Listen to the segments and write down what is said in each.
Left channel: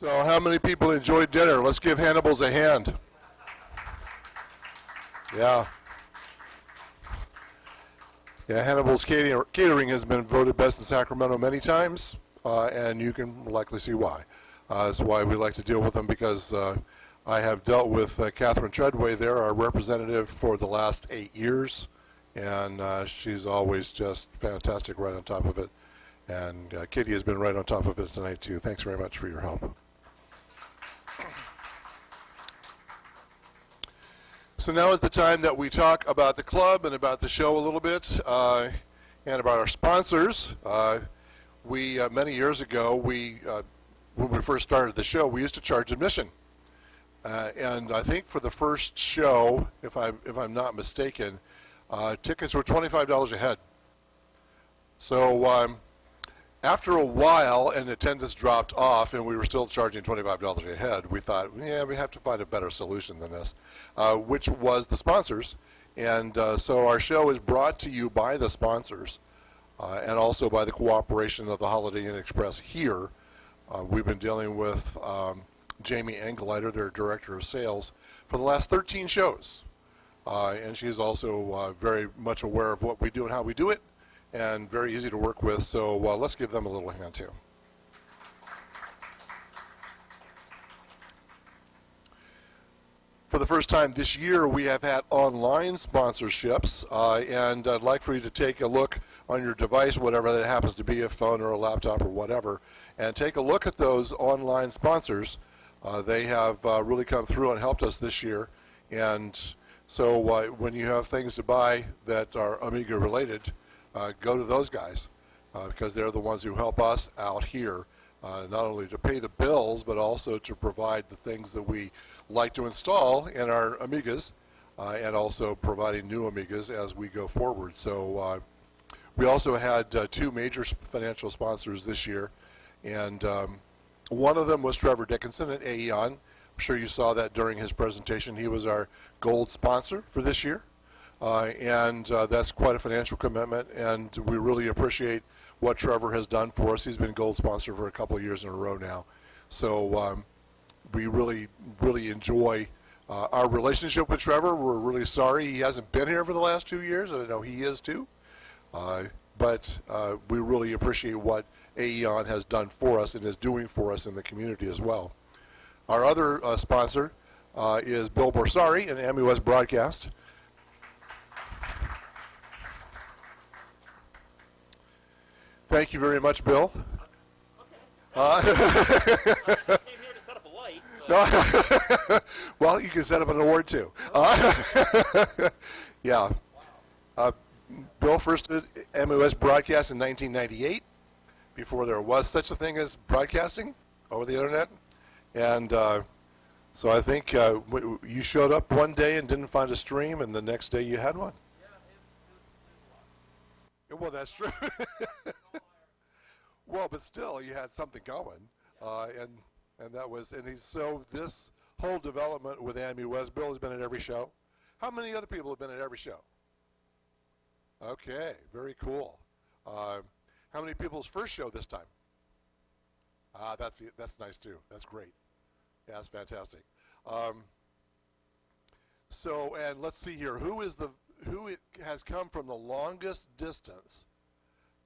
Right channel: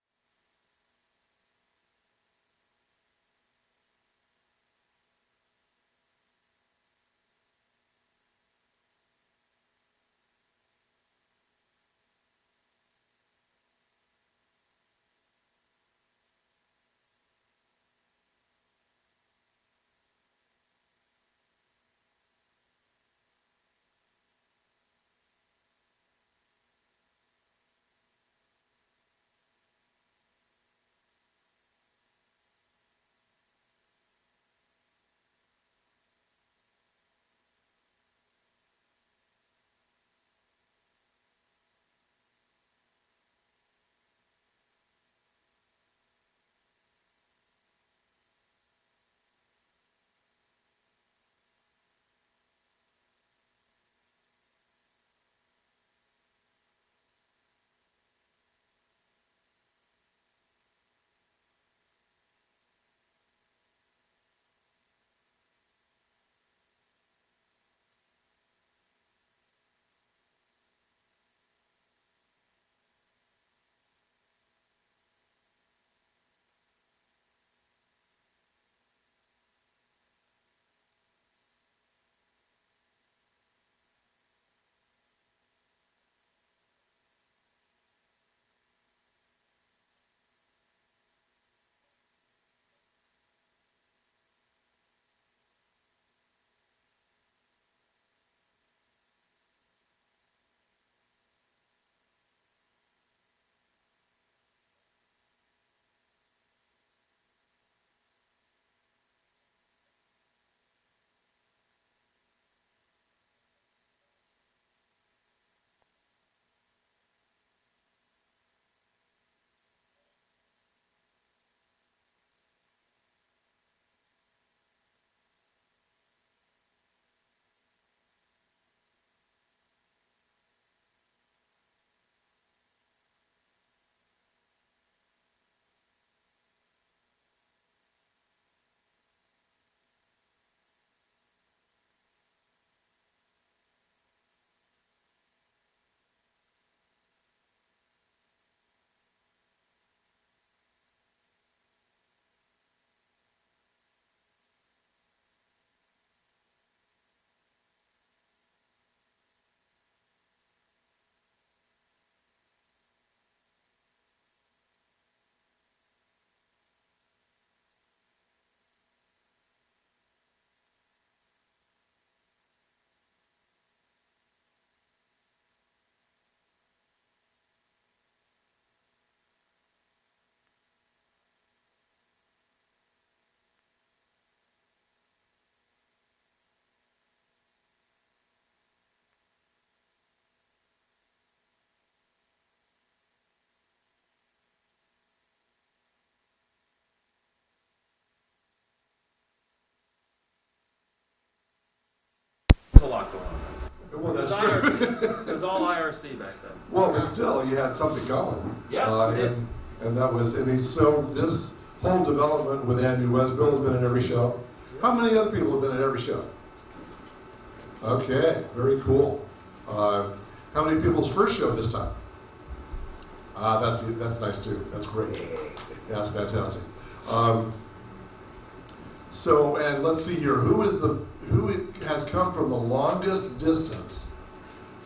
So how many people enjoyed dinner? Let's give Hannibal's a hand. Yeah. Yeah, Hannibal's catering has been voted best in Sacramento many times, and you can likely see why. That's why we like to deal with them, because I have dealt with Catherine Treadway there, our representative, for the last 8 years, and she's always just fantastic, right on top of it. And Kitty has been right on top of it tonight, too. Thanks very much for your help. So now is the time that we talk about the club and about the show a little bit, and about our sponsors. Many years ago, when we first started the show, we used to charge admission. And I think for the first show, if I'm not mistaken, tickets were $25 a head. So after a while, and attendance dropped off, and we were still charging $25 a head, we thought, yeah, we have to find a better solution than this, which was the sponsors. And so our show is brought to you by the sponsors, and also by the cooperation of the Holiday Inn Express here. We've been dealing with Jamie Engelleiter, their director of sales, for the last 13 shows. And she's also very much aware of what we do and how we do it, and very easy to work with, so let's give them a little hand too. For the first time this year, we have had online sponsorships, and I'd like for you to take a look on your device, whatever that happens to be, a phone or a laptop or whatever, and take a look at those online sponsors. They have really come through and helped us this year, and so when you have things to buy that are Amiga related, go to those guys, because they're the ones who help us out here, not only to pay the bills, but also to provide the things that we like to install in our Amigas, and also providing new Amigas as we go forward. So we also had 2 major financial sponsors this year, and one of them was Trevor Dickinson at Aeon. I'm sure you saw that during his presentation. He was our gold sponsor for this year. And that's quite a financial commitment, and we really appreciate what Trevor has done for us. He's been gold sponsor for a couple of years in a row now. So we really, really enjoy our relationship with Trevor. We're really sorry he hasn't been here for the last 2 years, and I know he is too. But we really appreciate what Aeon has done for us and is doing for us in the community as well. Our other sponsor is Bill Bosari and Amiwest Broadcast. Thank you very much, Bill. Okay. I came here to set up a light. Well, you can set up an award too. Yeah. Bill first did Amiwest Broadcast in 1998, before there was such a thing as broadcasting over the internet. And so I think you showed up one day and didn't find a stream, and the next day you had one. Yeah, it was a lot going on. Well, that's true. It was all IRC back then. Well, but still, you had something going. Yeah, and that was, so this whole development with Amiwest, Bill has been in every show. How many other people have been in every show? Okay, very cool. How many people's first show this time? That's nice too. That's great. Yeah, that's fantastic. So, and let's see here. Who has come from the longest distance?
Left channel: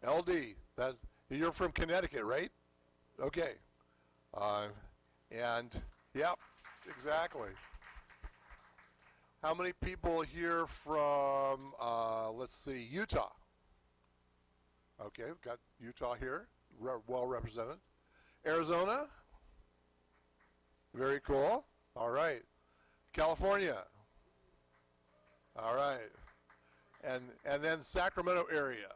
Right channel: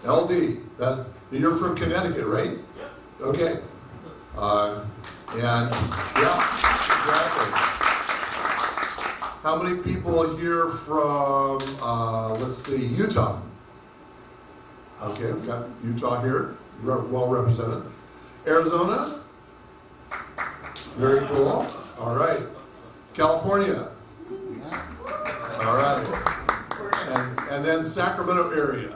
LD. You're from Connecticut, right? Yeah. Okay. And yeah, exactly. How many people here from? Let's see, Utah. Okay, we got Utah here, well represented. Arizona. Very cool. All right. California. All right. And then Sacramento area.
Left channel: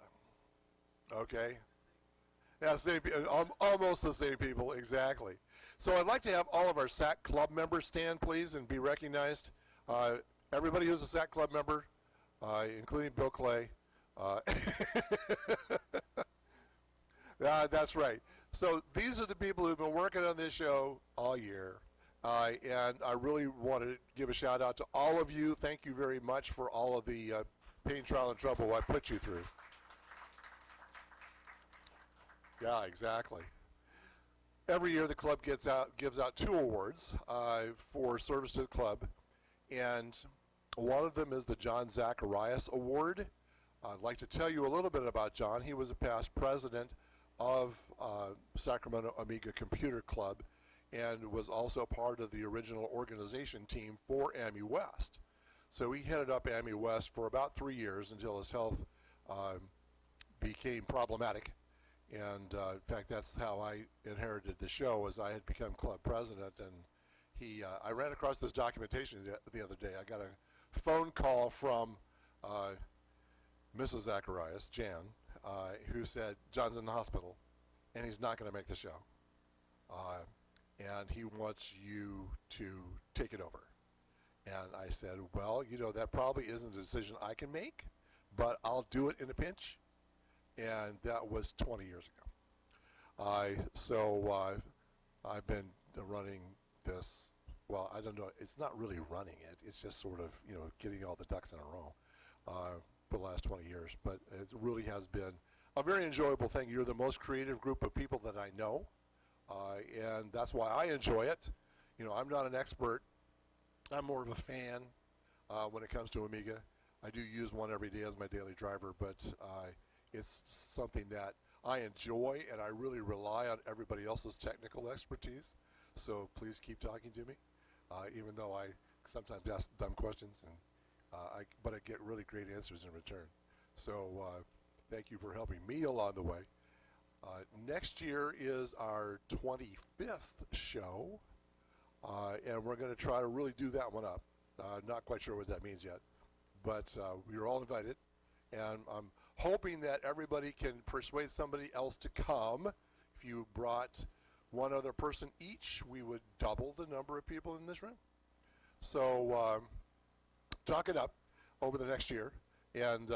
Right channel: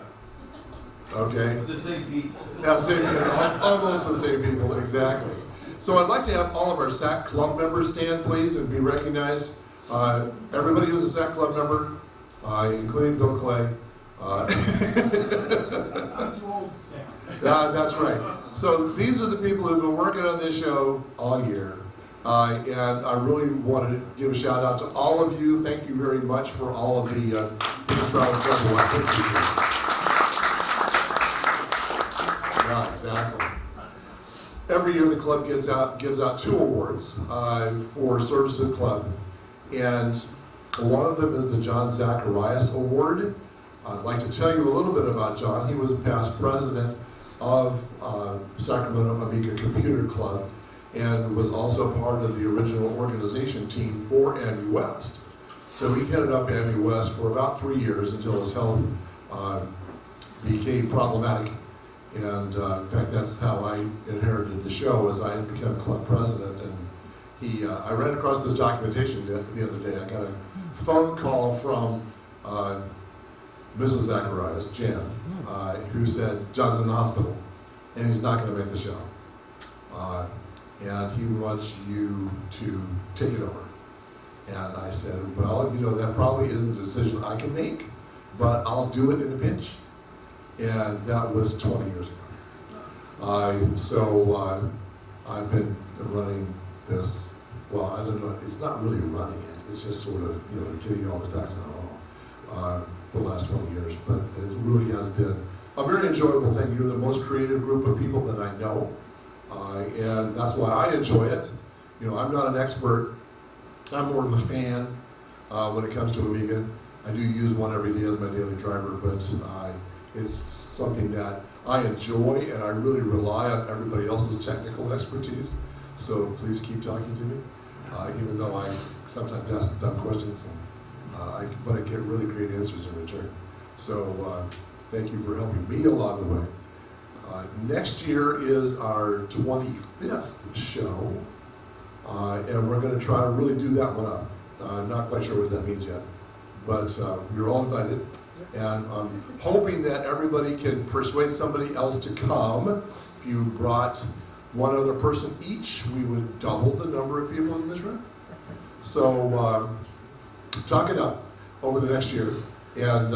Okay. The same people. Yeah, same people. Almost the same people, exactly. So I'd like to have all of our SAC Club members stand, please, and be recognized. Everybody who's a SAC Club member, including Bill Clay. That's right. So these are the people who've been working on this show all year. And I really wanted to give a shout out to all of you. Thank you very much for all of the trials. Yeah, exactly. every year the club gives out 2 awards for service to the club, and one of them is the John Zacharias Award. I'd like to tell you a little bit about John. He was past president of Sacramento Amiga Computer Club and was also part of the original organization team for Amiwest. So he headed up Amiwest for about 3 years until his health became problematic. And in fact, that's how I inherited the show, as I had become club president. And I ran across this documentation the other day. I got a phone call from Mrs. Zacharias, Jan, who said, John's in the hospital, and he's not going to make the show. And he wants you to take it over. And I said, well, you know, that probably isn't a decision I can make, but I'll do it in a pinch. And that was 20 years ago. So I've been running this, well, I don't know, it's not really running it, it's just sort of, you know, getting all the ducks in a row for the last 20 years. But it really has been a very enjoyable thing. You're the most creative group of people that I know, and that's why I enjoy it. You know, I'm not an expert, I'm more of a fan when it comes to Amiga. I do use one every day as my daily driver, but it's something that I enjoy, and I really rely on everybody else's technical expertise. So please keep talking to me, even though I sometimes ask dumb questions, but I get really great answers in return. So thank you for helping me along the way. Next year is our 25th show, and we're going to try to really do that one up. I'm not quite sure what that means yet, but you're all invited. And I'm hoping that everybody can persuade somebody else to come. If you brought one other person each, we would double the number of people in this room. So talk it up over the next year, and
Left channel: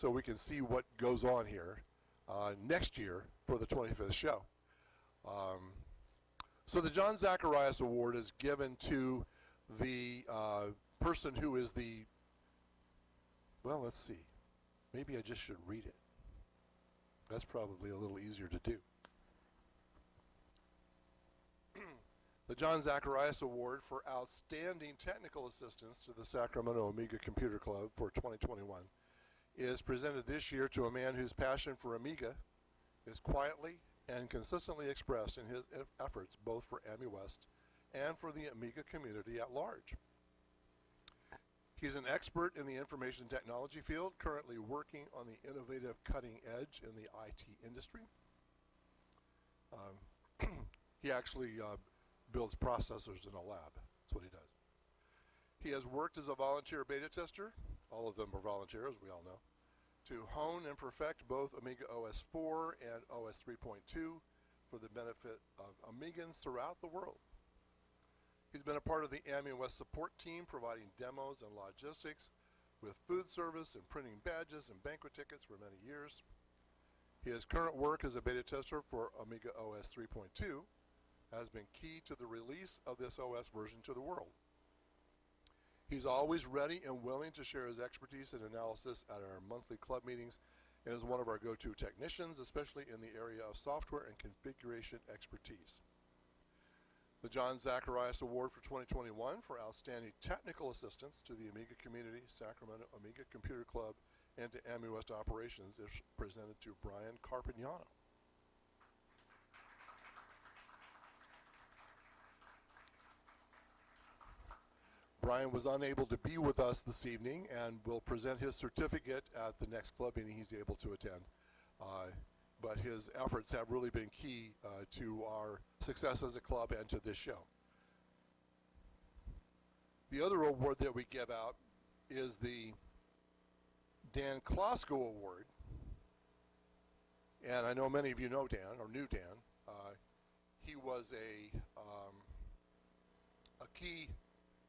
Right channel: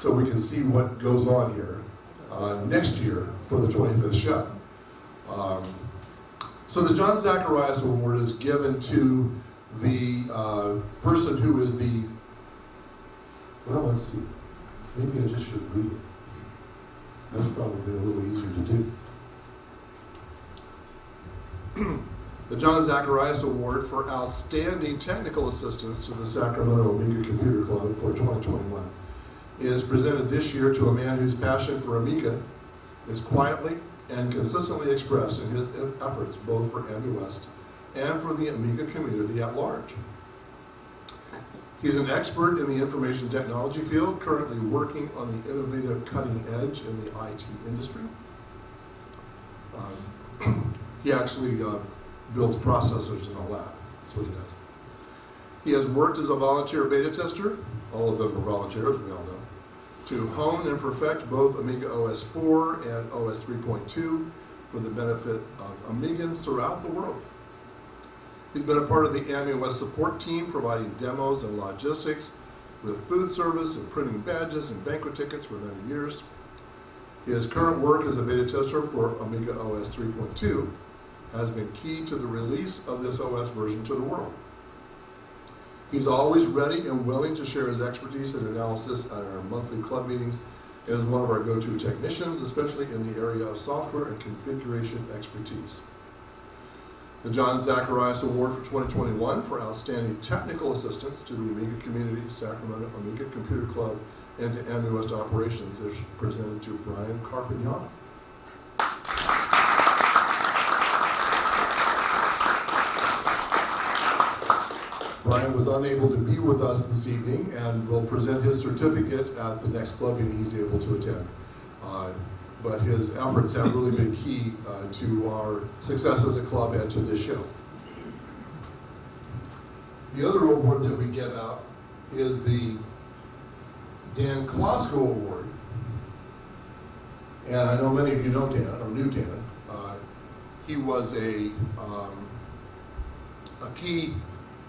so we can see what goes on here next year for the 25th show. So the John Zacharias Award is given to the person who is the, well, let's see. Maybe I just should read it. That's probably a little easier to do. The John Zacharias Award for Outstanding Technical Assistance to the Sacramento Amiga Computer Club for 2021 is presented this year to a man whose passion for Amiga is quietly and consistently expressed in his efforts both for Amiwest and for the Amiga community at large. He's an expert in the information technology field, currently working on the innovative cutting edge in the IT industry. He actually builds processors and all that. That's what he does. He has worked as a volunteer beta tester, all of them are volunteers, we all know, to hone and perfect both Amiga OS 4 and OS 3.2 for the benefit of Amigans throughout the world. He's been a part of the Amiwest support team, providing demos and logistics with food service and printing badges and banquet tickets for many years. His current work as a beta tester for Amiga OS 3.2 has been key to the release of this OS version to the world. He's always ready and willing to share his expertise and analysis at our monthly club meetings as one of our go-to technicians, especially in the area of software and configuration expertise. The John Zacharias Award for 2021 for Outstanding Technical Assistance to the Amiga Community, Sacramento Amiga Computer Club, and to Amiwest Operations is presented to Brian Carpignano. Brian was unable to be with us this evening and will present his certificate at the next club meeting he's able to attend. But his efforts have really been key to our success as a club and to this show. The other award that we give out is the Dan Klosko Award. And I know many of you know Dan, or knew Dan. He was a key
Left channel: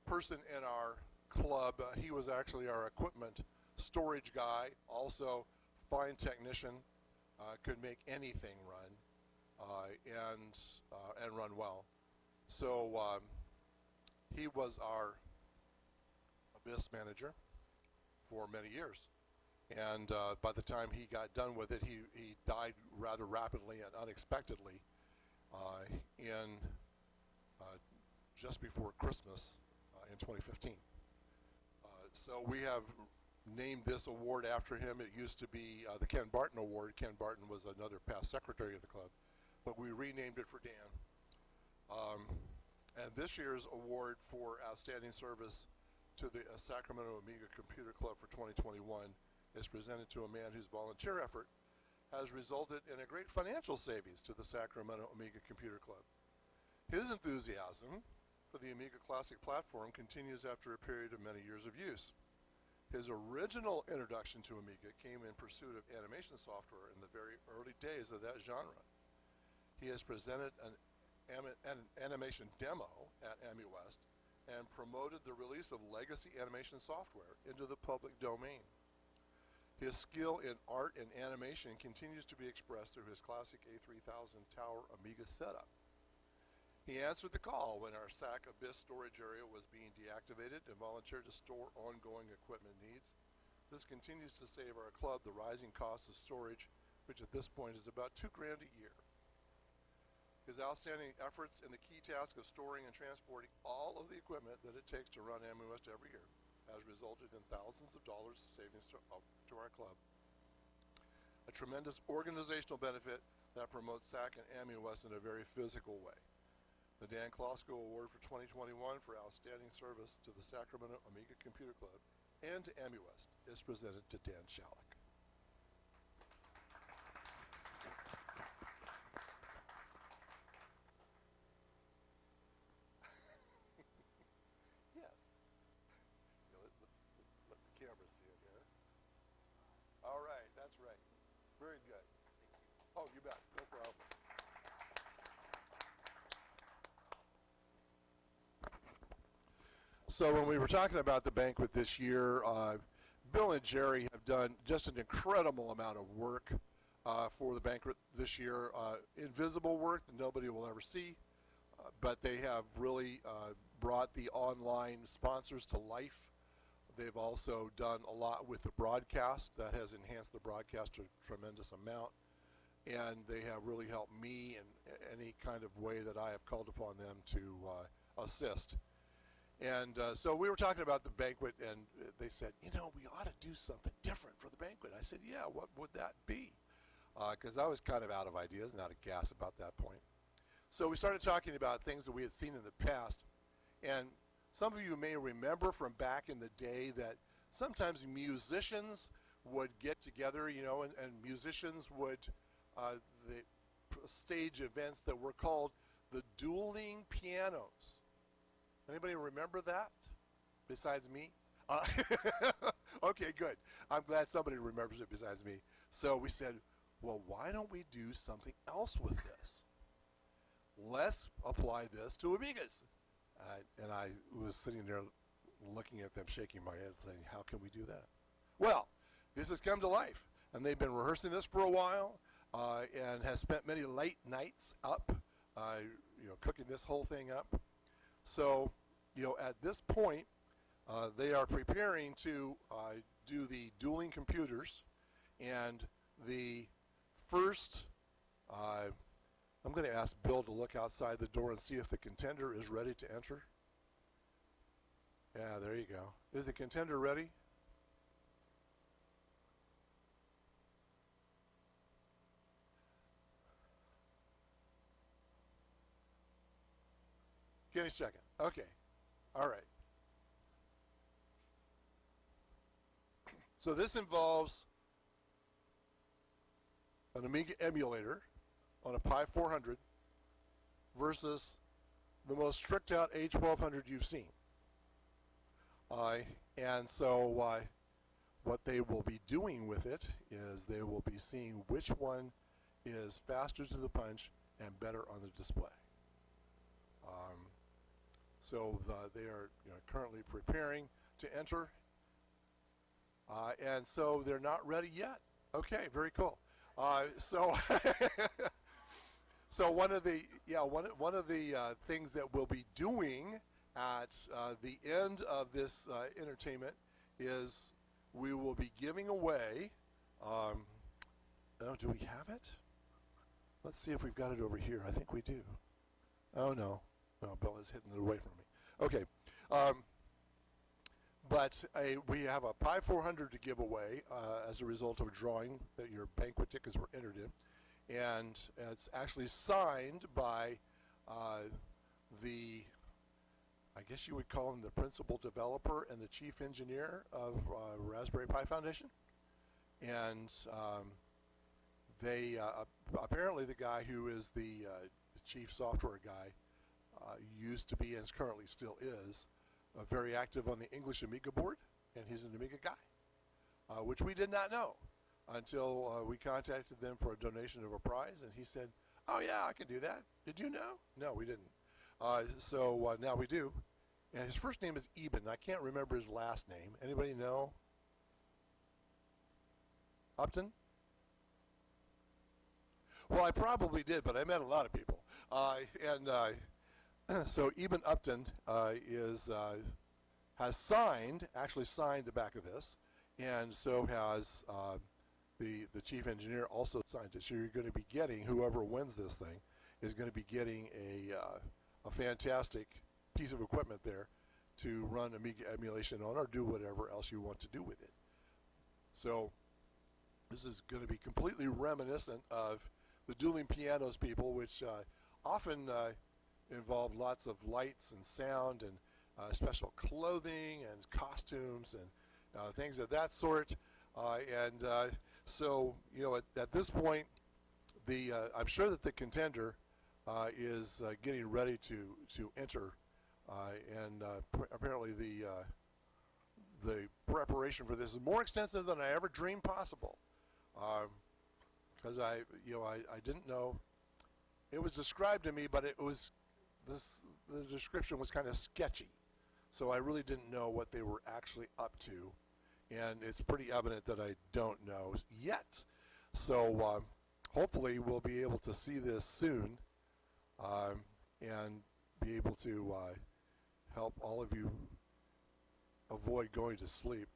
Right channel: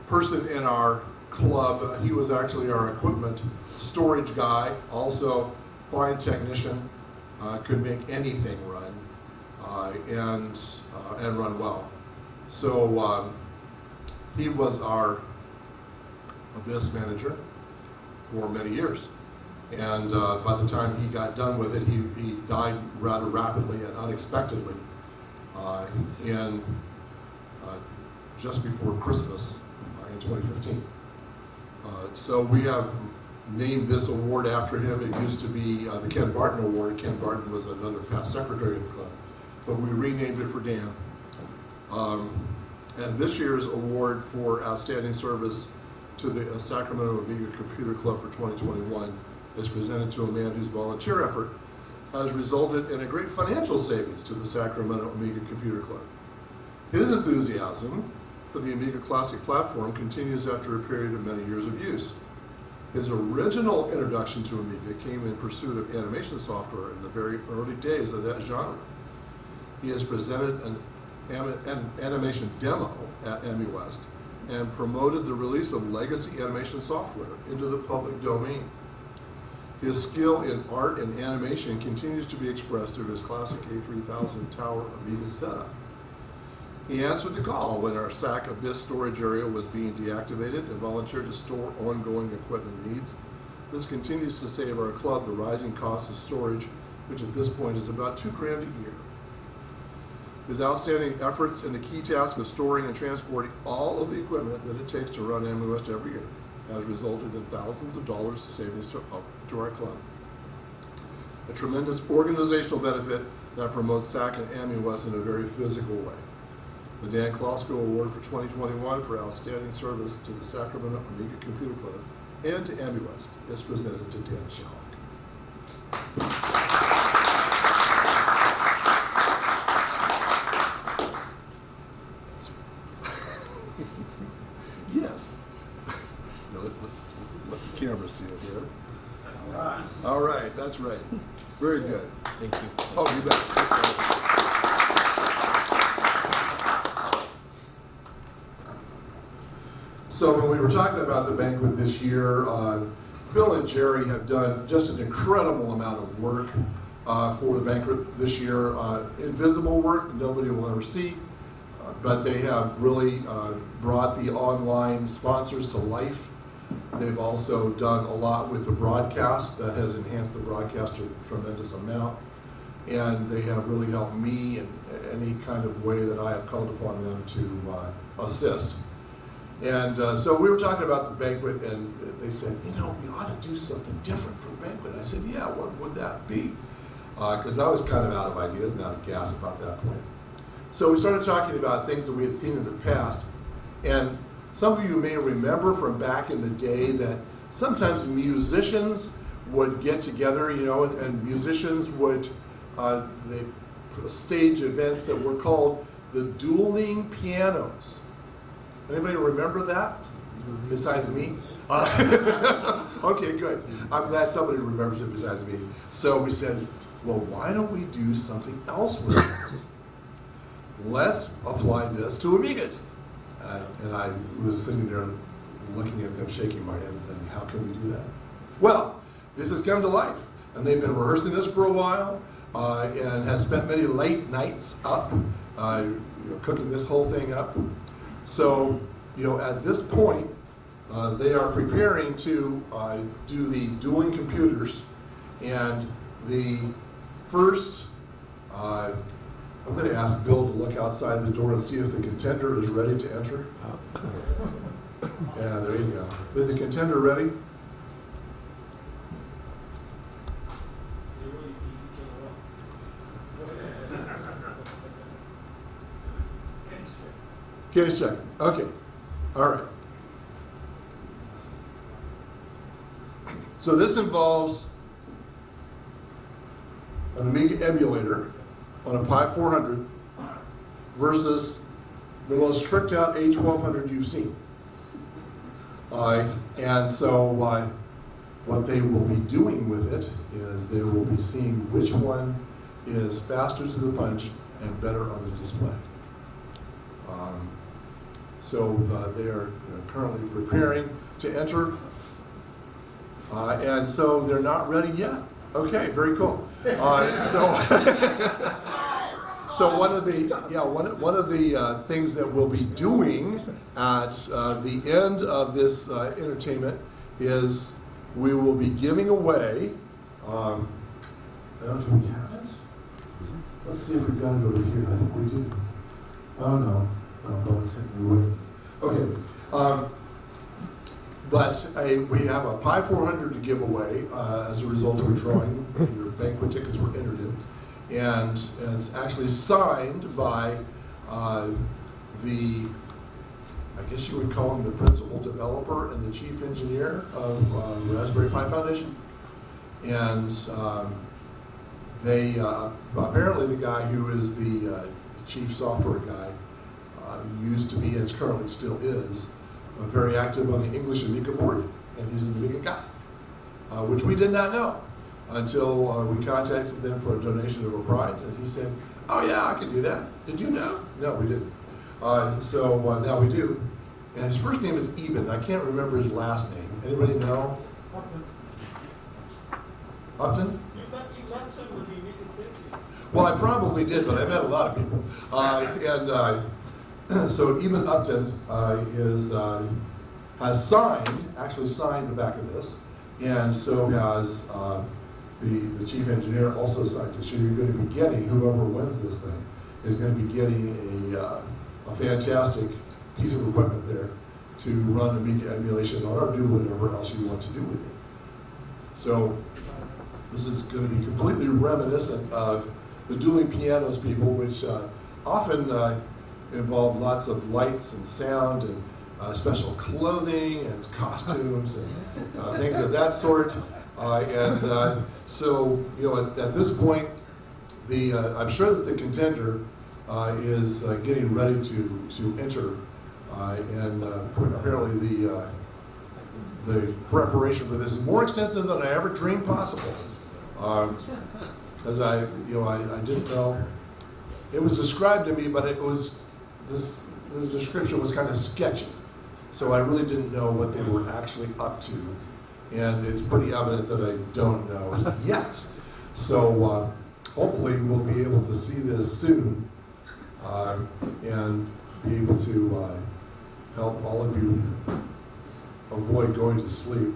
person in our club. He was actually our equipment storage guy, also fine technician. Could make anything run and run well. So he was our abyss manager for many years, and by the time he got done with it, he died rather rapidly and unexpectedly. in just before Christmas in 2015. So we have named this award after him. It used to be the Ken Barton Award. Ken Barton was another past secretary of the club, but we renamed it for Dan. And this year's award for outstanding service to the Sacramento Amiga Computer Club for 2021 is presented to a man whose volunteer effort has resulted in a great financial savings to the Sacramento Amiga Computer Club. His enthusiasm for the Amiga Classic platform continues after a period of many years of use. His original introduction to Amiga came in pursuit of animation software in the very early days of that genre. He has presented an animation demo at Amiwest and promoted the release of legacy animation software into the public domain. His skill in art and animation continues to be expressed through his classic A3000 Tower Amiga setup. He answered the call when our SAC Abyss storage area was being deactivated and volunteered to store ongoing equipment needs. This continues to save our club the rising cost of storage, which at this point is about $2 grand a year. His outstanding efforts in the key task of storing and transporting all of the equipment that it takes to run Amiwest every year has resulted in thousands of dollars of savings to our club. A tremendous organizational benefit that promotes SAC and Amiwest in a very physical way. The Dan Klosko Award for 2021 for outstanding service to the Sacramento Amiga Computer Club and to Amiwest is presented to Dan Shalek. Yes. No, let the camera see it here. All right. All right, that's right. Very good. Thank you. Oh, you bet. So when we were talking about the banquet this year, Bill and Jerry have done just an incredible amount of work for the banquet this year. Invisible work that nobody will ever see, but they have really brought the online sponsors to life. They've also done a lot with the broadcast that has enhanced the broadcast to a tremendous amount. And they have really helped me in any kind of way that I have called upon them to assist. And so we were talking about the banquet, and they said, you know, we ought to do something different for the banquet. I said, yeah, what would that be? Because I was kind of out of ideas and out of gas about that point. So we started talking about things that we had seen in the past. And some of you may remember from back in the day that sometimes musicians would get together, you know, and musicians would they stage events that were called the dueling pianos. Anybody remember that? Besides me? Okay, good. I'm glad somebody remembers it besides me. So we said, well, why don't we do something else with this? Let's apply this to Amigas. And I was sitting there looking at them, shaking my head and saying, how can we do that? Well, this has come to life. And they've been rehearsing this for a while and have spent many late nights up cooking this whole thing up. So, you know, at this point, they are preparing to do the dueling computers, and the first, I'm going to ask Bill to look outside the door and see if the contender is ready to enter. Yeah, there you go. Is the contender ready? Kenny's checking. Okay. All right. So this involves an Amiga emulator on a Pi 400 versus the most tricked out A1200 you've seen. And so what they will be doing with it is they will be seeing which one is faster to the punch and better on the display. So they are currently preparing to enter, and so they're not ready yet. Okay, very cool. So one of the things that we'll be doing at the end of this entertainment is we will be giving away. Do we have it? Let's see if we've got it over here. I think we do. Oh no. Oh, well, it's hitting the wood. Okay. But we have a Pi 400 to give away as a result of a drawing. Your banquet tickets were entered in. And it's actually signed by I guess you would call him the principal developer and the chief engineer of Raspberry Pi Foundation. And they, apparently the guy who is the chief software guy used to be, and currently still is, very active on the English Amiga board, and he's an Amiga guy, which we did not know until we contacted them for a donation of a prize, and he said, oh yeah, I can do that. Did you know? No, we didn't. So now we do. And his first name is Eben. I can't remember his last name. Anybody know? Upton? You met some of the Amiga kids. Well, I probably did, but I met a lot of people. So Eben Upton has actually signed the back of this, and so has the chief engineer also signed it. So you're going to be getting, whoever wins this thing, is going to be getting a fantastic piece of equipment there to run Amiga emulation on or do whatever else you want to do with it. So this is going to be completely reminiscent of the dueling pianos people, which often involve lots of lights and sound and special clothing and costumes and things of that sort. So, you know, at this point, I'm sure that the contender is getting ready to enter, and apparently the preparation for this is more extensive than I ever dreamed possible. Because I didn't know. It was described to me, but the description was kind of sketchy. So I really didn't know what they were actually up to. And it's pretty evident that I don't know yet. So hopefully we'll be able to see this soon and be able to help all of you avoid going to sleep.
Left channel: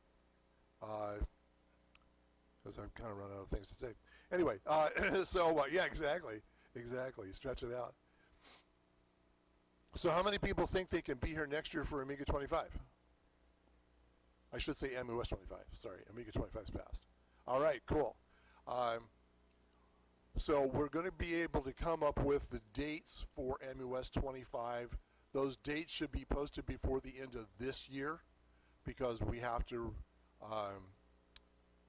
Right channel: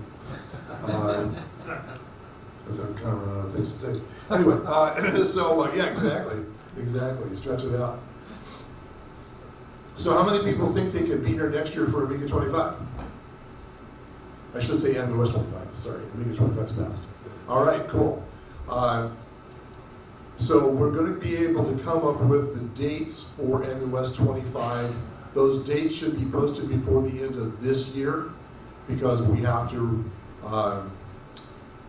Because I'm kind of running out of things to say. Anyway, yeah, exactly, stretch it out. So how many people think they could be here next year for Amiga 25? I should say Amiwest 25, sorry, Amiga 25's passed. All right, cool. So we're going to be able to come up with the dates for Amiwest 25. Those dates should be posted before the end of this year because we have to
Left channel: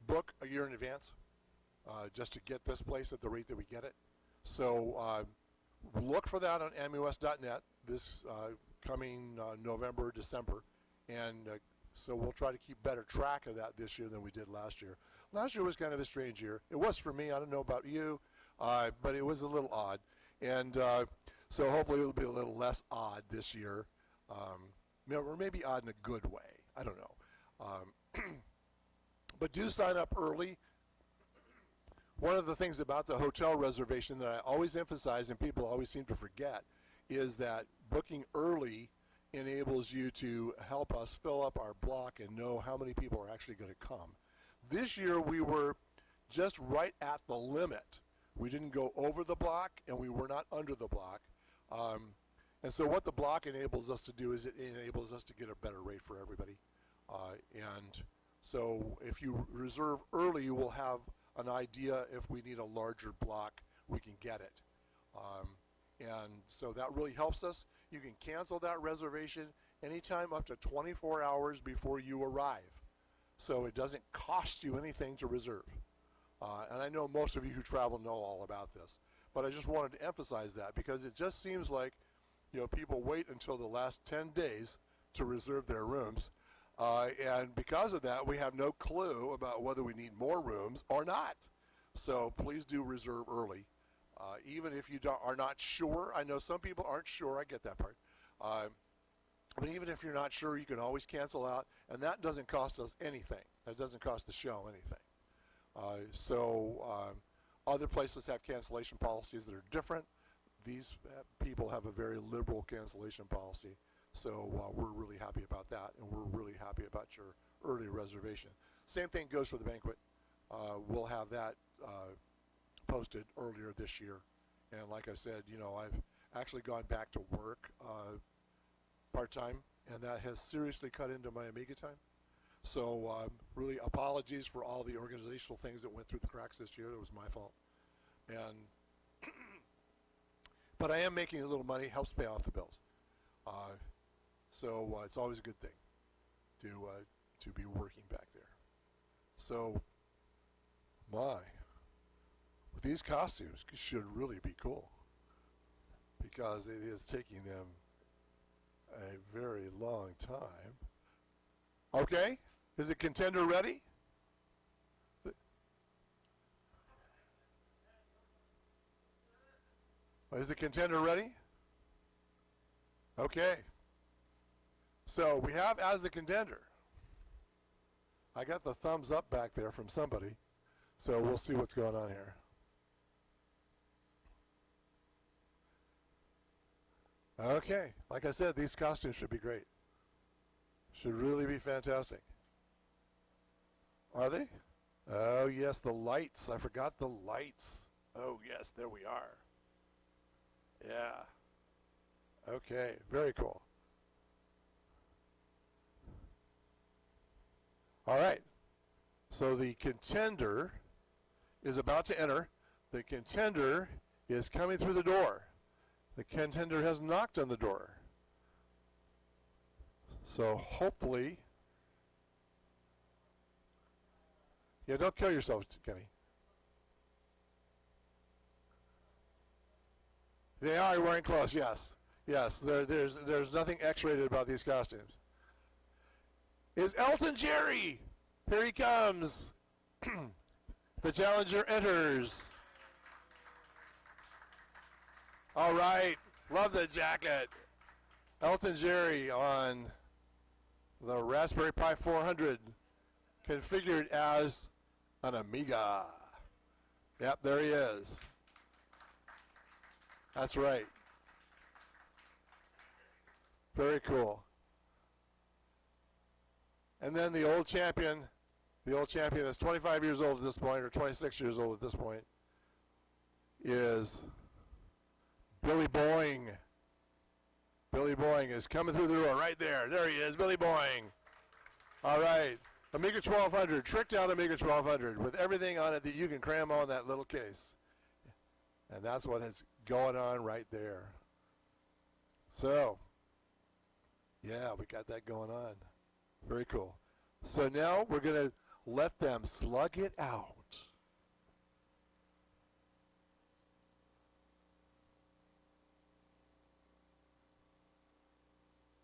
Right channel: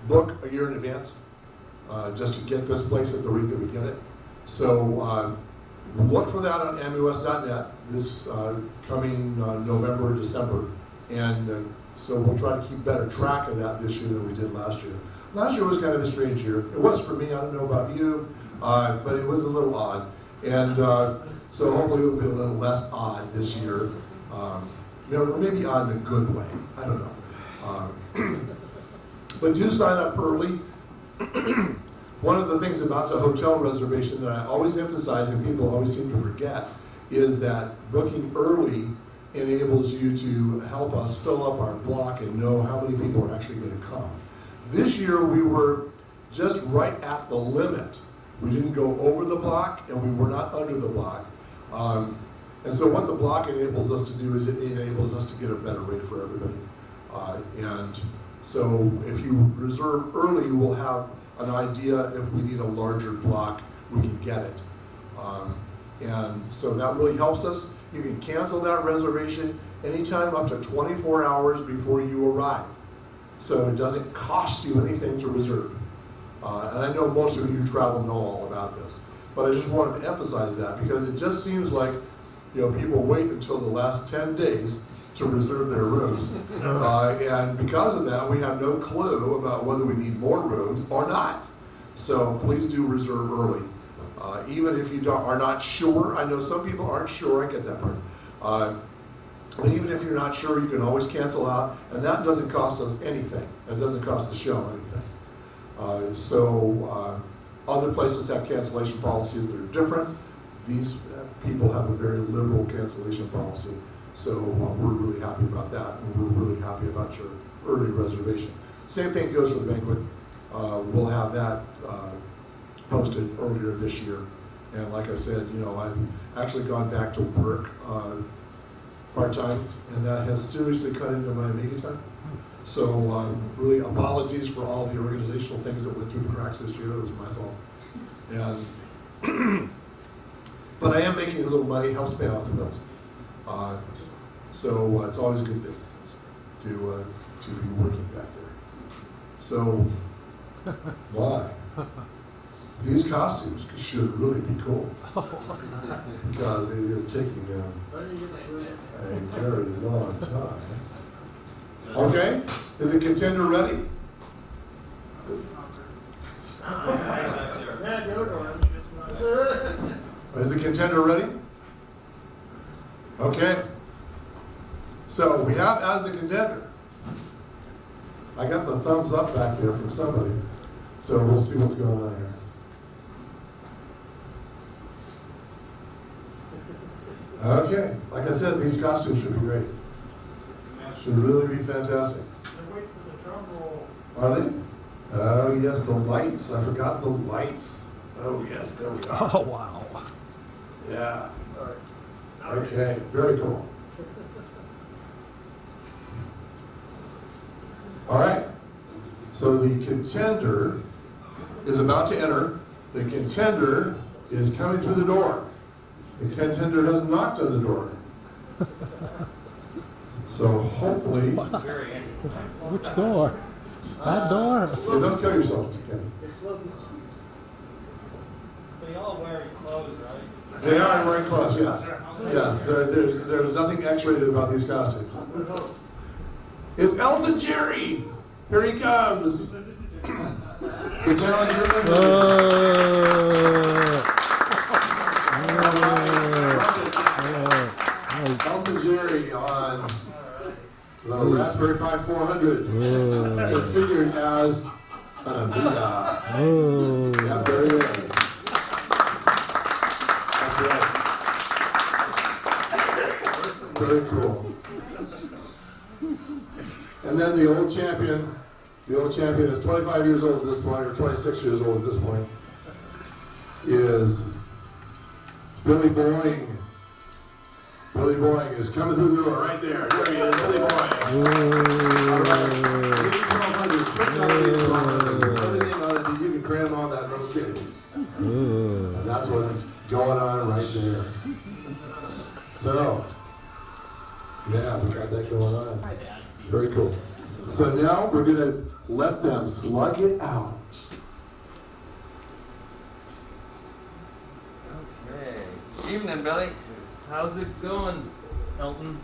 book a year in advance just to get this place at the rate that we get it. So look for that on Amiwest.net this coming November or December. And so we'll try to keep better track of that this year than we did last year. Last year was kind of a strange year. It was for me, I don't know about you, but it was a little odd. And so hopefully it'll be a little less odd this year. Maybe odd in a good way, I don't know. But do sign up early. One of the things about the hotel reservation that I always emphasize and people always seem to forget is that booking early enables you to help us fill up our block and know how many people are actually going to come. This year we were just right at the limit. We didn't go over the block and we were not under the block. And so what the block enables us to do is it enables us to get a better rate for everybody. And so if you reserve early, we'll have an idea if we need a larger block, we can get it. And so that really helps us. You can cancel that reservation anytime up to 24 hours before you arrive. So it doesn't cost you anything to reserve. And I know most of you who travel know all about this. But I just wanted to emphasize that because it just seems like people wait until the last 10 days to reserve their rooms. And because of that, we have no clue about whether we need more rooms or not. So please do reserve early. Even if you are not sure, I know some people aren't sure, I get that part. But even if you're not sure, you can always cancel out, and that doesn't cost us anything. That doesn't cost the show anything. Other places have cancellation policies that are different. These people have a very liberal cancellation policy. So we're really happy about that, and we're really happy about your early reservation. Same thing goes for the banquet. We'll have that posted earlier this year. And like I said, you know, I've actually gone back to work part-time, and that has seriously cut into my Amiga time. So really apologies for all the organizational things that went through the cracks this year. It was my fault. And but I am making a little money, helps pay off the bills. So it's always a good thing to be working back there. So why? These costumes should really be cool because it is taking them a very long time. Okay, is the contender ready? Is the contender ready? Okay. So we have as the contender. I got the thumbs up back there from somebody. So we'll see what's going on here. Okay. Like I said, these costumes should be great. Should really be fantastic. Are they? Oh yes, the lights. I forgot the lights. Oh yes, there we are. Oh wow. Yeah. Okay, very cool. All right. So the contender is about to enter. The contender is coming through the door. The contender has knocked on the door. So hopefully. Which door? That door? Yeah, don't kill yourself, Kenny. They all wear clothes, right? They are wearing clothes, yes. Yes, there's nothing X-rated about these costumes. It's Elton Jerry! Here he comes! The challenger Elton Jerry on the Raspberry Pi 400. Configured as an Amiga. Yeah, there he is. That's right. Very cool. And then the old champion is 25 years old at this point, or 26 years old at this point, is Billy Boeing. Billy Boeing is coming through the door right there. There he is, Billy Boeing. All right. 1200, 1200, everything on it that you can cram on that little case. And that's what's going on right there. So, yeah, we got that going on. Very cool. So now we're going to let them slug it out. Okay. Evening, Billy. How's it going, Elton?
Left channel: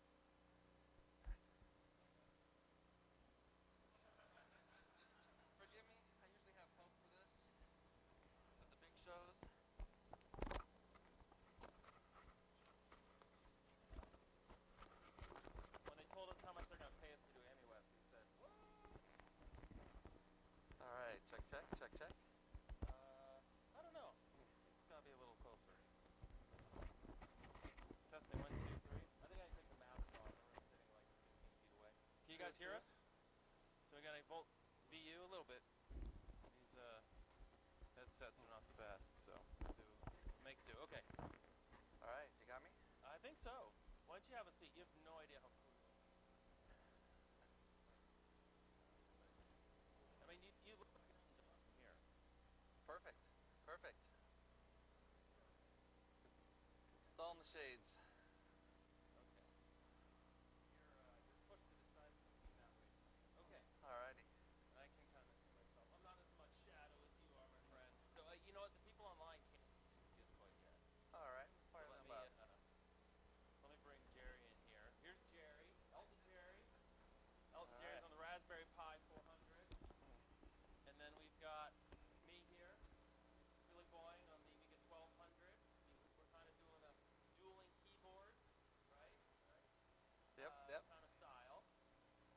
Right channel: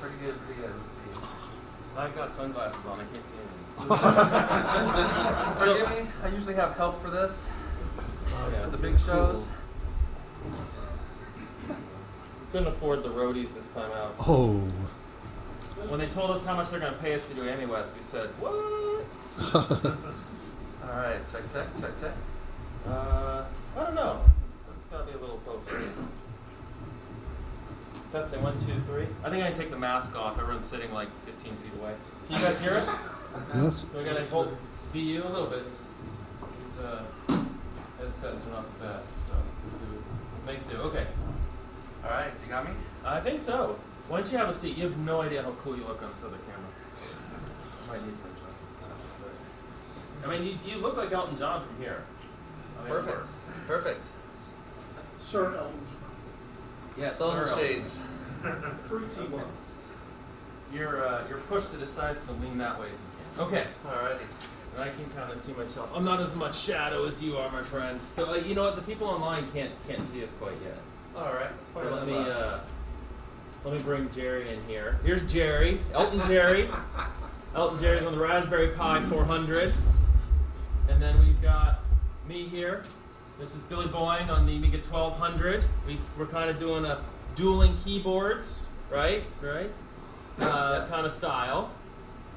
Pretty good, pretty good. Let's see. I've got sunglasses on. I can't see anything. Forgive me. I usually have help for this. For the big shows. Couldn't afford the roadies this time out. Oh. When they told us how much they're going to pay us to do Amiwest, we said, what? All right, check. I don't know. It's got to be a little closer. Testing, 1, 2, 3. I think I can take the mask off. Everyone's sitting like 15 feet away. Can you guys hear us? Yes. So we got to hold VU a little bit. These headsets are not the best, so make do. Okay. All right, you got me? I think so. Why don't you have a seat? You have no idea how cool you look on this other camera. I might need to adjust this stuff. But, I mean, you look like Elton John from here. I mean, Perfect. Perfect. Sir Elton. Yes, Those sir, Elton. shades. Fruitsy one. You're pushed to the side, so lean that way if you can. Okay. Alrighty. And I can kind of see myself. I'm not as much shadow as you are, my friend. So you know what? The people online can't see us quite yet. All right. So let me bring Jerry in here. Here's Jerry, Elton Jerry. Elton Jerry's on the Raspberry Pi 400. And then we've got me here. This is Billy Boeing on the Amiga 1200. We're kind of doing a dueling keyboards, right? Kind of style.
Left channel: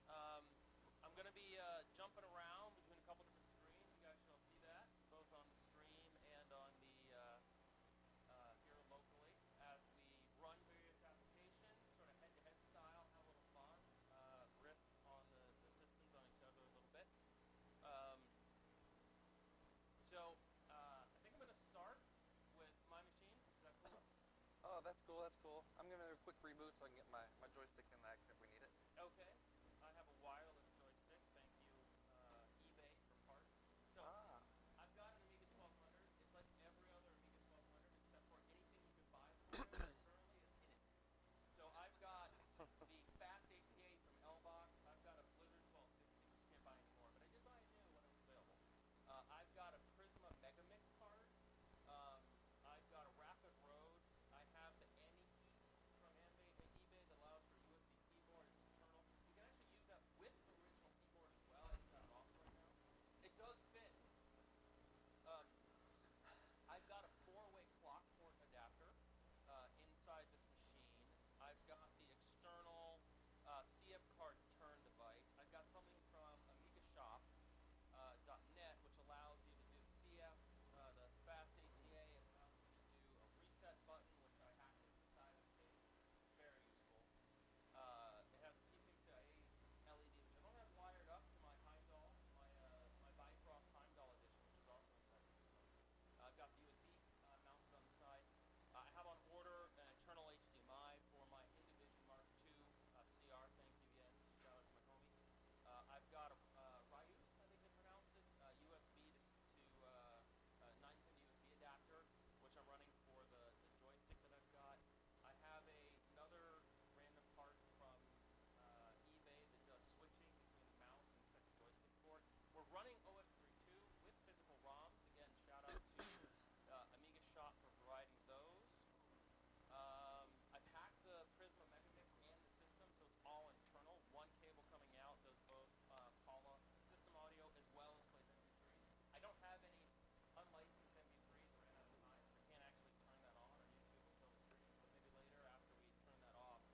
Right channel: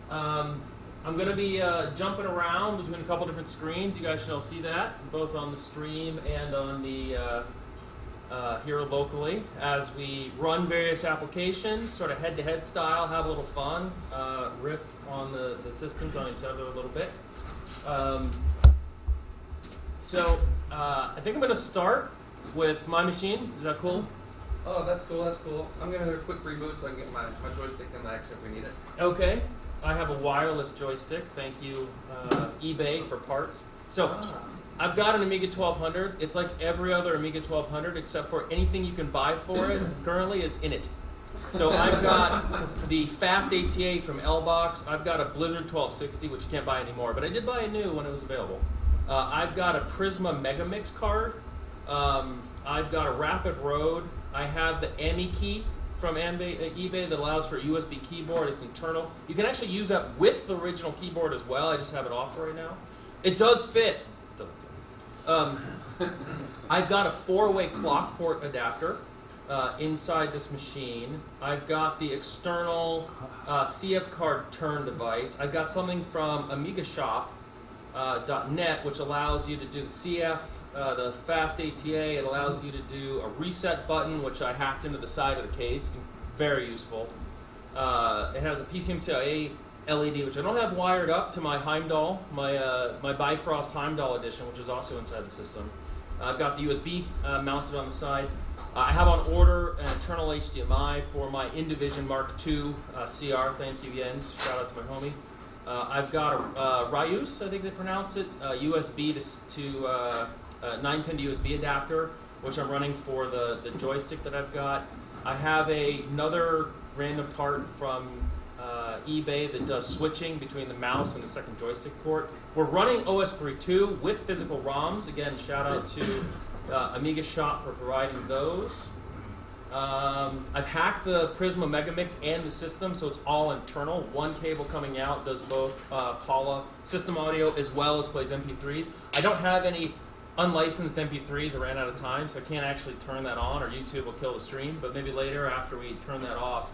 I'm going to be jumping around between a couple different screens. You guys shall see that, both on the stream and on the here locally, as we run various applications, sort of head-to-head style, have a little fun, riff on the systems on each other a little bit. So I think I'm going to start with my machine. Is that cool? Oh, that's cool, that's cool. I'm going to do a quick reboot so I can get my joystick in action if we need it. Okay. I have a wireless joystick. Thank you, eBay, for parts. So I've got an Amiga 1200. It's like every other Amiga 1200 except for anything you can buy for it currently is in it. So I've got the fast ATA from L-Box. I've got a Blizzard 1260, which you can't buy anymore, but I did buy a new when it was available. I've got a Prisma Megamix card. I've got a Rapid Road. I have the AmiKey from eBay that allows for a USB keyboard. It's internal. You can actually use that with the original keyboard as well. I just have it off right now. It does fit. It doesn't fit. I've got a 4-way clock port adapter inside this machine. I've got the external CF card turn device. I've got something from AmigaShop.net, which allows you to do the CF, the fast ATA. It allows you to do a reset button, which I hacked into the side of the case. Very useful. It has a PCMCIA LED, which I don't have wired up to my Heimdall, my Bifrost Heimdall edition, which is also inside the system. I've got the USB mounted on the side. I have on order an internal HDMI for my Indivision Mark II CR. Thank you, Jens. Shout out to my homie. I've got a Ryus, I think they pronounce it, USB to 9-pin USB adapter, which I'm running for the joystick that I've got. I have another random part from eBay that does switching between the mouse and the second joystick port. We're running OS 3.2 with physical ROMs. Again, shout out to Amiga Shop for providing those. I've hacked the Prisma Megamix and the system, so it's all internal. One cable coming out does both Paula system audio as well as plays MP3s. I don't have any unlicensed MP3s. I ran out of time, so I can't actually turn that on, or YouTube will kill the stream. But maybe later, after we turn that off,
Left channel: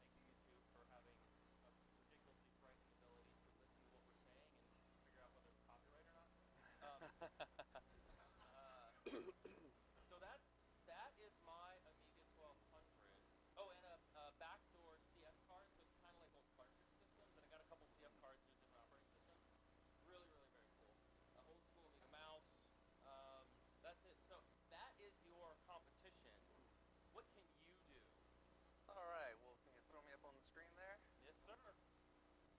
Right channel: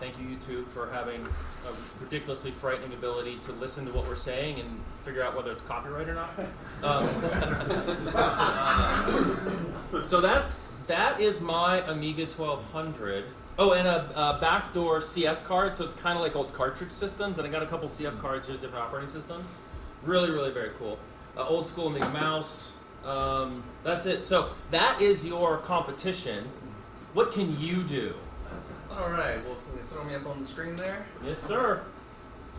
thank you, YouTube, for having a ridiculously frightening ability to listen to what we're saying and figure out whether it's copyright or not. So that is my Amiga 1200. Oh, and a backdoor CF card, so it's kind of like old cartridge systems. And I got a couple CF cards here, different operating systems. Really, really very cool. Old school Amiga mouse. That's it. So that is your competition. What can you do? All right, well, can you throw me up on the screen there? Yes, sir.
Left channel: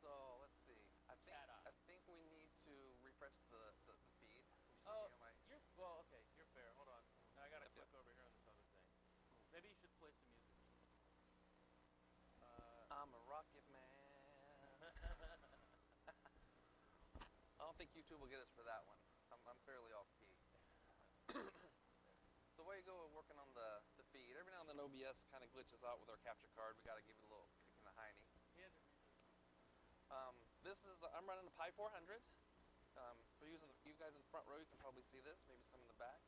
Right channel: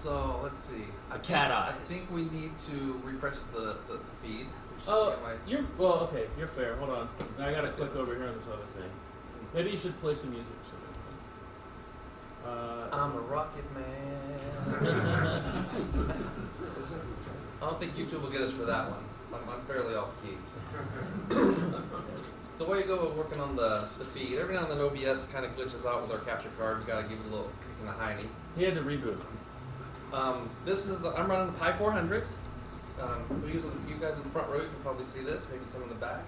So, let's see. Cat eyes. I think we need to refresh the feed. Oh, well, okay, you're fair. Hold on. I gotta click over here on this other thing. Maybe you should play some music or something. I'm a rocket man. I don't think YouTube will get us for that one. I'm fairly off key. So while you go working on the feed, every now and then OBS kind of glitches out with our capture card. You gotta give it a little kick in the hiney. He had to reboot. I'm running the Pi 400. You guys in the front row, you can probably see this. Maybe some in the back.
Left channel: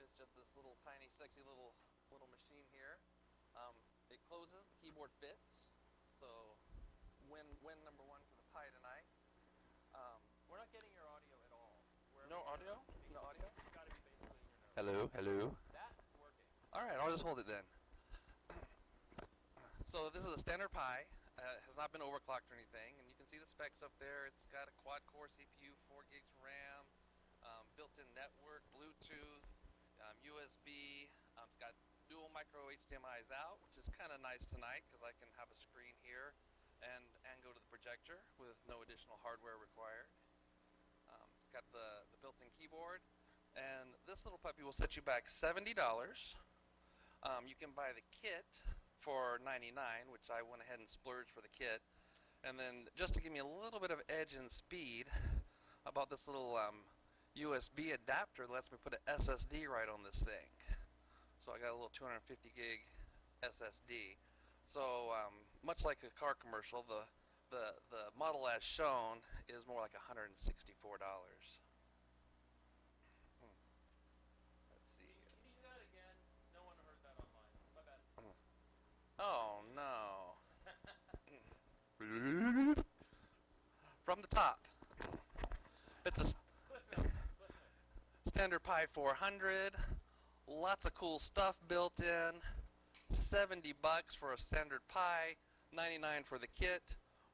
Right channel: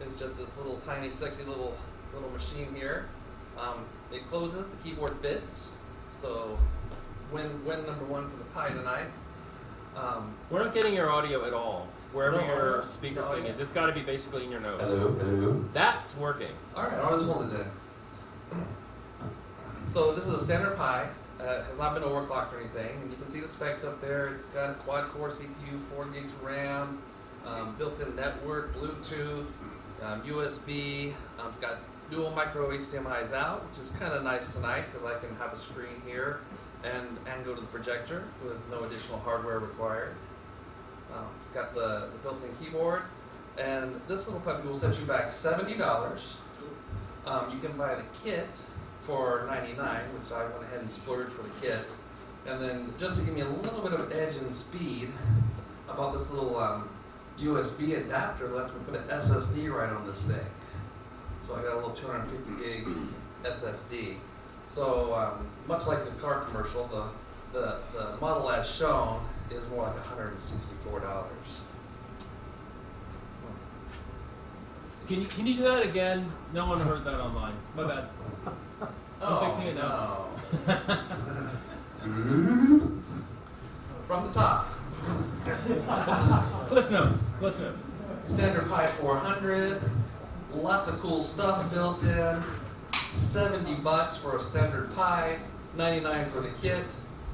It's just this little tiny, sexy little machine here. It closes. The keyboard fits. So win number one for the Pi tonight. We're not getting your audio at all. Wherever your speaker thing is, it's got to be basically in your nose. Hello. That's working. All right, I'll just hold it in. So this is a standard Pi. Has not been overclocked or anything, and you can see the specs up there. It's got a quad-core CPU, 4 gigs RAM, built-in network, Bluetooth, USB. It's got dual micro HDMI's out, which is kind of nice tonight because I can have a screen here and go to the projector with no additional hardware required. It's got the built-in keyboard, and this little puppy will set you back $70. You can buy the kit for $99, which I went ahead and splurged for the kit. And then just to give me a little bit of edge and speed, I bought this little USB adapter that lets me put an SSD right on this thing. So I got a little 250 gig SSD. So much like the car commercial, the model as shown is more like $164. Can you do that again? No one heard that online. My bad. I'm fixing it now. No. From the top. Cliff notes. Standard Pi 400. Lots of cool stuff built in. $70 for a standard Pi. $99 for the kit.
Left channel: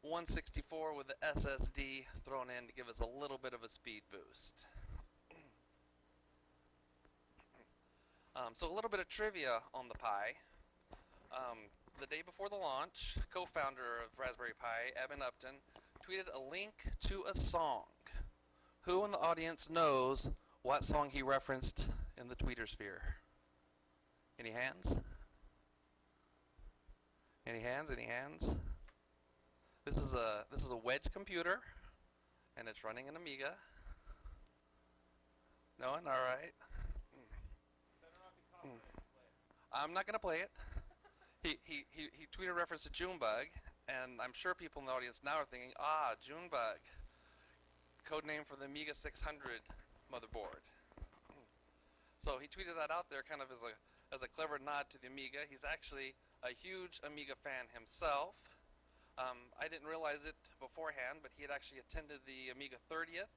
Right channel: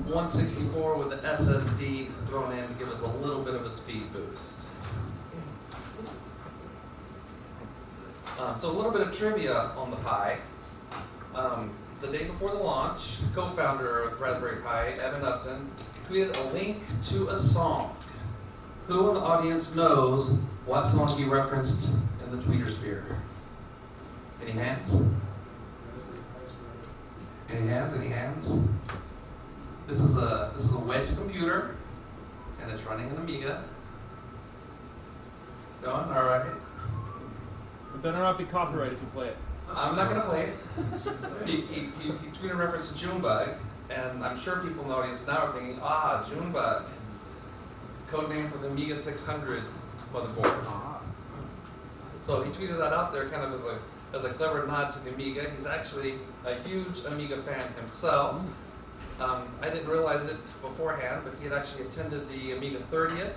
$164 with the SSD thrown in to give us a little bit of a speed boost. So a little bit of trivia on the Pi. The day before the launch, co-founder of Raspberry Pi, Evan Upton, tweeted a link to a song. Who in the audience knows what song he referenced in the tweeter sphere? Any hands? Any hands? Any hands? This is a wedge computer, and it's running an Amiga. Going? All right. It better not be copyright if you play it. I'm not going to play it. He tweeted a reference to Junebug, and I'm sure people in the audience now are thinking, Junebug, codename for the Amiga 600 motherboard. So he tweeted that out there kind of as a clever nod to the Amiga. He's actually a huge Amiga fan himself. I didn't realize it beforehand, but he had actually attended the Amiga 30th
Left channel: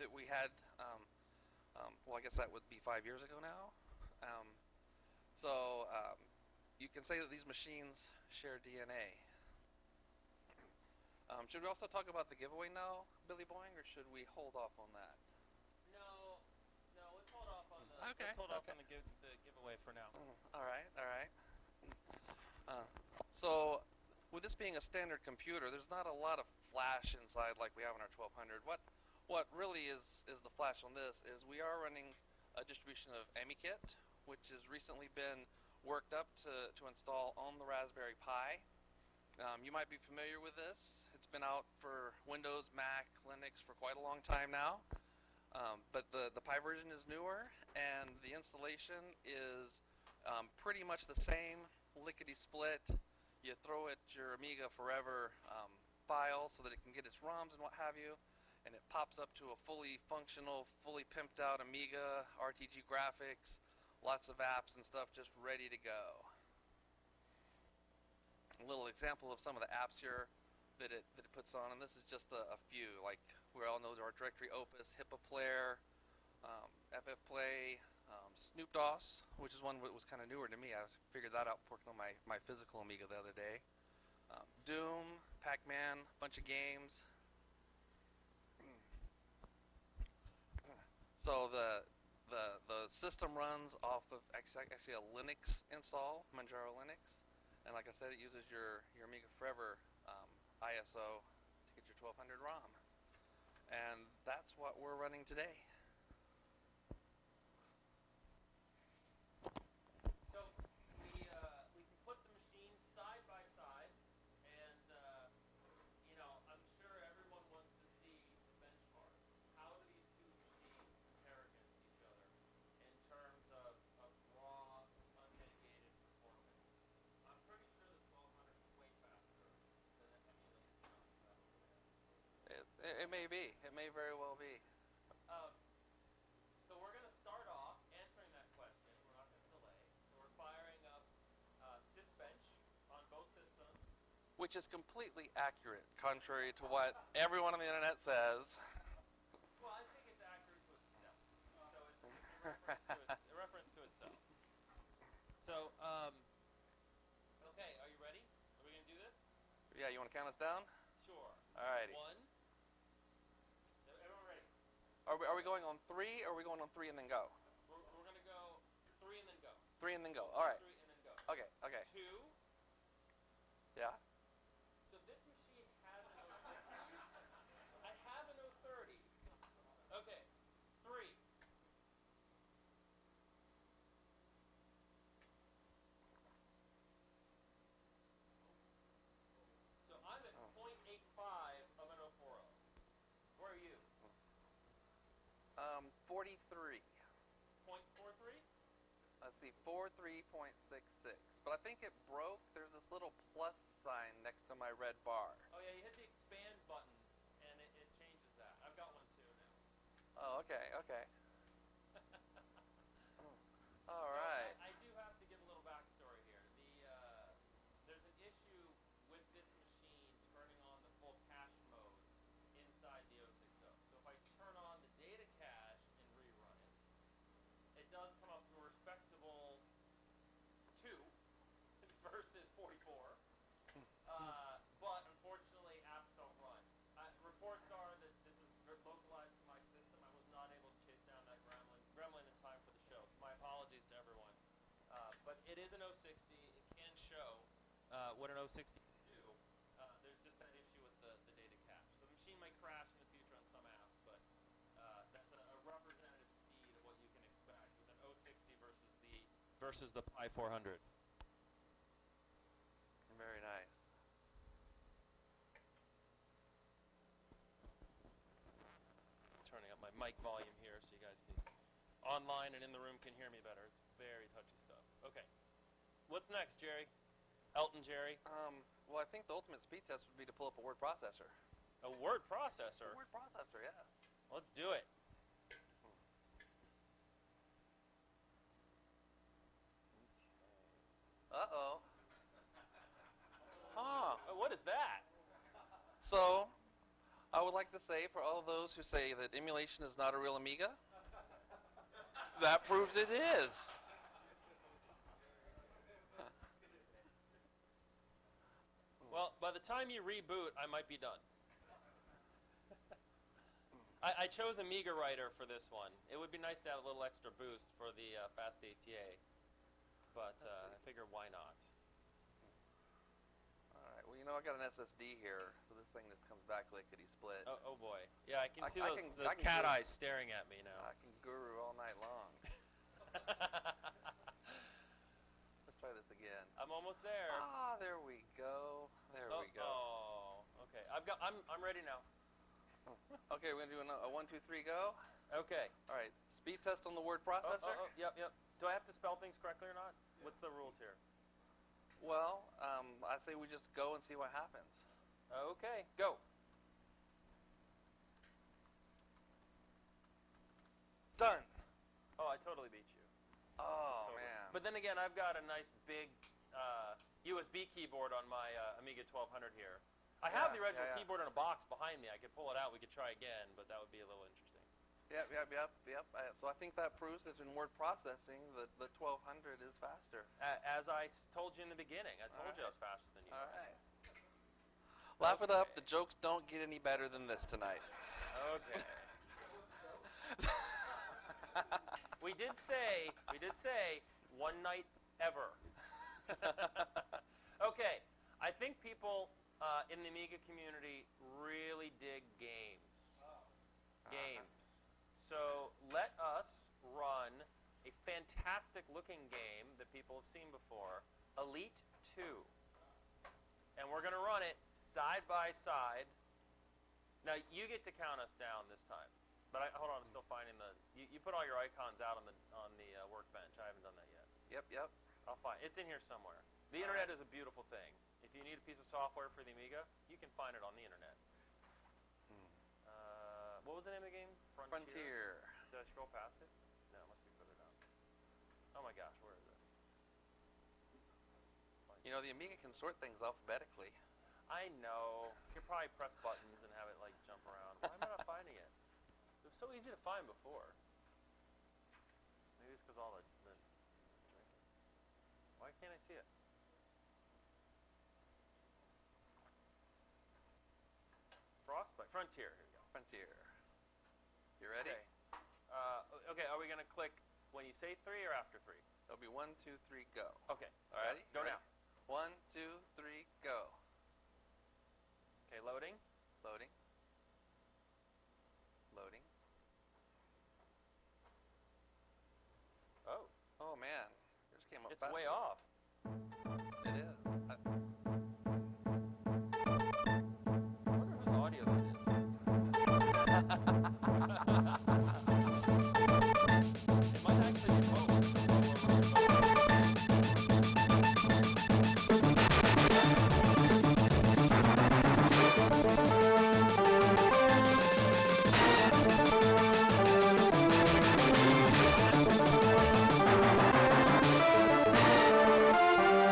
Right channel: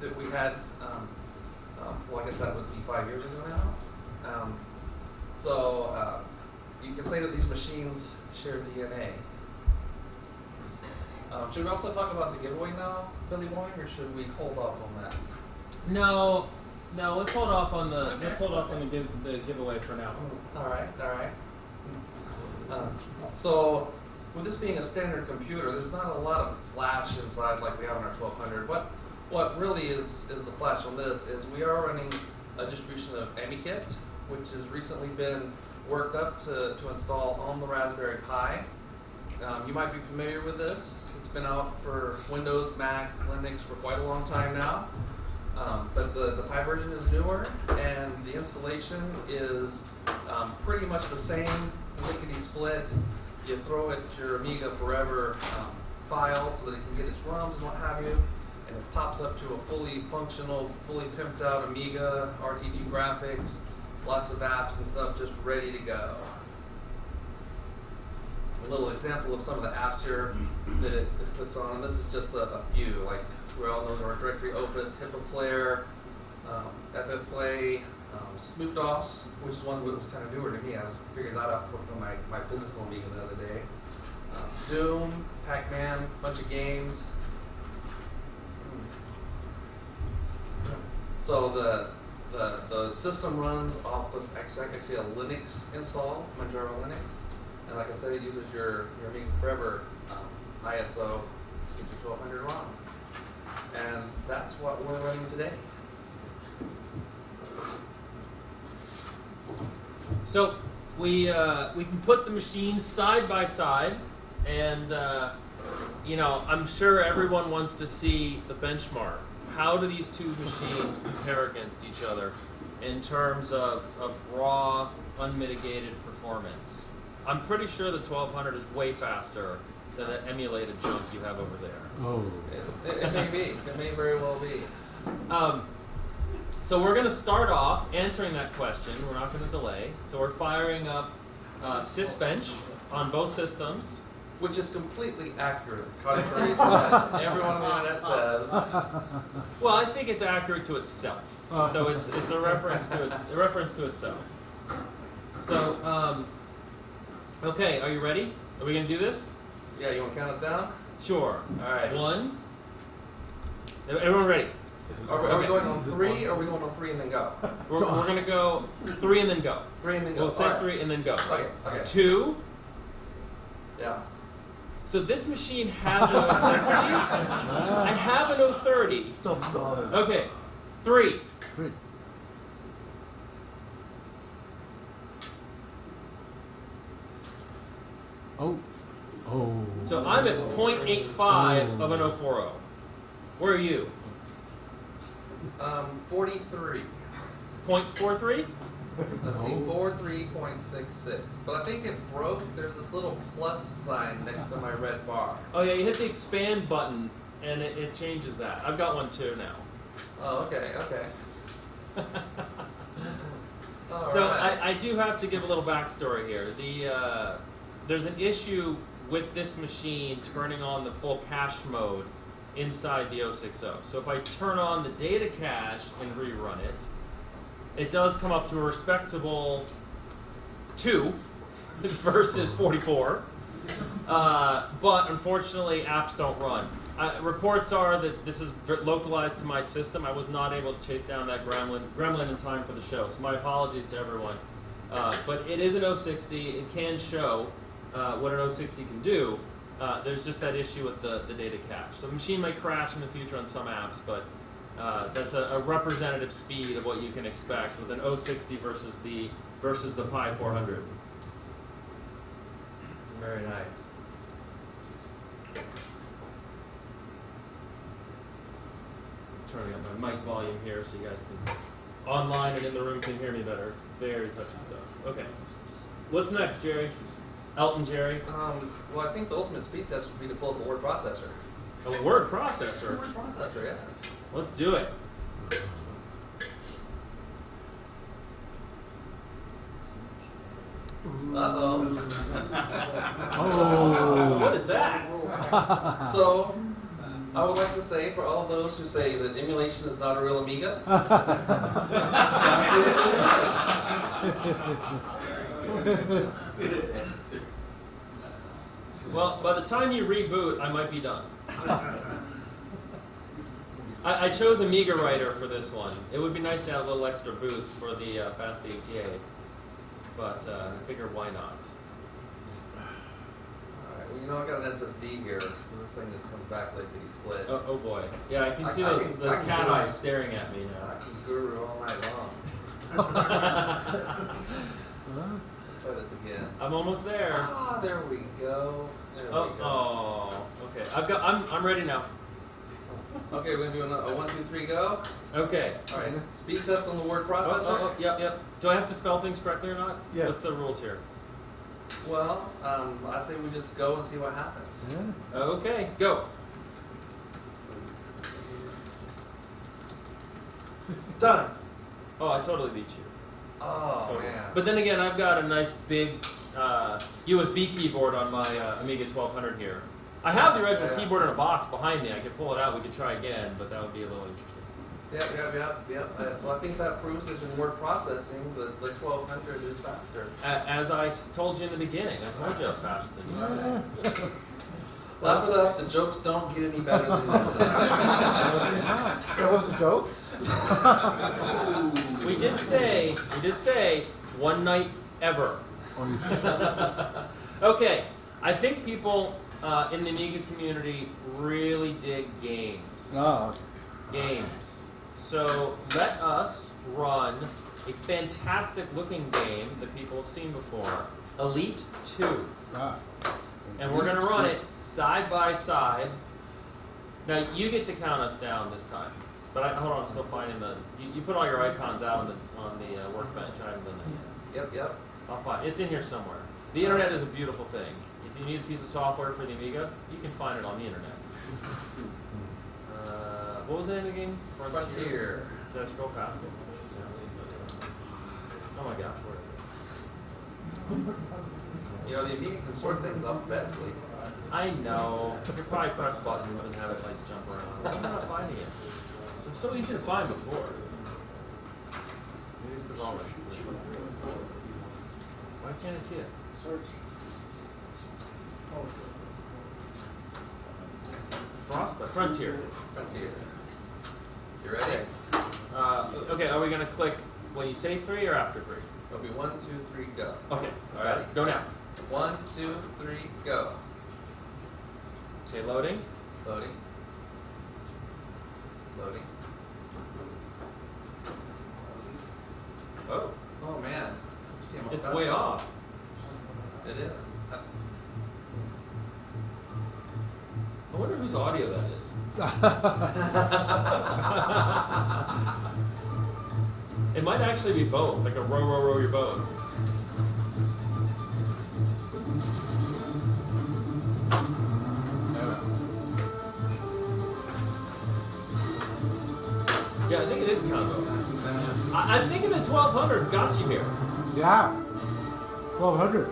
that we had, well, I guess that would be 5 years ago now. So you can say that these machines share DNA. Should we also talk about the giveaway now, Billy Boy, or should we hold off on that? No, let's hold off on the the giveaway for now. All right. So with this being a standard computer, there's not a lot of flash inside like we have on our 1200. What really is the flash on this is we are running a distribution of AmiKit, which has recently been worked up to install on the Raspberry Pi. You might be familiar with this. It's been out for Windows, Mac, Linux for quite a long time now. But the Pi version is newer, and the installation is pretty much the same, lickety split. You throw it your Amiga Forever file so that it can get its ROMs and what have you, and it pops up to a fully functional, fully pimped out Amiga, RTG graphics, lots of apps and stuff just ready to go. A little example of some of the apps here that it puts on, and this is just a few, like we all know our directory Opus, HIPAA Player, FF Play, Snoop DOS, which is one that was kind of newer to me. I was figuring that out from my physical Amiga the other day. Doom, Pac-Man, bunch of games. So the system runs off of actually a Linux install, Manjaro Linux, and like I said, it uses your Amiga Forever ISO 1200 ROM, and that's what we're running today. So we can put the machines side by side, and I'm sure everyone wants to see the benchmark. How do these two machines compare against each other in terms of raw, unmitigated performance? I'm pretty sure the 1200 is way faster than the emulated junk you have over there. Oh. It may be. It may very well be. So we're going to start off answering that question. We're not going to delay. So we're firing up Sysbench on both systems. Which is completely accurate, contrary to what everyone on the internet says. Well, I think it's accurate to itself. So it's a reference to itself. So okay, are you ready? Are we going to do this? Yeah, you want to count us down? Sure. All right. 1. Everyone ready? Are we going on 3, or are we going on 3 and then go? We're going to go 3 and then go. 3 and then go. We'll say All right. 3 and then go. Okay. 2. Yeah. So this machine has an 060. I have an 030. Okay. 3. Oh. So I'm at 0.85 of an 040. Where are you? 43. 0.43? Let's see, 43.66. But I think it broke. There's this little plus sign next to my red bar. Oh yeah, you hit the expand button and it changes that. I've got one too now. Oh, okay. So right. I do have to give a little backstory here. There's an issue with this machine turning on the full cache mode inside the 060. So if I turn on the data cache and rerun it, it does come up to a respectable 2 versus 44. But unfortunately, apps don't run. Reports are that this is localized to my system. I was not able to chase down that gremlin in time for the show, so my apologies to everyone. But it is an 060. It can show what an 060 can do. There's just that issue with the data cache. So the machine might crash in the future on some apps, but that's a representative speed of what you can expect with an 060 versus the Pi 400. Very nice. Turning up my mic volume here so you guys can, online and in the room, can hear me better. It's very touchy stuff. Okay. What's next, Jerry? Elton Jerry? Well, I think the ultimate speed test would be to pull up a word processor. A word processor? A word processor, yes. Let's do it. Uh-oh. Oh. What is that? So, I would like to say, for all those who say that emulation is not a real Amiga, Well, by the time you reboot, I might be done. I chose Amiga Writer for this one. It would be nice to have a little extra boost for the fast ATA, but I figure why not? Alright, well, you know, I got an SSD here, so this thing just comes back like the split. Oh boy. Yeah, I can see I those can cat do eyes it. staring at me I now. can guru all night long. Let's try this again. I'm almost there. Ah, there we go. There we go. Oh, okay. I'm ready now. Okay, we're gonna do a 1, 2, 3, go. Okay. Alright, speed test on the word processor. Yep. Do I have to spell things correctly or not? Yeah. What's the rules here? Well, I'd say we just go and see what happens. Yeah. Okay, go. Done. Oh, I totally beat you. Oh, Totally. man. But then again, I've got a nice big USB keyboard on my Amiga 1200 here. I have the original Yeah. keyboard in a box behind me. I could pull it out. We could try again, but that would be a little interesting. Yep. So I think that proves that in word processing, the 1200 is faster. As I told you in the beginning, I told you I was faster than you. Yeah. Laugh it up, the jokes don't get any better than this. That was a joke? We did say one night ever. Okay, I think people in the Amiga community really dig games. Oh. Games. So let us run a fantastic looking game that people have seen before, Elite 2. Ah. And we're going to run it side by side. Now you get to count us down this time. But hold on, I'm still finding you put all your icons out on the workbench. I haven't done that yet. Yep. I'll find it's in here somewhere. The internet is a beautiful thing. If you need a piece of software for the Amiga, you can find it on the internet. What was the name of the game? Frontier. Did I scroll past it? Oh my gosh, where is it? You know, the Amiga can sort things alphabetically. I know. You could probably press buttons and have it like jump around. Why am I not finding it? It was so easy to find before. Maybe it's because all my Why can't I see it? Search. Frostbite. Frontier. Frontier. You ready? Okay, are we going to click when you say 3 or after 3? It'll be 1, 2, 3, go. Okay, all Ready? right. Go now. 1, 2, 3, go. Okay, loading. Loading. Loading. Oh, Oh man. it's way off. It is. I wonder whose audio that is. It might actually be both, like a row your boat. Yeah, I think it is. I think the 1200 got you here. Yeah. 1200.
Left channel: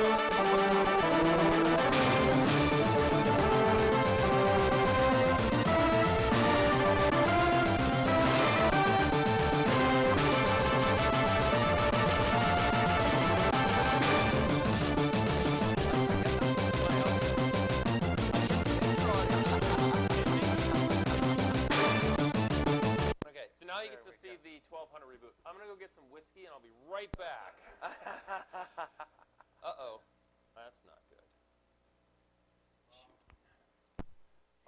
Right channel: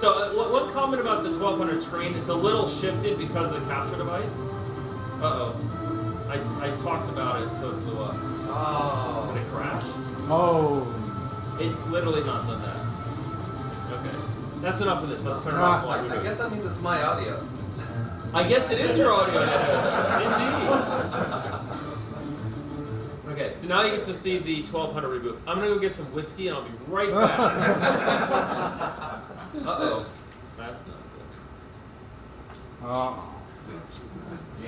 So, one comment about the 1200 screen, it's a little shifted because of half the device. Uh-oh. I talked about it. Oh. It's literally not. That's that's enough of this. Let's turn it I off. guess that's my audio. I guess it is your audio. Indeed. Okay, so now you get to see the 1200 reboot. I'm gonna go get some whiskey and I'll be right back. Uh-oh. That's not good.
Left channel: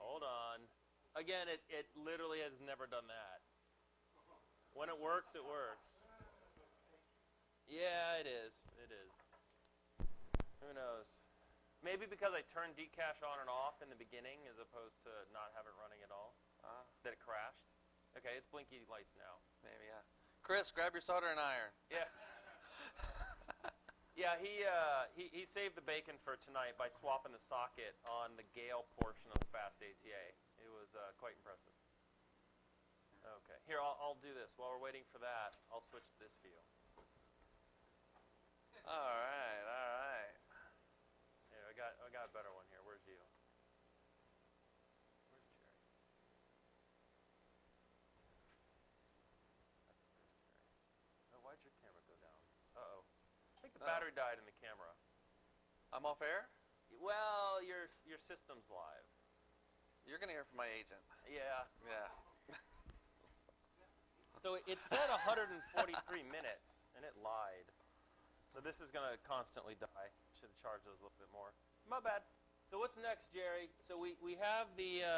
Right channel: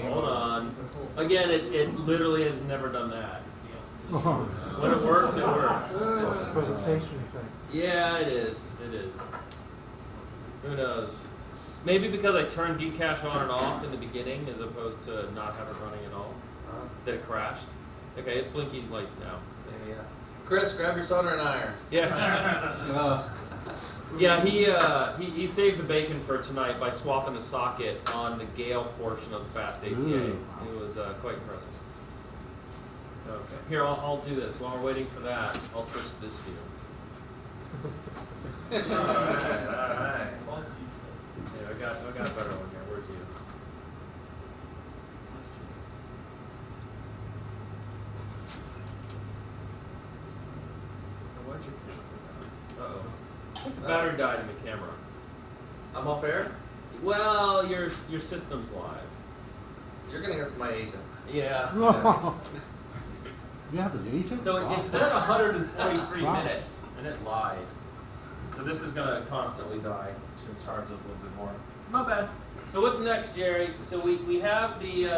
Hold on. Again, it literally has never done that. When it works, it works. Presentation effect. Yeah, it is. It is. Who knows? Maybe because I turned Gcache on and off in the beginning as opposed to not have it running at all, that it crashed. Okay, it's blinking lights now. Maybe, yeah. Chris, grab your soldering iron. Yeah. Yeah, he saved the bacon for tonight by swapping the socket on the Gale portion of the fast ATA. Ooh. It was quite impressive. Okay, here I'll do this while we're waiting for that. I'll switch to this view. All right. Yeah, I got a better one here. Where's you? Where'd your camera go? Uh-oh. I think the battery died in the camera. I'm off air? Well, your system's live. You're gonna hear from my agent. Yeah. You have an agent? So it said 143 Wow. minutes, and it lied. So this is gonna constantly die. Should charge us a little bit more. My bad. So what's next, Jerry? So we have the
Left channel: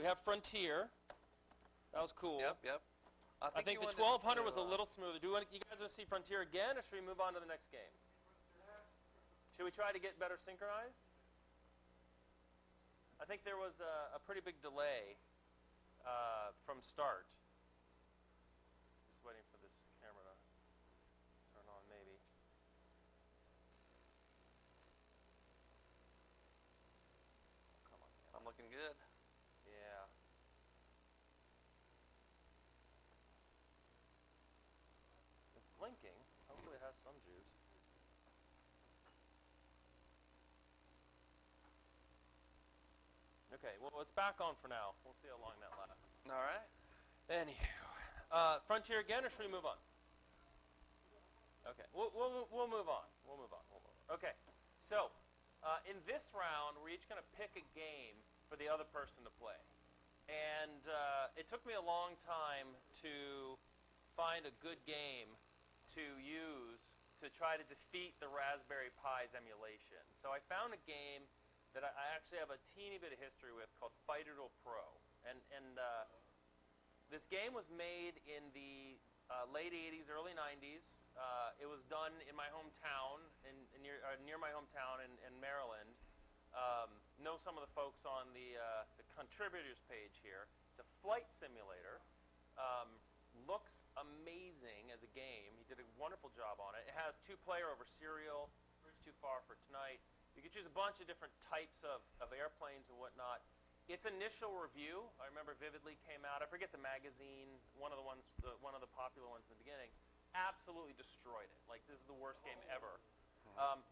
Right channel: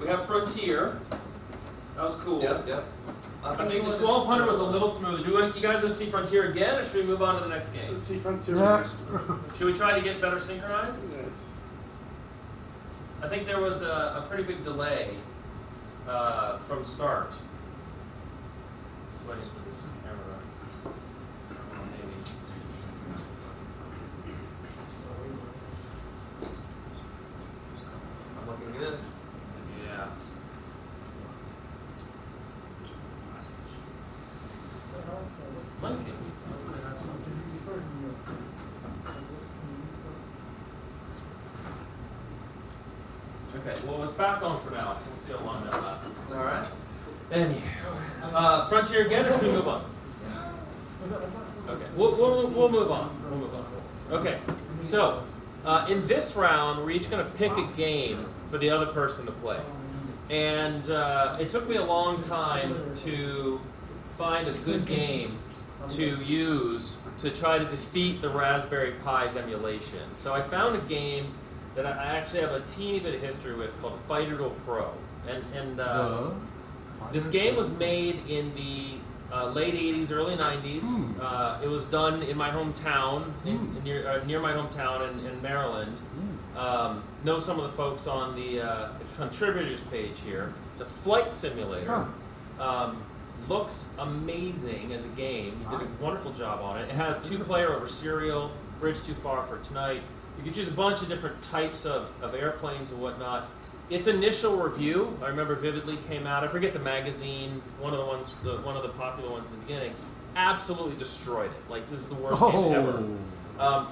we have Frontier. That was cool. Yep. I think the 1200 was a little smoother. Do you guys want to see Frontier again, or should we move on to the next game? Let's see Frontier Yeah. next. Should we try to get better synchronized? Yes. I think there was a pretty big delay from start. Just waiting for this camera. Maybe. I'm looking good. Yeah. Monkey. Okay, well it's back on for now. We'll see how long that lasts. All right. Anywho, Frontier again, or should we move on? Okay, we'll move on. We'll move on. Okay, so in this round, we're each going to pick a game for the other person to play, and it took me a long time to find a good game to use to try to defeat the Raspberry Pi's emulation. So I found a game that I actually have a teeny bit of history with called Fighter Duel Pro, and this game was made in the late 80s, early 90s. It was done in my hometown, near my hometown in Maryland. Know some of the folks on the contributors page here. It's a flight simulator. Looks amazing as a game. You did a wonderful job on it. It has 2-player over serial, bridge too far for tonight. You can choose a bunch of different types of airplanes and whatnot. Its initial review, I remember vividly, came out. I forget the magazine, one of the popular ones in the beginning, absolutely destroyed it. Like, this is the worst game ever.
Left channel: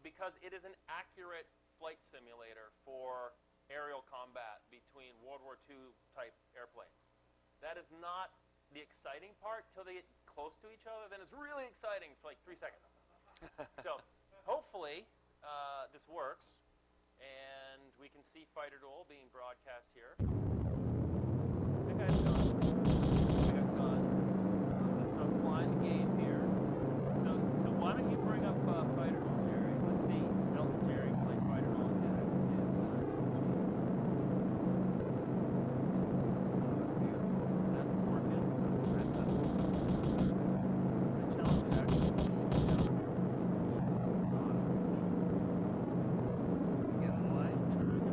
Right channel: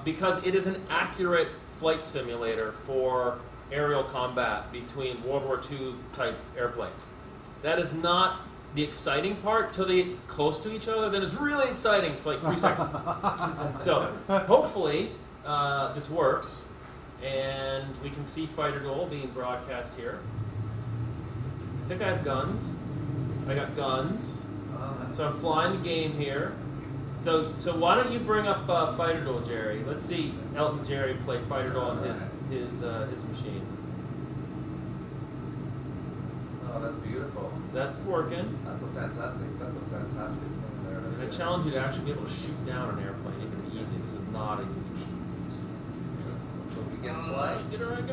Because it is an accurate flight simulator for aerial combat between World War II type airplanes. That is not the exciting part till they get close to each other. Then it's really exciting for like 3 seconds. So hopefully this works, and we can see Fighter Duel being broadcast here. I think I have guns. I got guns. So I'm flying the game here. So why don't you bring up Fighter Duel, Jerry? Let's see Elton Jerry play Fighter Duel on his machine. Oh, that's beautiful. That's working. That's fantastic. I challenge you to actually be able to shoot down an airplane. It can be easy. This is not an easy game. You get the light. Get around.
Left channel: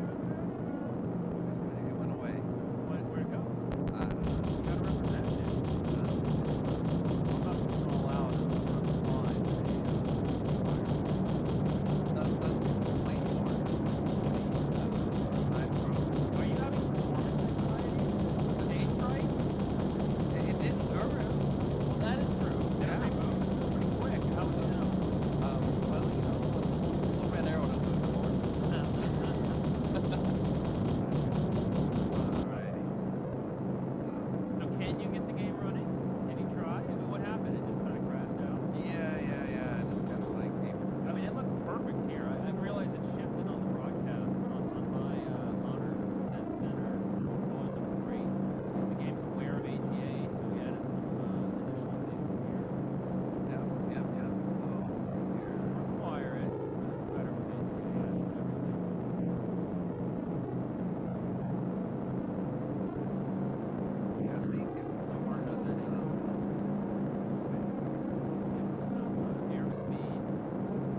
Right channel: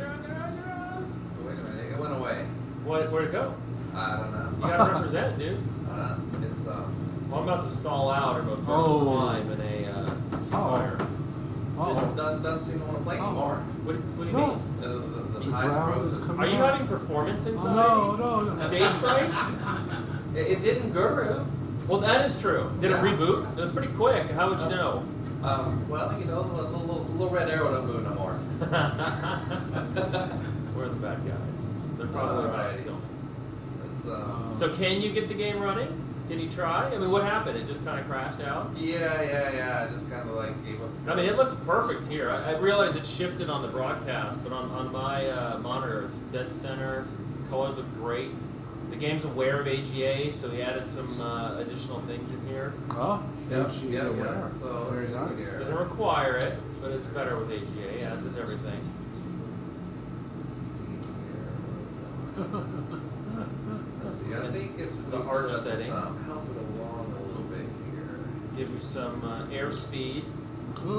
Wait a minute, it went away. Where'd it go? I don't know. You gotta represent, dude. It's, Well, I'm about to stall out or go through climb in a fire. doesn't seem to want to play anymore. What do you mean? The highs froze. Are you having performance anxiety? No. Stage fright? It didn't guru. Well, that is true. Did it reboot? It was pretty quick. How would you know? Well, you know, the little red arrow don't do it no more. Where's the bad guys? They're probably about to kill. So can you get the game running? Did he try? I mean, what happened? It just kind of crashed out? Yeah. I just kind of like gave up. I mean, it looks perfect here. I realize it's shifted on the broadcast, but on my monitor, it's dead center. Colors look great. The game's aware of AGA, so we added some additional things in here. Oh, Yep, she yep, aware. yep. So Very let's see nice. here. Doesn't require it, but it's better with AGA, as is everything. Yeah, I think it's the arch just, setting. helping along a little bit here. Give you some airspeed. Fly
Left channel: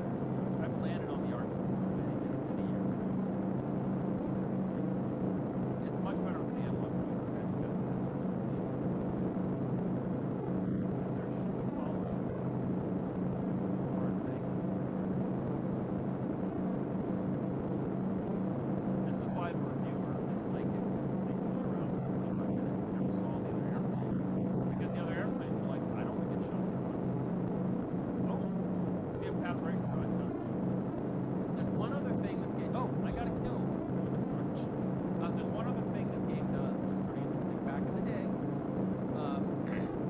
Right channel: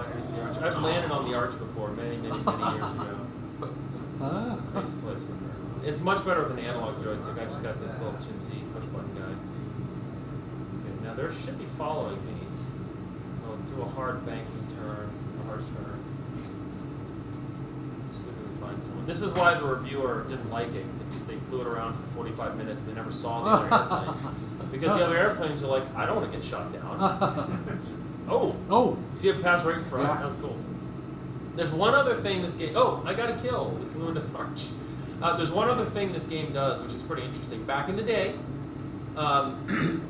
underneath the arch. I've landed on the arch before, many years ago. Recently. It's much better with an analog joystick. I just got this little chintzy push button guy. Okay, now there should be following me. So let's do a hard banking turn, hard turn. See if we can find someone. This is why the reviewer didn't like it, because they flew it around for 45 minutes. They never saw the other airplanes. Because the other airplanes are like, I don't want to get shot down. Oh! Oh! You see it pass right in front? Yeah. That was cool. There's one other thing this game... Oh, I got a kill. It flew into the arch. There's one other thing this game does, which is pretty interesting. Back in the day, a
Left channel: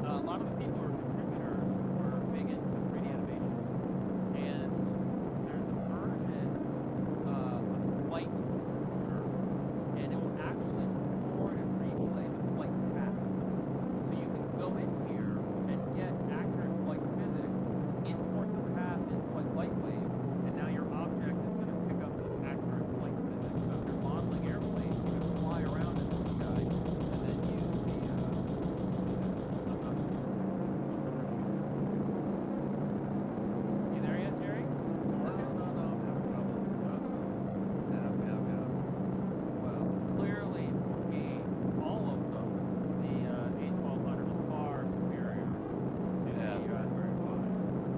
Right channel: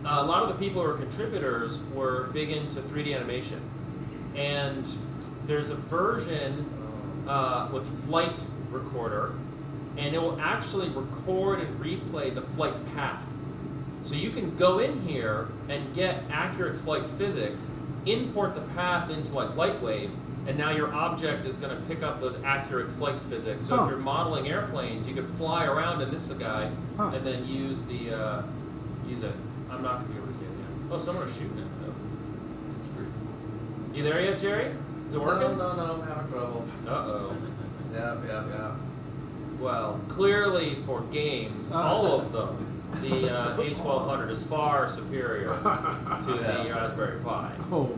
lot of the people who are contributors were big into 3D animation. And there's a version with Flight Recorder, and it will actually record and replay the flight path. So you can go in here and get accurate flight physics, import the path into like Lightwave, and now your object is going to pick up those accurate flight physics. So if you're modeling airplanes, you could fly around in this guy and then use the use it. I'm not going to be able to do that. Oh, someone's shooting it. You there yet, Jerry? Is it working? No, I'm having trouble. Uh-oh. Yeah. Well, clearly for games, all of them, the A1200 is far superior to the Raspberry Pi. Oh.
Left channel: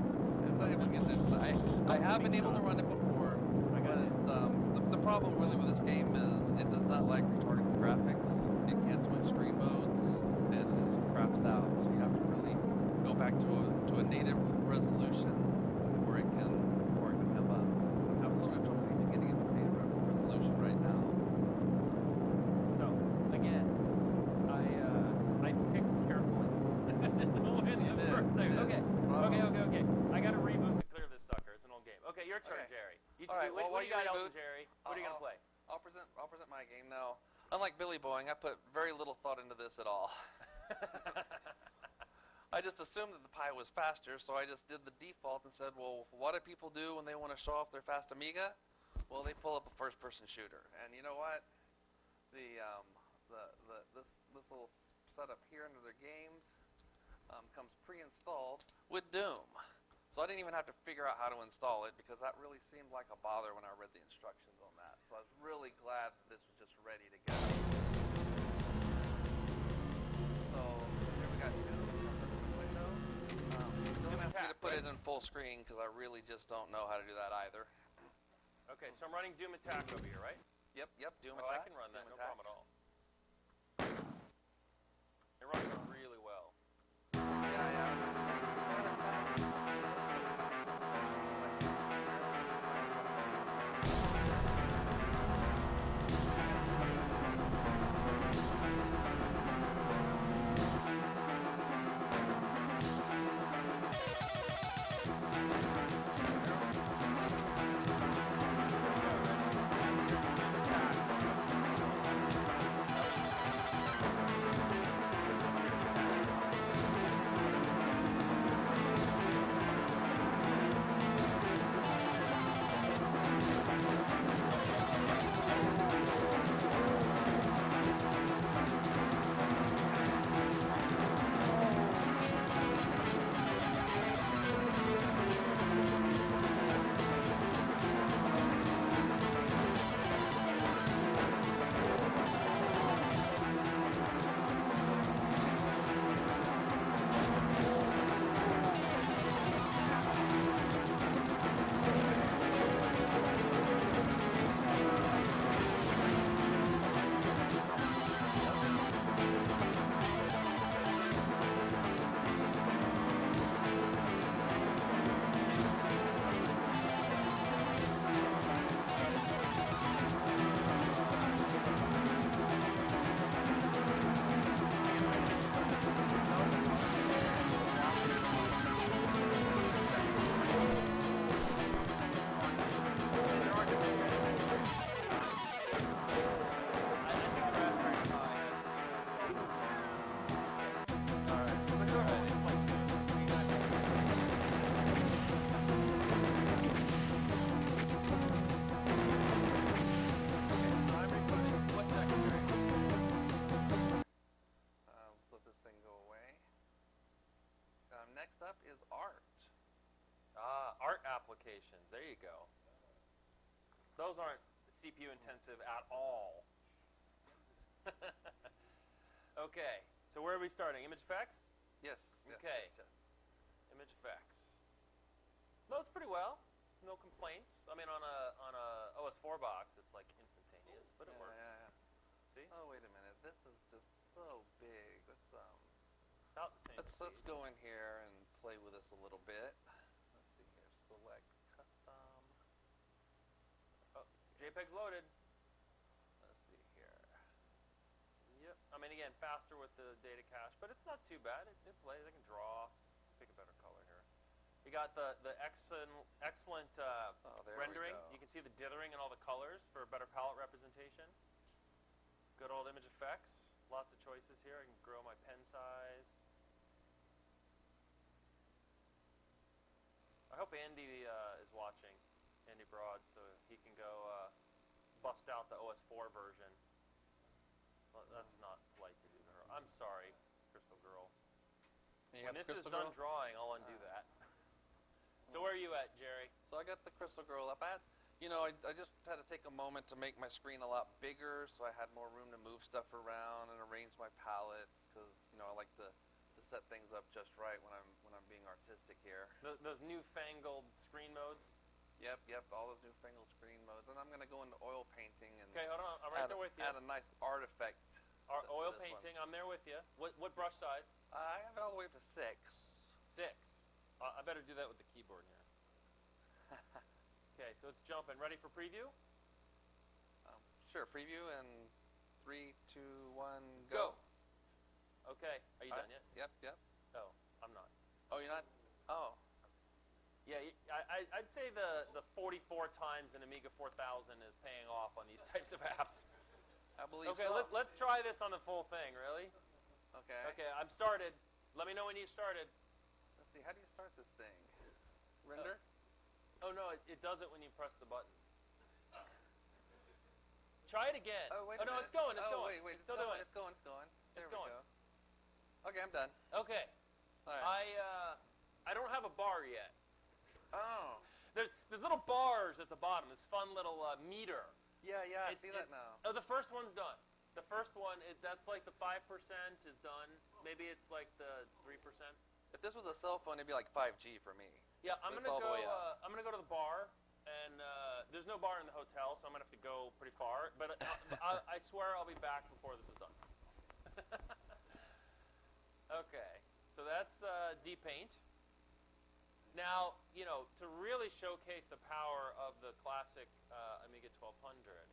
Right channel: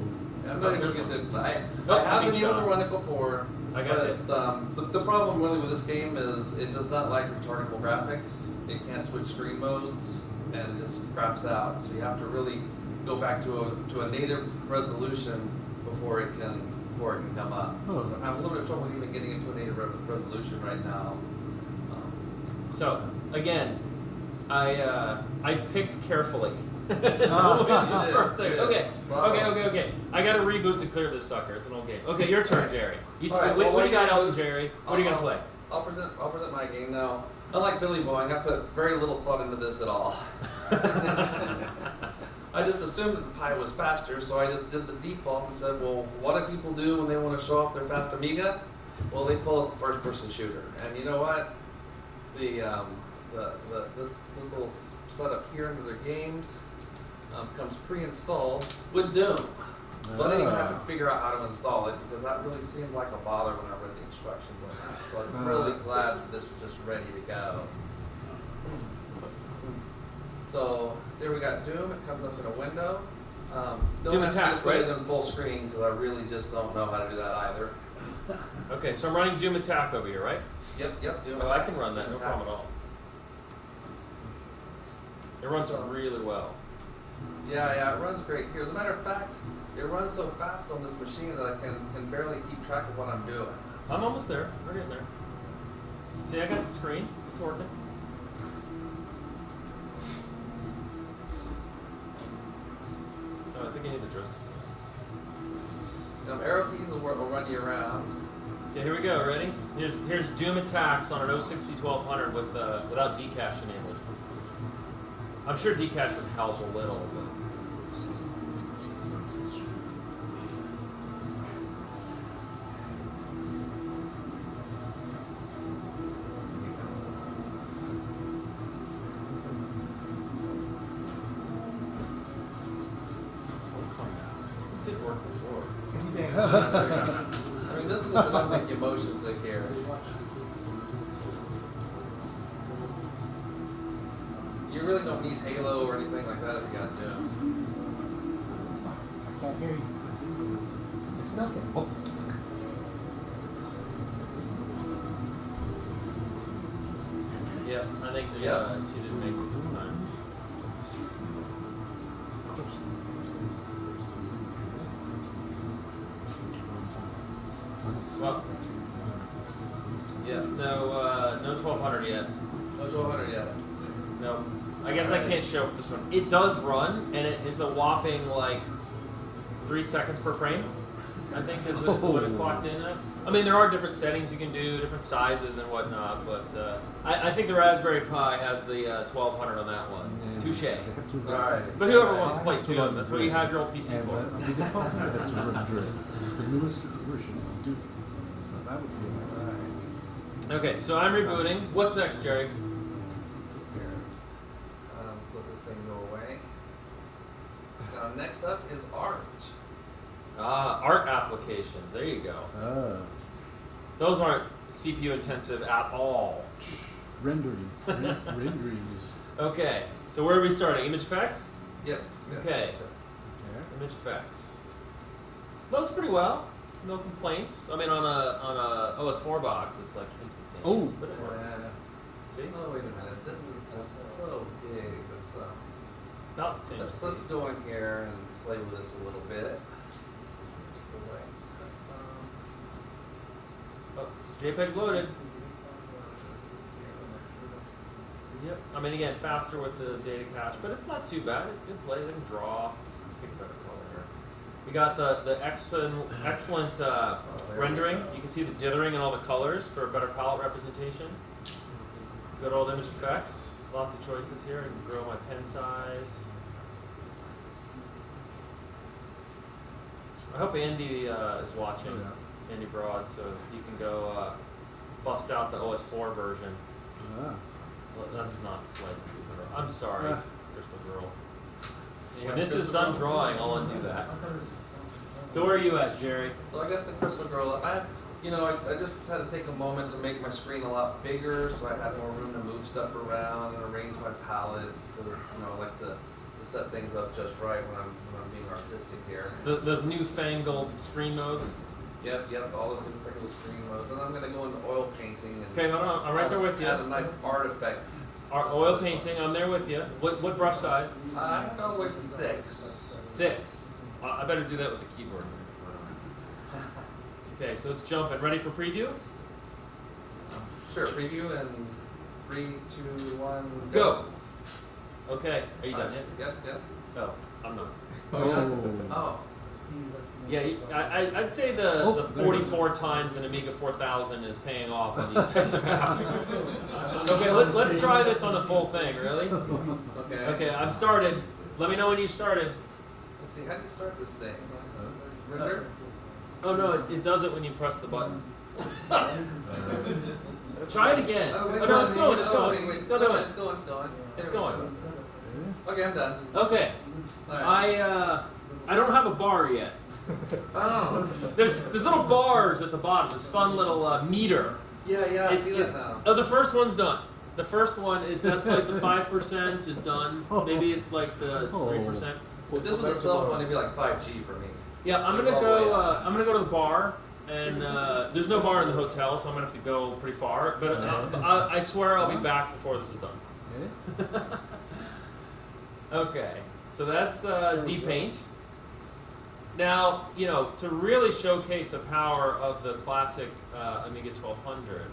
I'm not even getting this. I Nope, have been big able to shot. run it before. I got it. The problem really with this game is it does not like retardable graphics. It can't switch screen modes, and it just craps out. So you have to really go back to a native resolution before it can come up. Oh. I'm having a little bit of trouble even getting into a native resolution right now. So again, I picked carefully. You For a did. second. Okay. I got to reboot to clear this sucker. It's an old game. Okay, your turn, Jerry. All right, what well, do you got, what Elton Jerry? What are you gonna play? I'll present my game now. Unlike Billy Boeing, I put very little thought into this at all. I just assumed that the Pi was faster, so I just did the default and said, well, what do people do when they want to show off their fast Amiga? Well, they pull up a first-person shooter, and you know what? This little setup here into their games comes pre-installed with Doom. So I didn't even have to figure out how to install it, because that really seemed like a bother when I read the instructions on that. So I'm really glad that this was just ready to go. So there we got Doom. It comes up in a window. Don't Doom ask me Attack, to put right? it in full screen, because I really just don't know how to do that either. Okay, so I'm running Doom Attack over here, right? Yep, Doom Oh, I Attack. can run that, no problem at all. It runs really well. Yeah, it runs great here. As a matter of fact, it runs so fast on this machine that I can barely keep track of what I'm doing. I'm almost there. We're getting there. See, I got the screen. It's working. Oh, I think I hit it, huh? The arrow keys will run you around. Okay, here we go. Ready? Here's Doom Attacks on an 060 1200 with without decache. I'm sure decache would help a little. I mean, this is what I'm making motions with here. You really don't need Halo or anything like that if you want to. Yeah, I think Well, yeah, no 1200 yet. No order yet. No, I guess I can't show this one. It does run, and it's a whopping like 3 seconds per frame. I think is what it clocked in at. I mean, there are different settings you can do, different sizes and whatnot, but I think the Raspberry Pi has the 1200 on that one. Touche. Alright. But whoever wants to play too, that's what you have your own PC for. Okay, so I'm rebooting. What's next, Jerry? Let this thing go away. Next up is art. Art applications. There you go. Those aren't CPU intensive at all. Rendering. Renderings. Okay, so where are we starting? Image effects? Yes. Okay. Yes. Image effects. Loads pretty well. No complaints. I mean, on a OS4 box, it's like instantaneous. Oh. But it works. See? Oh, wait a minute. This is just so big. Not the same. Let's go in here and play with this a little bit. JPEG's loaded. Yep. I mean, again, faster with the data cache, but it's not too bad. It plays and draw. Pick a better color here. We got the excellent rendering. You can see the dithering and all the colors for a better palette representation. Good old image effects. Lots of choices here. I can grow my pen size. I hope Andy is watching. Andy Broad, so you can go bust out the OS4 version. Well, that's not like I'm sorry, Crystal Girl. When this is done drawing, I'll undo that. So where are you at, Jerry? So I got the Crystal Girl. I just had to take a moment to make my screen a lot bigger, so I had more room to move stuff around and arrange my palettes. Because I like to set things up just right when I'm being artistic here. Those newfangled screen modes. Yep, all those newfangled screen modes. And I'm going to go into oil painting and Okay, hold on. I'm right there with you. add a nice artifact. Oil painting. I'm there with you. What brush size? I'm going all the way to 6. 6. I better do that with the keyboard. Okay, so it's jumping. Ready for preview? Sure, preview and 3, 2, 1, Go. Okay, are you done yet? Yep. Oh, I'm not. Oh. Yeah, I'd say the 44 times an Amiga 4000 is paying off on these types of apps. Okay, let's try this on the full thing, really? Okay. Okay, I'm started. Let me know when you started. Let's see, how do you start this thing? Render? Oh no, it does it when you press the button. Try it again. Oh, no, it's going, it's going. Wait, It's still going. It's going. It's There we going. go. Okay, I'm done. Okay. All right. I don't have a bar yet. Oh. There's little bars at the bottom. This fun little meter. Yeah, I see that now. Oh, the first one's done. The first one, that's like the 5% is done. Maybe it's like the 3%. If this was a cell phone, it'd be like 5G for me. Yeah, So I'm it's gonna all the way go. up. I'm gonna go to the bar, and there's no bar in the hotel, so I'm gonna have to go pretty far. But I swear I'll be back before this is done. Okay, so that's depaint. Now, to really showcase the power of the classic Amiga 1200,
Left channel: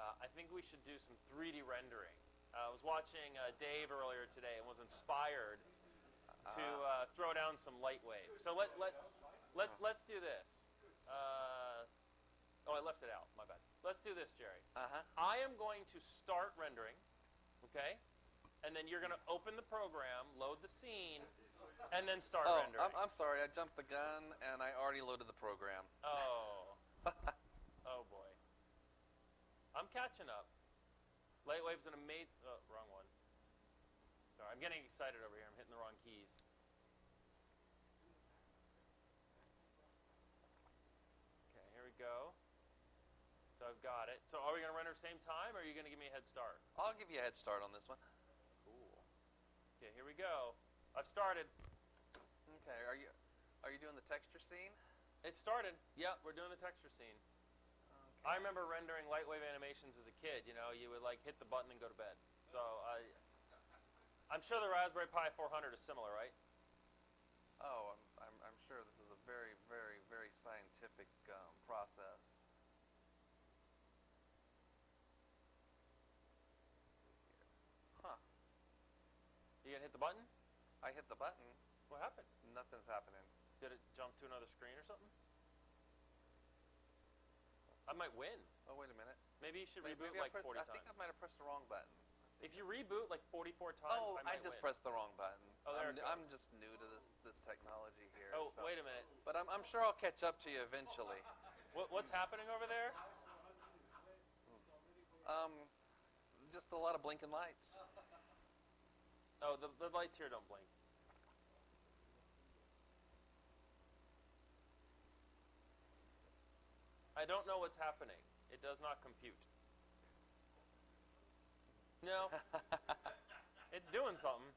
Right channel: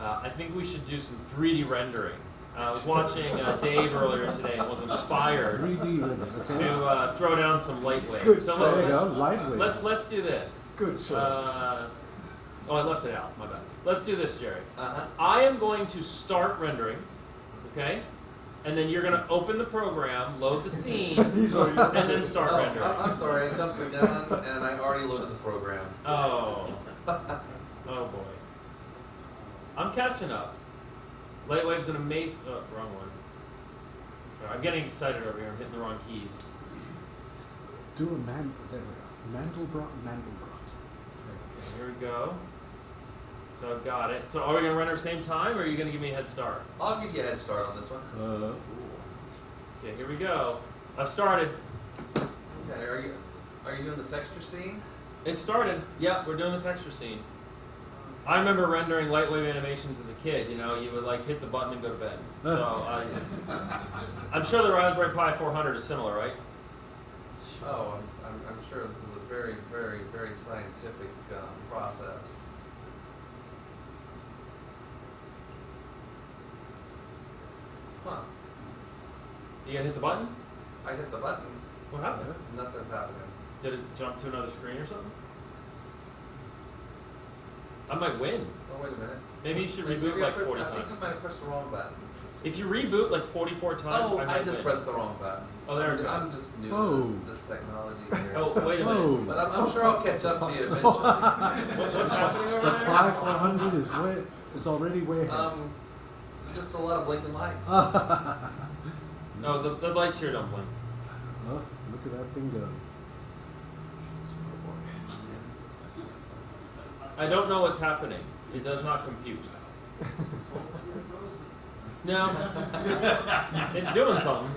I think we should do some 3D rendering. I was watching Dave earlier today and was inspired 3D rendering, okay. to throw down some light waves. Good So choice. Lightweight. let's do this. Good choice. I left it out. My bad. Let's do this, Jerry. Uh-huh. I am going to start rendering, okay? And then you're going to open the program, load the scene, and then start rendering. I'm sorry, I jumped the gun and I already loaded the program. Oh. Oh boy. I'm catching up. Lightwave's an amazing. Oh, wrong one. Sorry, I'm getting excited over here. I'm hitting the wrong keys. Do a Mandelbrot. Okay, here we go. So I've got it. So are we going to render at the same time, or are you going to give me a head start? I'll give you a head start on this one. Okay, here we go. I've started. Okay, are you doing the texture scene? It started. Yeah, we're doing the texture scene. I remember rendering lightwave animations as a kid. You would hit the button and go to bed. So I'm sure the Raspberry Pi 400 is similar, right? Oh, I'm sure this is a very, very, very scientific process. Huh. You gotta hit the button? I hit the button. What happened? Nothing's happening. Did it jump to another screen or something? I might win. Oh, wait a minute. Maybe you should reboot like 40 I times. think I might have pressed the wrong button. If you reboot like 44 times, Oh, I I might just win. pressed the wrong button. Oh, there it goes. I'm just new Whoa. to this technology here. Oh, wait a Whoa. minute. But I'm sure I'll catch up to you eventually. What's happening over The there? Pi 400 is way, it's already way ahead. Just a lot of blinking lights. No, the lights here don't blink. Oh, look at that thing go. I don't know what's happening. It does not compute. No, it's doing something.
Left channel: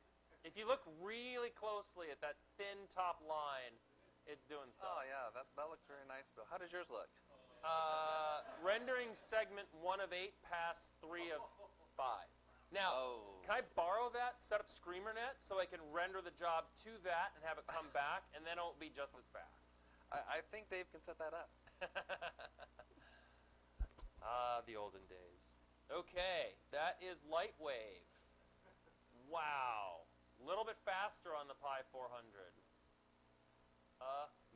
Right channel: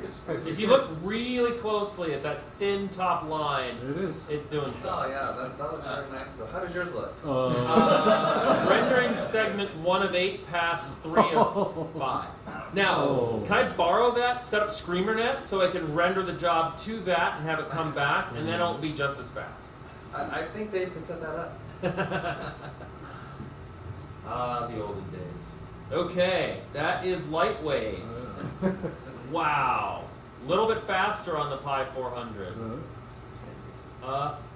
If you look really closely at that thin top line, It is. it's doing stuff. Oh yeah, that looks very nice. How does yours look? Rendering segment 1 of 8 past 3 of 5. Now, can I borrow that, set up ScreamerNet, so I can render the job to that and have it come back, and then it'll be just as fast? I think Dave can set that up. Ah, the olden days. Okay, that is lightweight. Wow. A little bit faster on the Pi 400.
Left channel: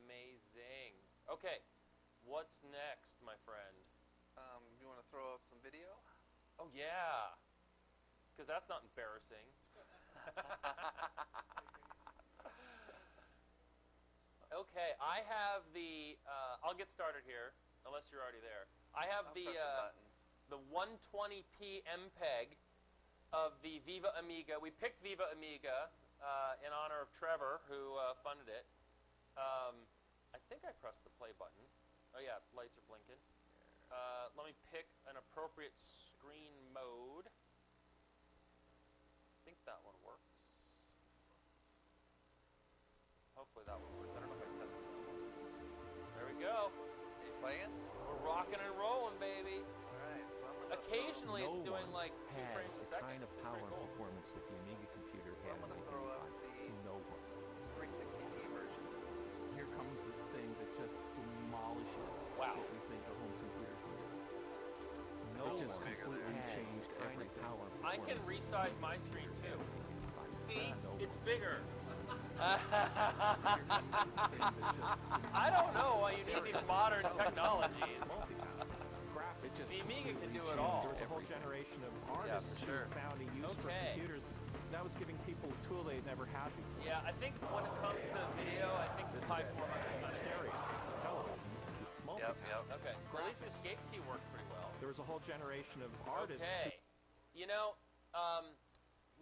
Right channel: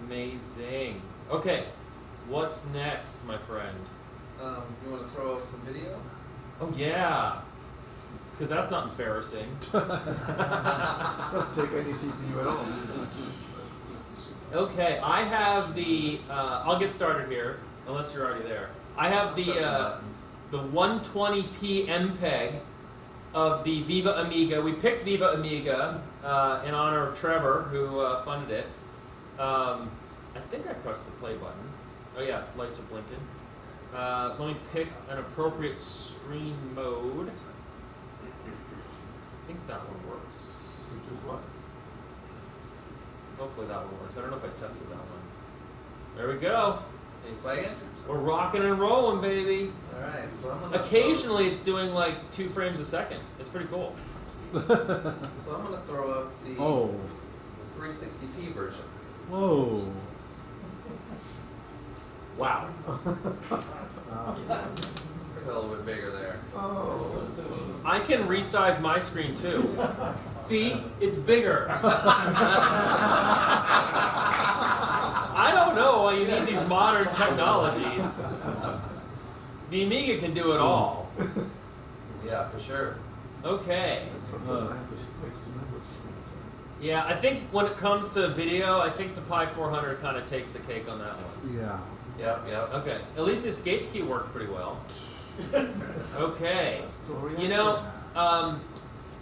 Amazing. Okay, what's next, my friend? You want to throw up some video? Oh, yeah. Because that's not embarrassing. Doesn't take any CPU at all. Okay, I have the, I'll get started here, unless you're already there. I have the 120p MPEG of the Viva Amiga. We picked Viva Amiga in honor of Trevor, who funded it. I think I pressed the play button. Oh yeah, lights are blinking. Let me pick an appropriate screen mode. I think that one works. Which is what? Hopefully that one works. I don't know if I tested that one. There we go. Are you playing? We're rocking and rolling, baby. Alright, so I'm gonna Occasionally it's doing like 2 frames a second. It's pretty cool. So I'm gonna throw up the Oh. 360p version. Whoa. Wow. A little bit bigger there. I can resize my screen too. See, it's bigger. I don't know why you need these modern technologies. The Amiga can do it all. Yeah, for sure. Okay. Yeah, I think when it comes to video, I think the Pi 400 kind of takes the cake on that one. Yeah. Yep. Okay, at least the escape key worked pretty well. Okay. You know,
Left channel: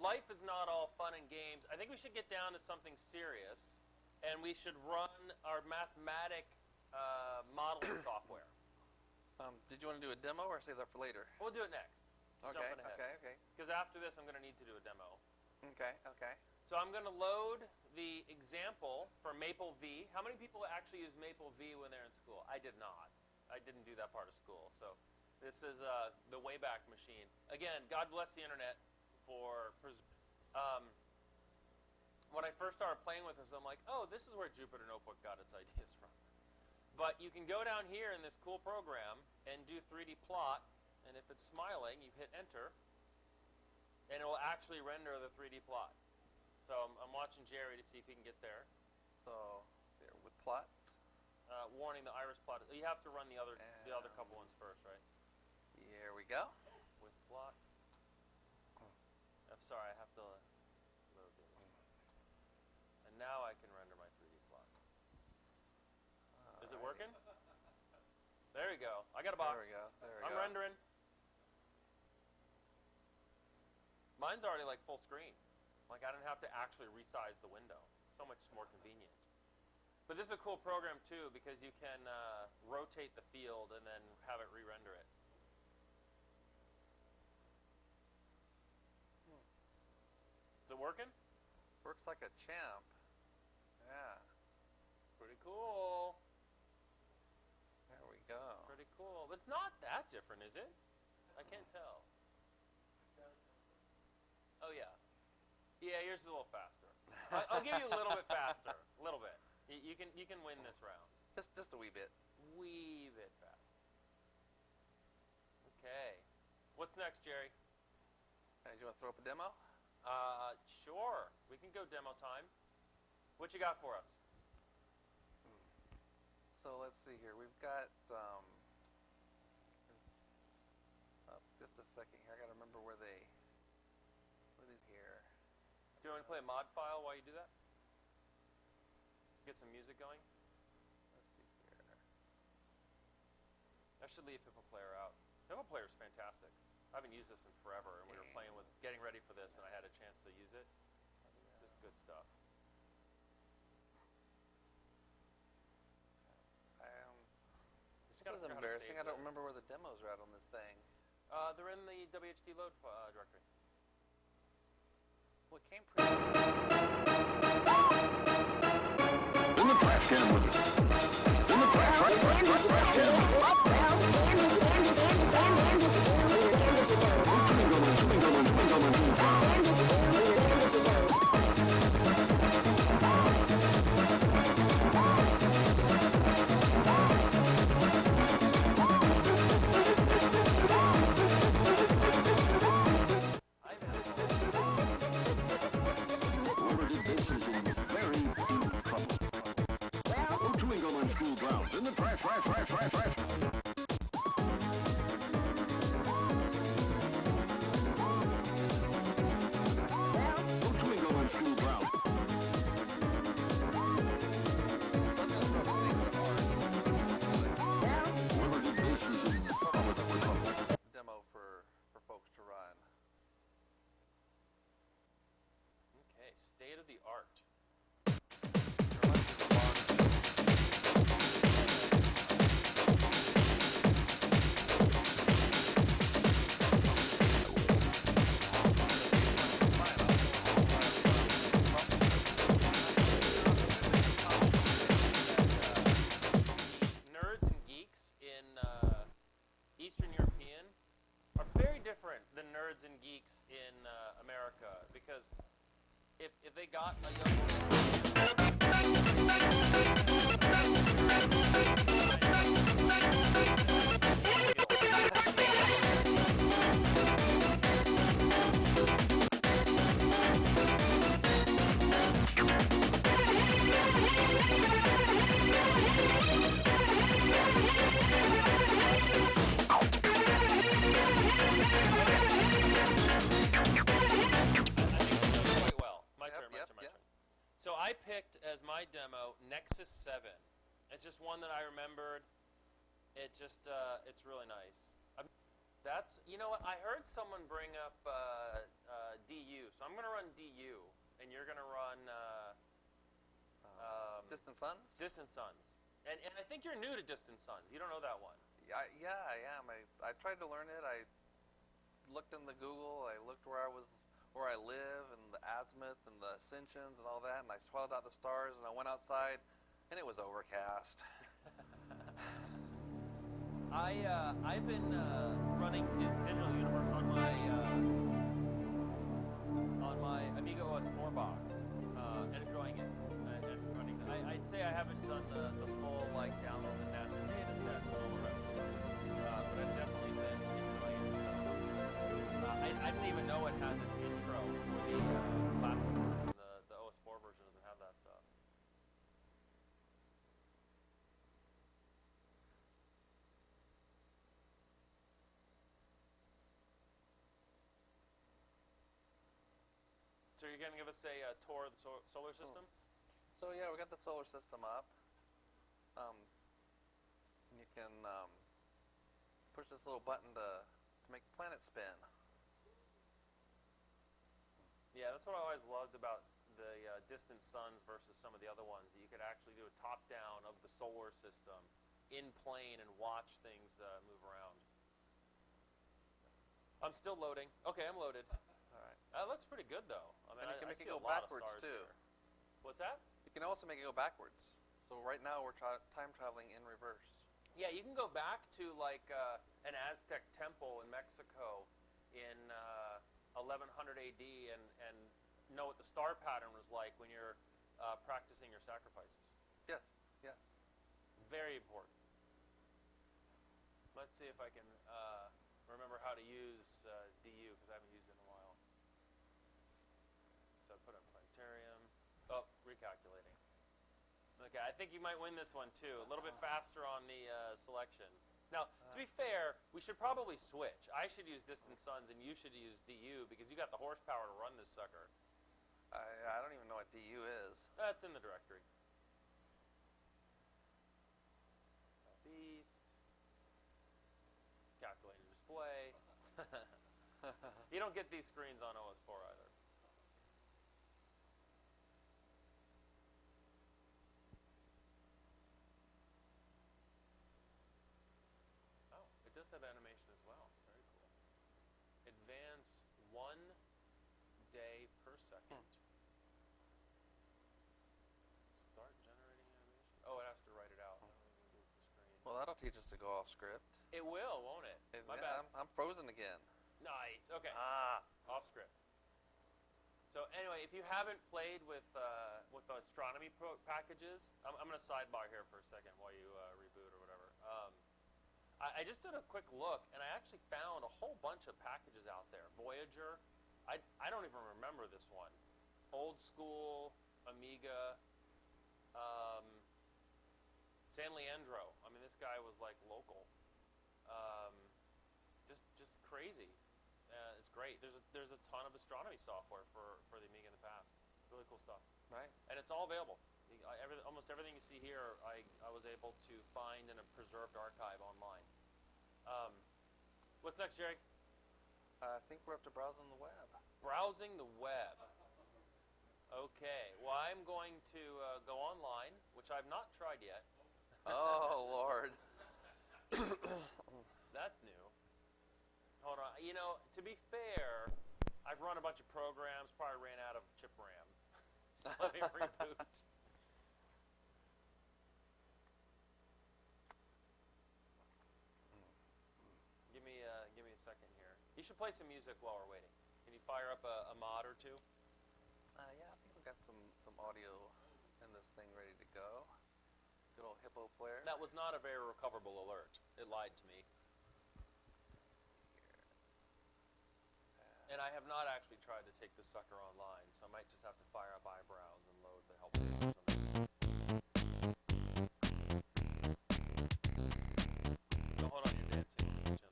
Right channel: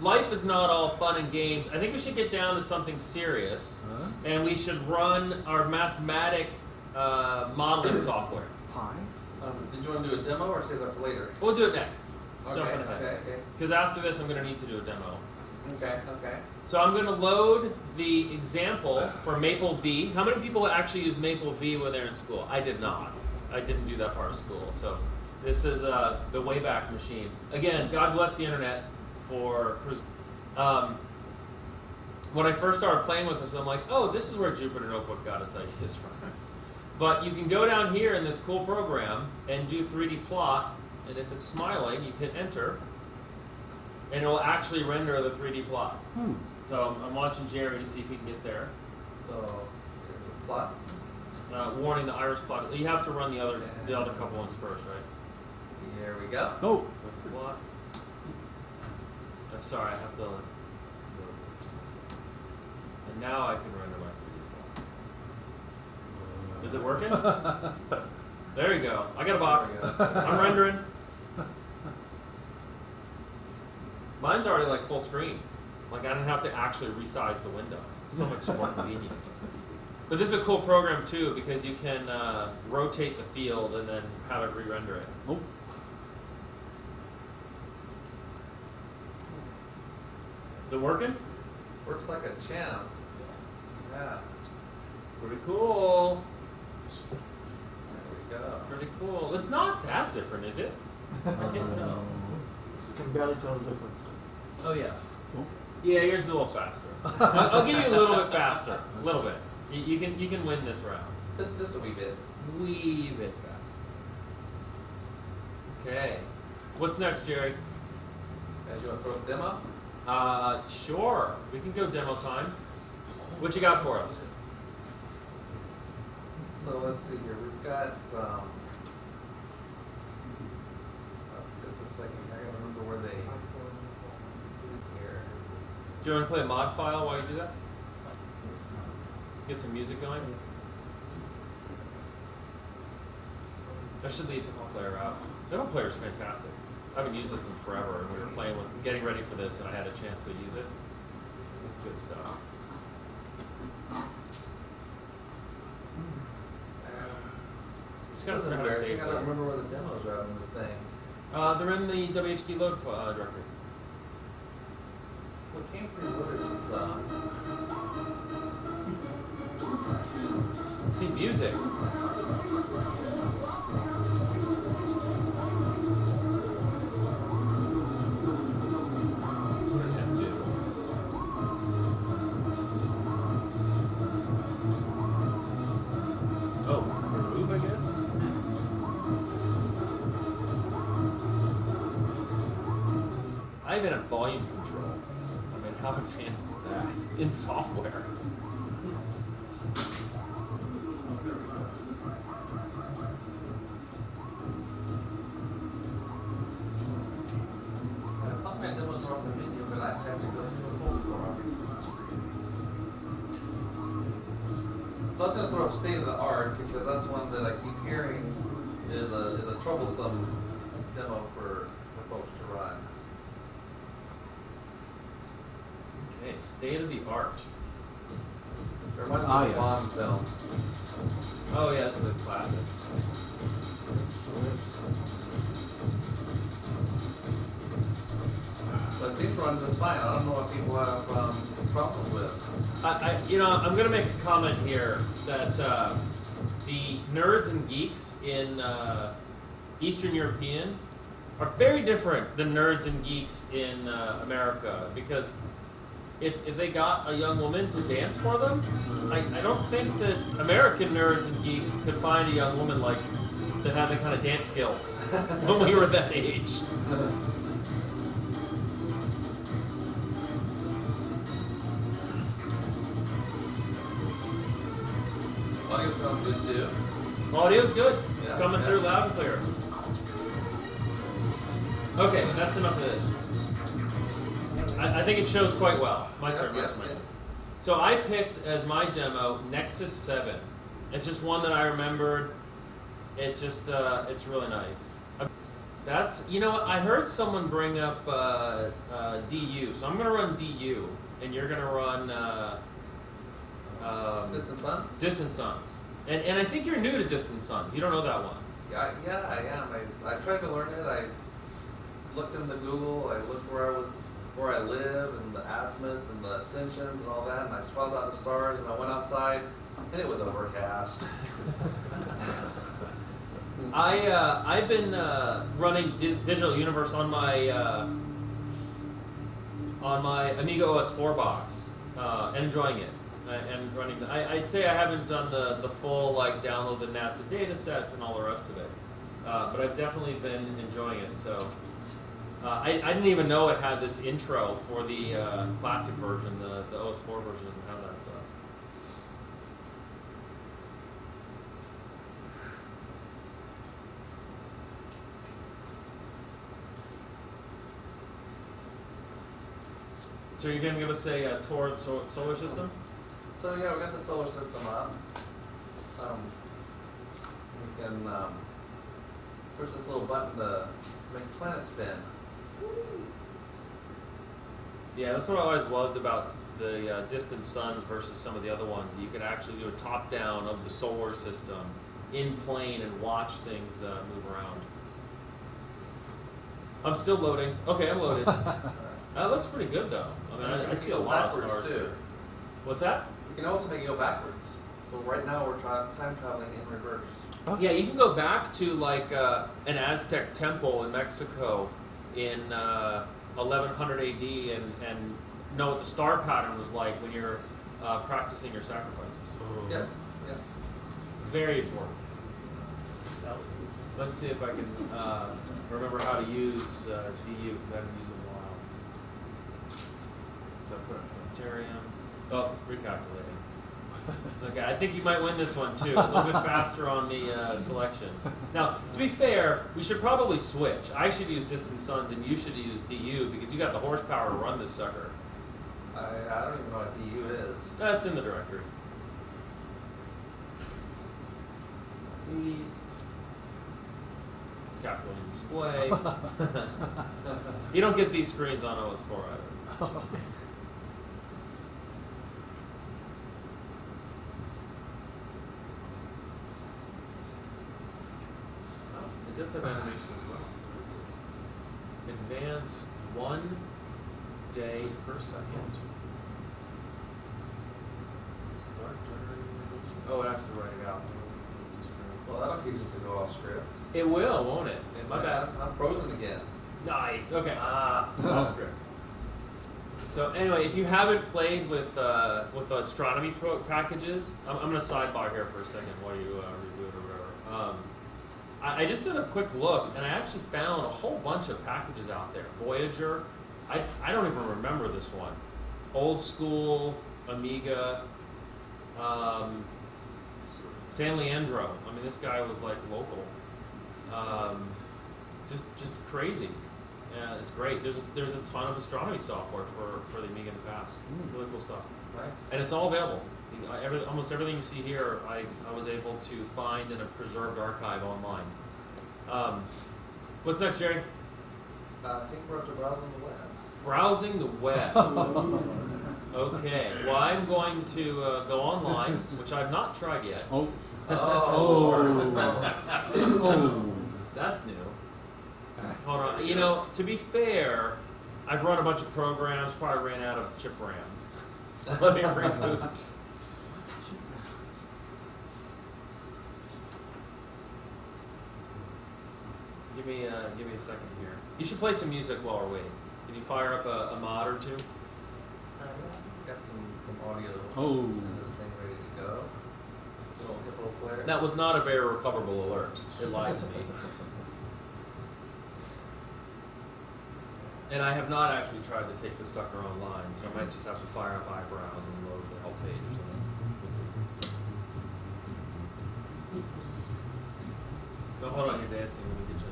life is not all fun and games. I think we should get down to something serious, and we should run our mathematic modeling software. Pi? Did you want to do a demo or save that for later? We'll do it next. Okay, Jumping ahead. okay. Because after this, I'm going to need to do a demo. Okay. So I'm going to load the example for Maple V. How many people actually use Maple V when they're in school? I did not. I didn't do that part of school. So this is the Wayback Machine. Again, God bless the internet for... when I first started playing with this, I'm like, oh, this is where Jupyter Notebook got its ideas from. But you can go down here in this cool program and do 3D plot, and if it's smiling, you hit enter, and it will actually render the 3D plot. So I'm watching Jerry to see if he can get there. So here's the plots. Warning, the iris plot. You have to run the other couple ones first, right? Here we go. Oh. Plot. I'm sorry, I have to. And now I can render my 3D plot. Is it working? There you go. I got a box. I'm rendering. Mine's already like full screen. Like I don't have to actually resize the window. It's so much more convenient. But this is a cool program too because you can rotate the field and then have it re-render it. Oh. Is it working? Works like a champ. Yeah. Pretty cool. There we go. Pretty cool. It's not that different, is it? I can't tell. You can barely tell the difference. Oh yeah. Oh. Yeah, yours is a little faster. I'll give you a little bit faster. A little bit. You can win this round. Just a wee bit. Wee bit faster. Okay. What's next, Jerry? Guys, you want to throw up a demo? Sure. We can go demo time. What you got for us? here. We've got, just a second, I gotta remember where they, here. Do you want to play a mod file while you do that? Get some music going? I should leave Demo Player out. Demo Player is fantastic. I haven't used this in forever, and we were playing with, getting ready for this, and I had a chance to use it. It's good stuff. Just gotta figure out how to I save gotta them. remember where the demos are on this thing. They're in the WHD load directory. What came from it? Use it. I even have volume in software. Let's just throw state of the art. The best one that I keep hearing is a troublesome demo for folks to run. Okay, state of the art. Reminds me of the Bond film. Oh yeah, this is classic. So these ones are fine. I don't know what people have problems with. I'm gonna make a comment here that the nerds and geeks in Eastern European are very different than nerds and geeks in America, because if they got a young woman to dance for them, I don't think that American nerds and geeks could find a young woman like that had that kind of dance skills when we were that age. Audio's good. It's coming through loud and clear. Okay, that's enough of this. I think it shows quite well. My turn. Yeah, My turn. So I picked as my demo Nexus 7. It's just one that I remembered. It just, it's really nice. That's, I heard someone bring up DU, so I'm gonna run DU, and you're gonna run Distant Sons? Distant Sons. And I think you're new to Distant Sons. You don't know that one. Yeah, I am. I tried to learn it. I looked into Google. I looked where I live, and the azimuth, and the ascensions, and all that. And I swelled out the stars, and I went outside, and it was overcast. I've been running Digital Universe on my Amiga OS 4 box, and enjoying it. And running, I'd say I haven't done the full download the NASA data sets and all the rest of it, but I've definitely been enjoying it. So I didn't even know it had this intro for the classic version. The OS 4 version doesn't have that stuff. So you're going to give us a tour of the solar system? So yeah, we got the solar system up. We can push this little button to make planets spin. Yeah, that's what I always loved about the Distant Suns versus some of the other ones. You could actually do a top-down of the solar system in plane and watch things move around. I'm still loading. Okay, I'm loaded. That looks pretty good, though. I mean, I see a lot of stars. Too. What's that? We can also make it go backwards. So right now we're time traveling in reverse. Yeah, you can go back to an Aztec temple in Mexico in 1100 AD and know what the star pattern was like when you're practicing your sacrifices. Yes, yes. Very important. Let's see if I can remember how to use DU, because I haven't used it in a while. So I put planetarium. Oh, recalculating. Okay, I think you might win this one too. A little bit faster on the selections. Now, to be fair, we should probably switch. I should use Distant Suns and you should use DU because you got the horsepower to run this sucker. I don't even know what DU is. That's in the directory. East. Capital display. You don't get these screens on OS4 either. It does have animation as well. Advance 1 day per second. Start generating animation. Oh, it has to write it out. Well, that'll teach us to go off script. It will, won't it? My bad. I'm frozen again. Nice. Okay. Off script. So anyway, if you haven't played with astronomy packages, I'm going to sidebar here for a second while you review it or whatever. I just did a quick look, and I actually found a whole bunch of packages out there. Voyager, I don't even remember this one. Old school, Amiga, San Leandro. I mean, this guy was like local. Just crazy. Yeah, it's great. There's a ton of astronomy software for the Amiga in the past. Really cool stuff. Right. And it's all available. Almost everything you see here, I was able to find in a preserved archive online. What's next, Jerry? I think we're up to browsing the web. Browsing the web. Okay. Well, I'm going to go online, which I've not tried yet. Oh. Oh. That's new. Hold on. You know, to be fair, I've run a bunch of programs, probably ran out of chip RAM. So let me reboot. Give me a second here. You should play some music while we're waiting. Can you fire up a mod or two? Got some audio Oh. and this thing ready to go. Little hippo player. That was not a very recoverable alert. It lied to me. And I have not actually tried to take the sucker online, so I might just have to fire up eyebrows and load the help page or something. So hold on, you're dancing. Let me get you.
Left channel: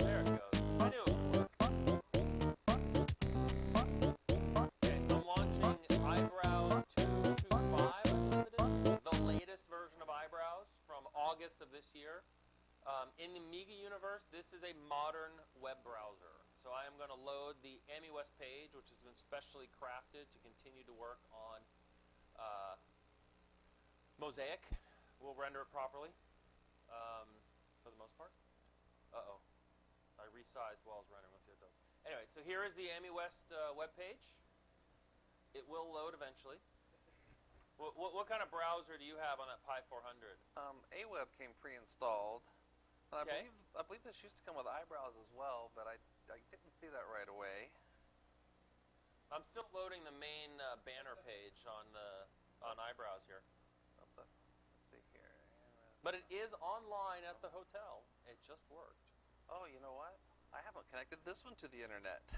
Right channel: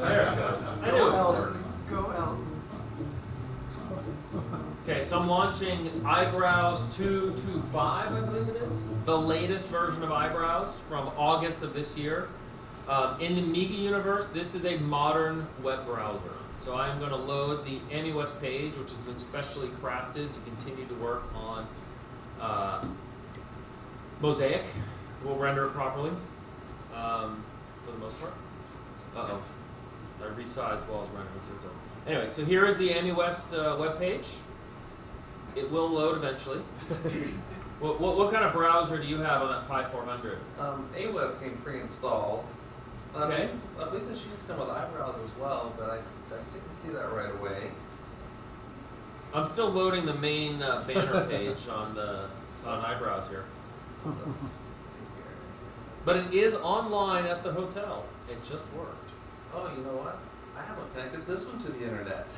There it goes. I knew it would work. Okay, so I'm launching Eyebrows 2.25, I believe it is. The latest version of Eyebrows from August of this year. In the Amiga universe, this is a modern web browser. So I'm going to load the Amiwest page, which has been specially crafted to continue to work on Mosaic. We'll render it properly for the most part. Uh-oh. I resized while I was rendering. Anyway, so here is the Amiwest web page. It will load eventually. What kind of browser do you have on that Pi 400? Aweb came pre-installed. Okay. I believe this used to come with Eyebrows as well, but I didn't see that right away. I'm still loading the main banner page on Eyebrows here. But it is online at the hotel. It just worked. Oh, you know what? I haven't connected this one to the internet.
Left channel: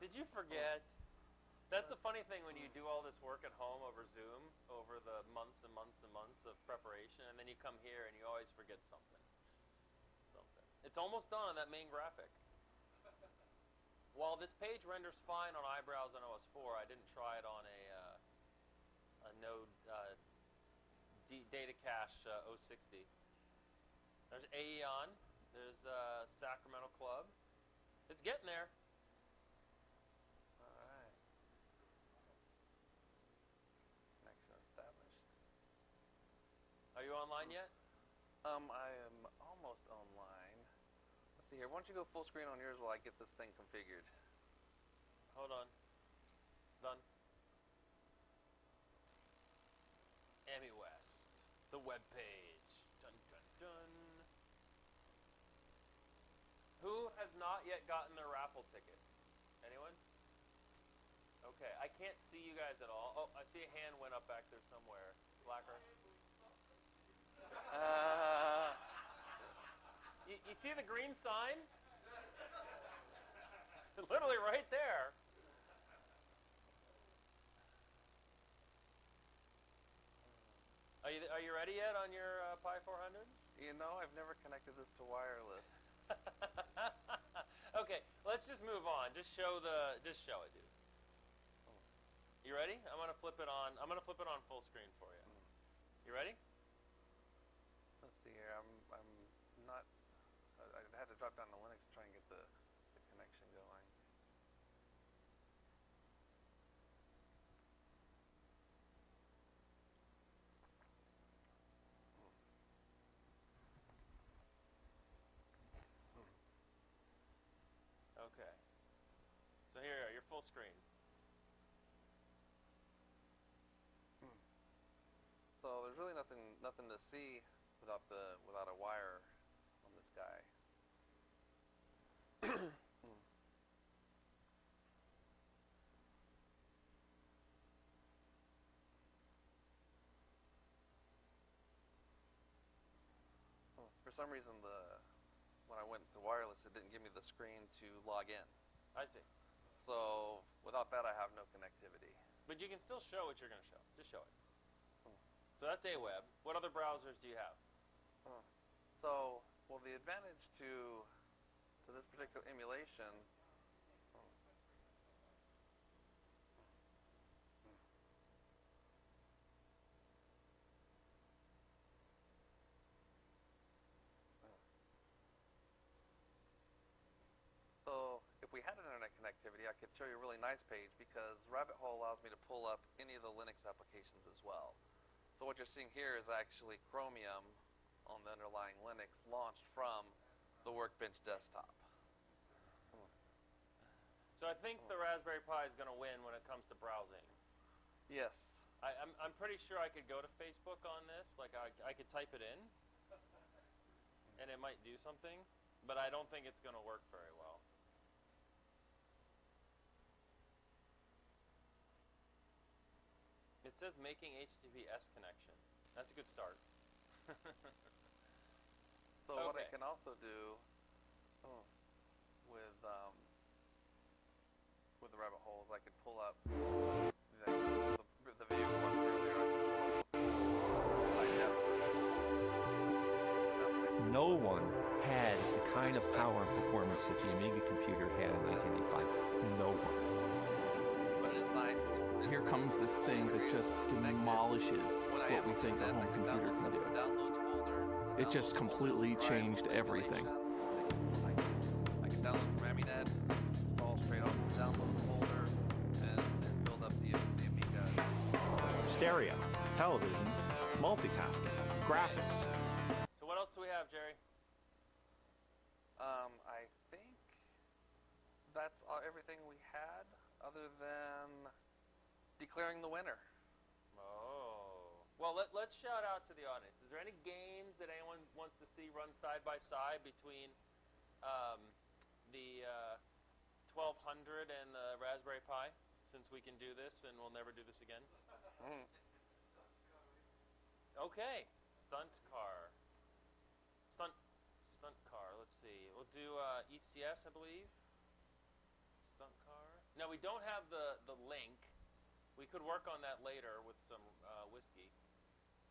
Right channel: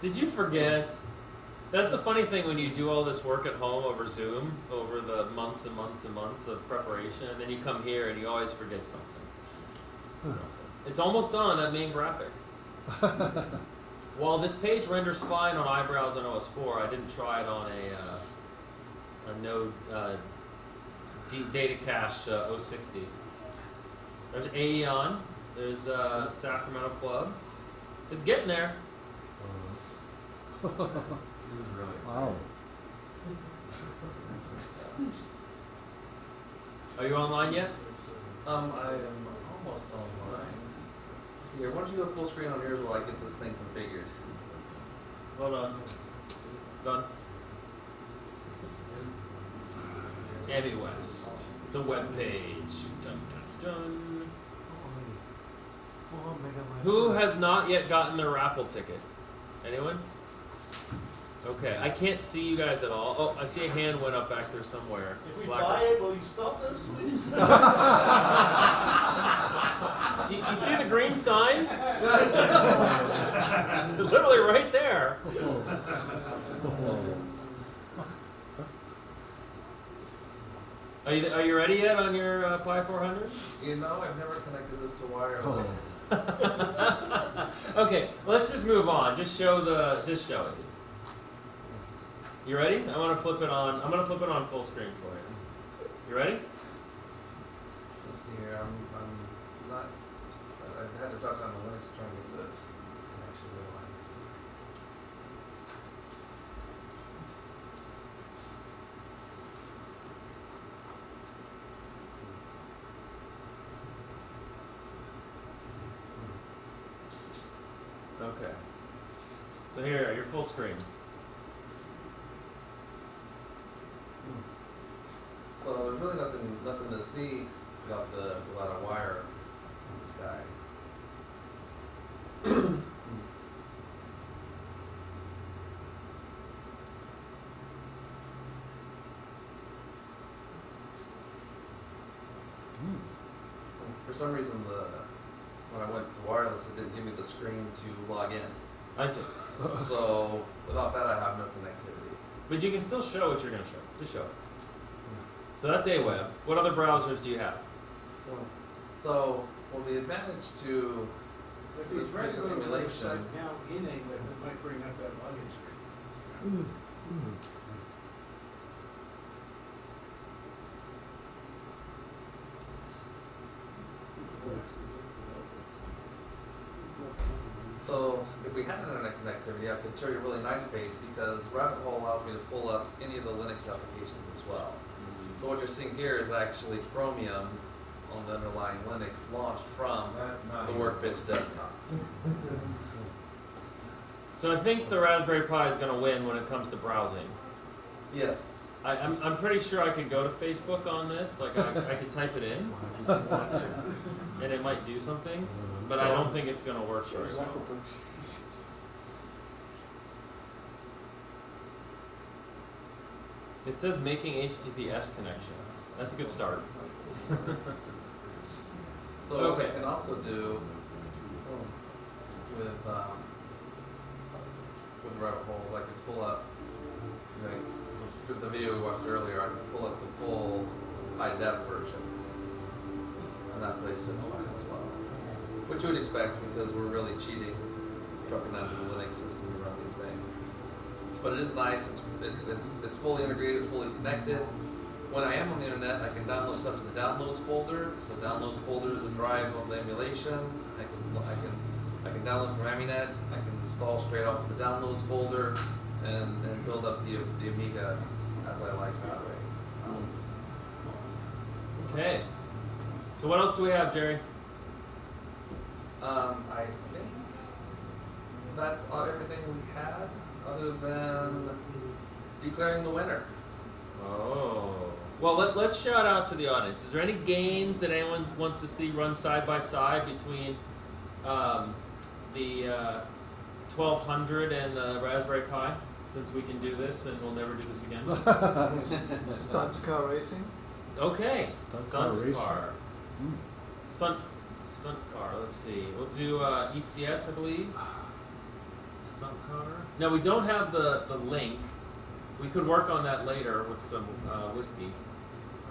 Did you forget? That's the funny thing when you do all this work at home over Zoom, over the months and months and months of preparation, and then you come here and you always forget something. It's almost done on that main graphic. While this page renders fine on Eyebrows on OS4, I didn't try it on a Node data cache 060. There's Aeon. There's Sacramento Club. It's getting there. It was really Wow. Are you online yet? I am almost online. Here, why don't you go full screen on yours while I get this thing configured? Hold on. Done. Amiwest, the web page. Dun, dun, dun. Who has not yet gotten their raffle ticket? Anyone? Okay, I can't see you guys at all. Oh, I see a hand went up back there somewhere. If we Slacker. buy it, will you stop this, please? You see the green sign? It's literally right there. Are you ready yet on your Pi 400? You know, I've never connected this to wireless. Okay, let's just move on. Just show it. You ready? I want to flip it on. I'm gonna flip it on full screen for you. You ready? Let's see here. I'm not. I had to drop down the Linux to try and get the connection going. Okay. So here, you're full screen. So there's really nothing to see without a wire in the sky. For some reason, when I went to wireless, it didn't give me the screen to log in. I see. So without that, I have no connectivity. But you can still show what you're gonna show. Just show it. So that's Aweb. What other browsers do you have? So, well, the advantage to If you try to go to the emulation. website now in English, it might bring up that login screen. So if we had internet connectivity, I could show you a really nice page because Rabbit Hole allows me to pull up any of the Linux applications as well. So what you're seeing here is actually Chromium on the underlying Linux launched from the Workbench desktop. So I think the Raspberry Pi is gonna win when it comes to browsing. Yes. I'm pretty sure I could go to Facebook on this. Like I could type it in, and it might do something. But I don't think it's gonna work very well. It says making HTTPS connection. That's a good start. So Okay. what I can also do with Rabbit Holes, I could pull up, with the video we watched earlier, I could pull up the full high-def version. And that plays just No fine. one had Which you would expect because we're really cheating, computer working on the Linux system and all these things. But it is nice, it's fully integrated, fully connected. When I am on the internet, I can download stuff to the downloads folder. The It just downloads folder is completely the drive changed of the everything. emulation. I can download from Aminet. I can install straight off the downloads folder and build up the Amiga as I like. Stereo, television, multitasking, Okay. graphics. So what else do we have, Jerry? I think that's everything we had, other than declaring the winner. Oh. Well, let's shout out to the audience. Is there any games that anyone wants to see run side by side between the 1200 and the Raspberry Pi? Since we can do this and we'll never do this again. Stunt car racing? Okay. Stunt car racing. Stunt car. Let's see. We'll do ECS, I believe. Stunt car. Now we don't have the link. We could work on that later with some whiskey.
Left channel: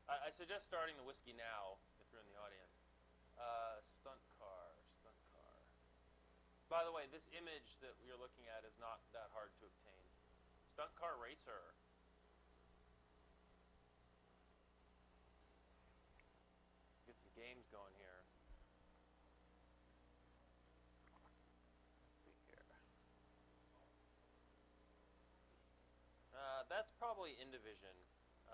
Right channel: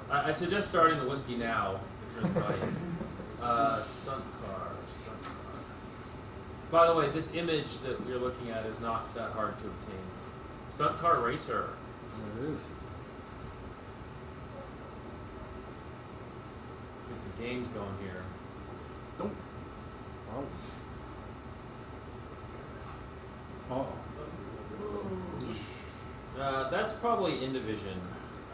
I suggest starting the whiskey now if you're in the audience. Stunt car. By the way, this image that you're looking at is not that hard to obtain. Stunt car racer. There it is. Get some games going here. Don't. Oh. That's probably Indivision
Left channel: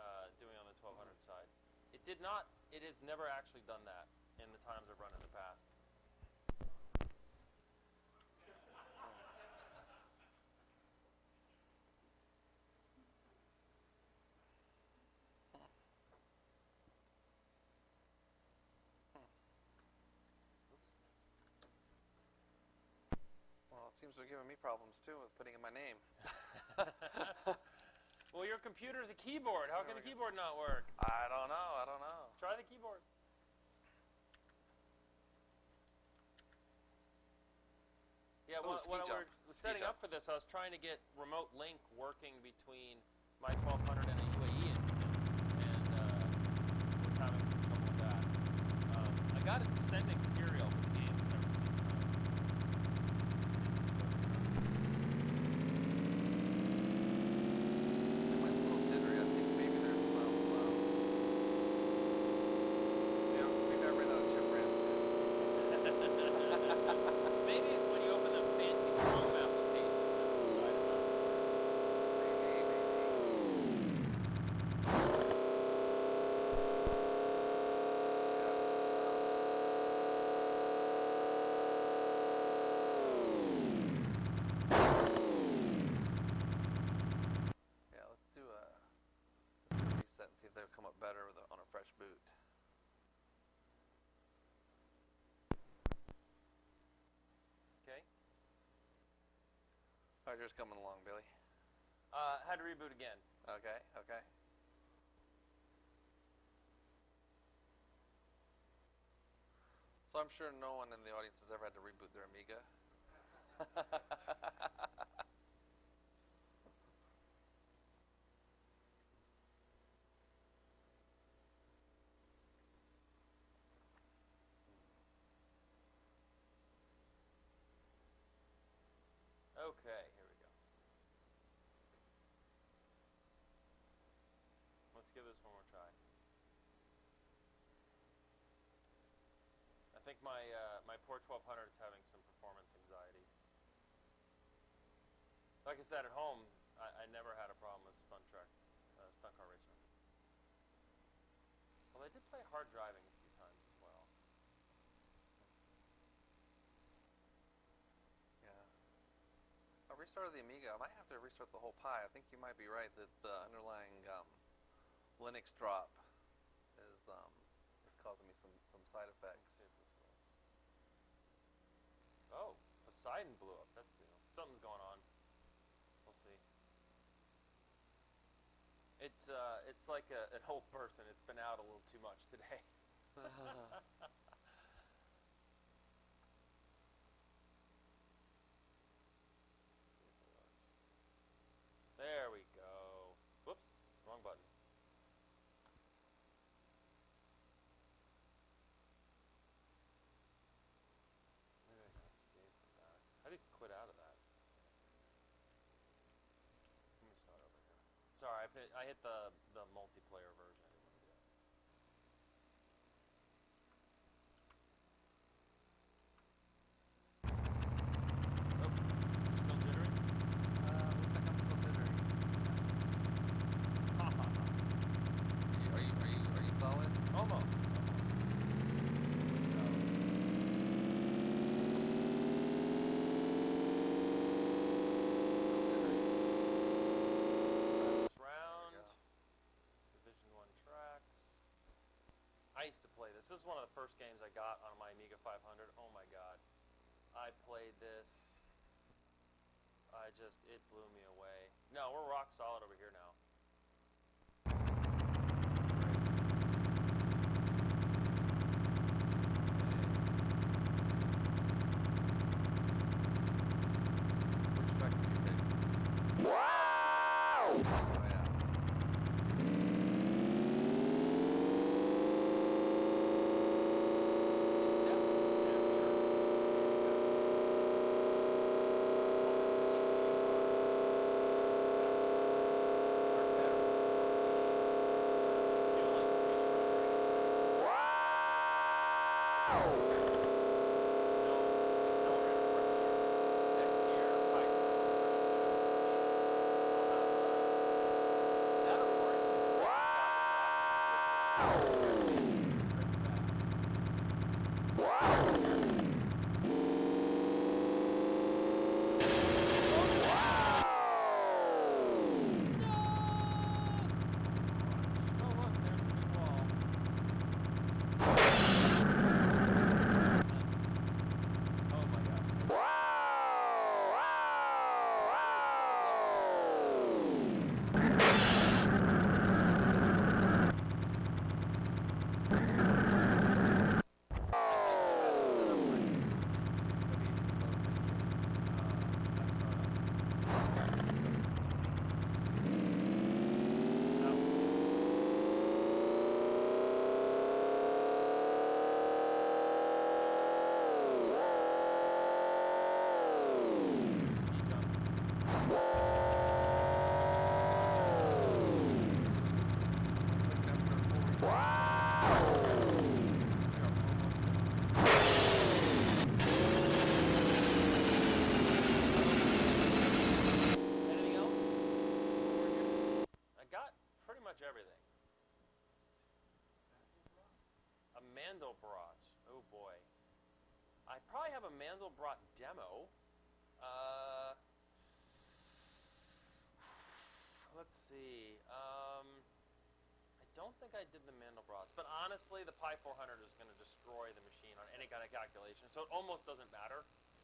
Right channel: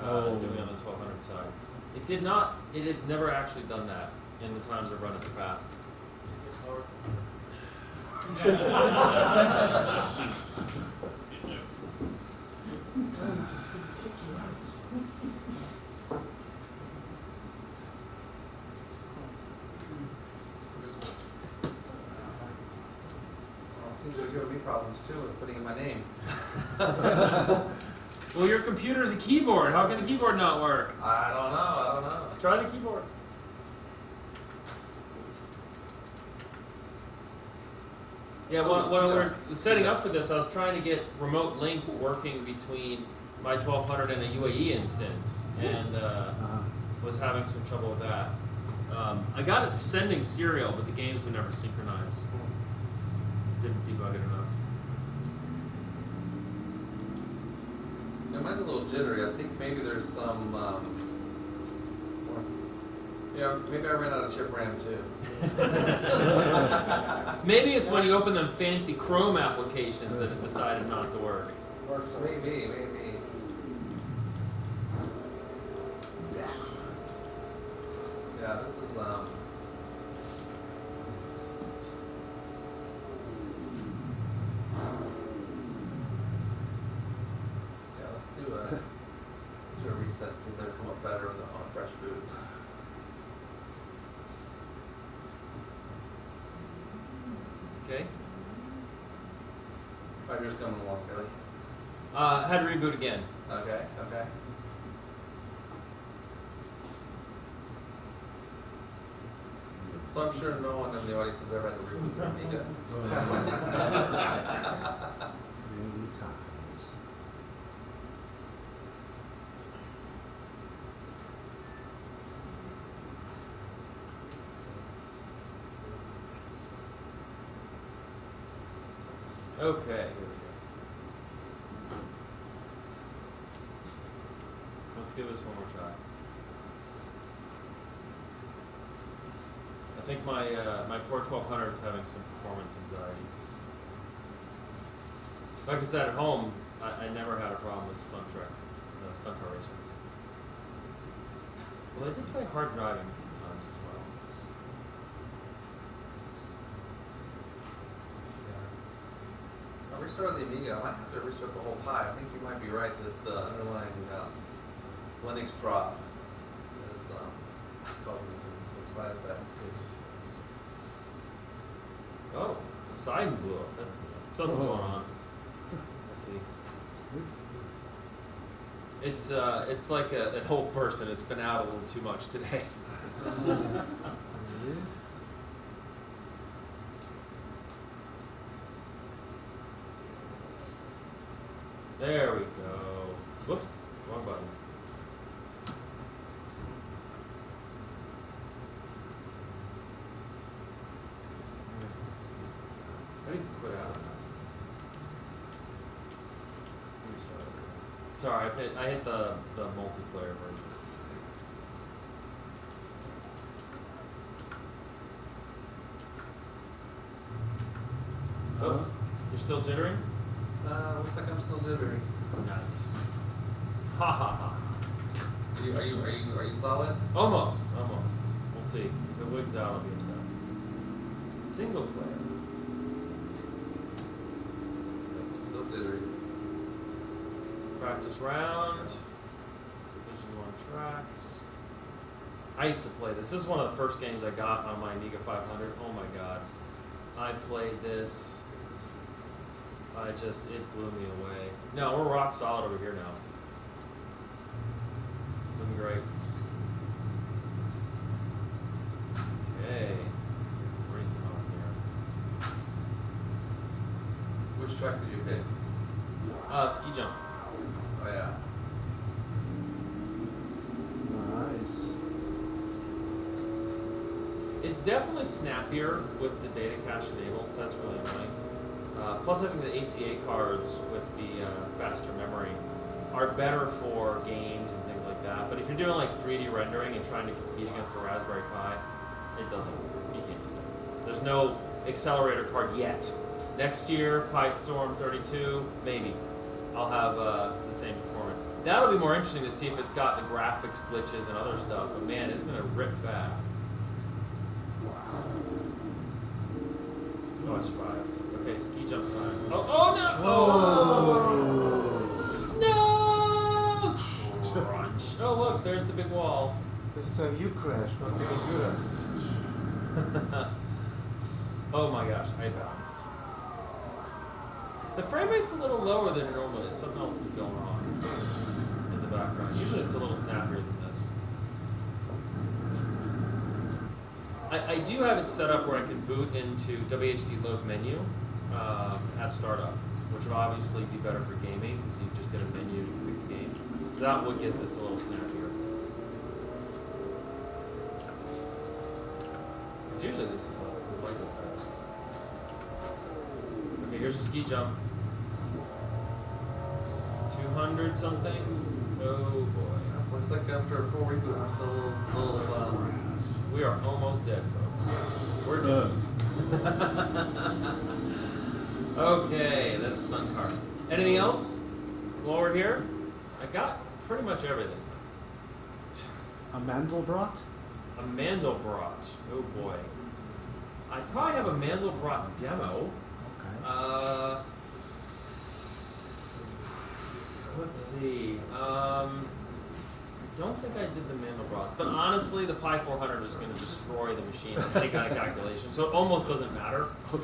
doing on the 1200 side. It has never actually done that in the times I've run it in the past. Well, it seems they're giving me problems too with putting in my name. Well, your computer's a keyboard. How can the keyboard not work? I don't know. Try the keyboard. Yeah, when we're setting up for this, I was trying to get remote link working between my 1200 and a UAE instance, and was having some trouble with that. I got it sending serial, but the games would never synchronize. Didn't debug it enough. It mine's a little jittery. I think maybe there's some, maybe I ran out of chip RAM too. Maybe it's when you open them fancy Chrome applications that it decided not to work. Or maybe. Yeah, this is, yeah, let's do a reset, see if they'll come up better on a fresh boot. Okay. Fiber's coming along, Billy. Had to reboot again. Okay. So I'm sure no one in the audience has ever had to reboot their Amiga. Many times. Okay, here we go. Let's give this one more try. I think my Core 1200 is having some performance anxiety. Like I said, at home, I never had a problem with stunt car racing. Well, I did try hard driving a few times as well. I'll restart the Amiga. I might have to restart the whole Pi. I think you might be right that the underlying Linux prop is causing some side effects. Oh, the side blew up. That's good. Something's going on. Let's see. It's like an old person. It's been out a little too much today. There we go. Whoops, wrong button. How do you quit out of that? Let me start over. Sorry, I hit the multiplayer version. Oh, you're still jittering? Looks like I'm still jittery. Nice. Ha ha ha. Are you solid? Almost. We'll see. The wig's out on the other side. Single player. Still jittery. Practice round. Division 1 tracks. I used to play this. This is one of the first games I got on my Amiga 500. Oh my god. I played this. It blew me away. No, we're rock solid over here now. Doing great. Okay. Get some racing on here. Which track did you hit? Ski jump. Oh yeah. It's definitely snappier with the data cache enabled, so that's really nice. Plus, I think the ACA cards with the faster memory are better for games and things like that. But if you're doing like 3D rendering and trying to compete against the Raspberry Pi, it doesn't work. There's no accelerator card yet. Next year, PyStorm 32, maybe. I'll have the same performance. That'll be more interesting to see if it's got the graphics glitches and other stuff. Man, it's going to rip fast. Oh, it's right. Okay, ski jump. Oh no! No! Crunch. Oh, look, there's the big wall. This time you crashed. Oh my gosh, I The frame rate's a little lower than normal. Something else is going on. Usually it's a little snappier than this. I do have it set up where I can boot into WHD load menu at startup, which will obviously be better for gaming because you just get a menu game. So that would get this a little snappier. Because usually this is way more fast. Okay, here's a ski jump. 200 somethings. Oh boy. Looks like after 4 weeks of We are almost dead, folks. We're done. Okay, that's not fun. Anything else while we're here? I got pretty much everything. A Mandelbrot? A Mandelbrot. Oh boy. I probably have a Mandelbrot demo. Okay. Let's see. I don't think I did the Mandelbrots, but honestly, the Pi 400 is going to destroy the machine in any kind of calculation, so it almost doesn't matter Okay.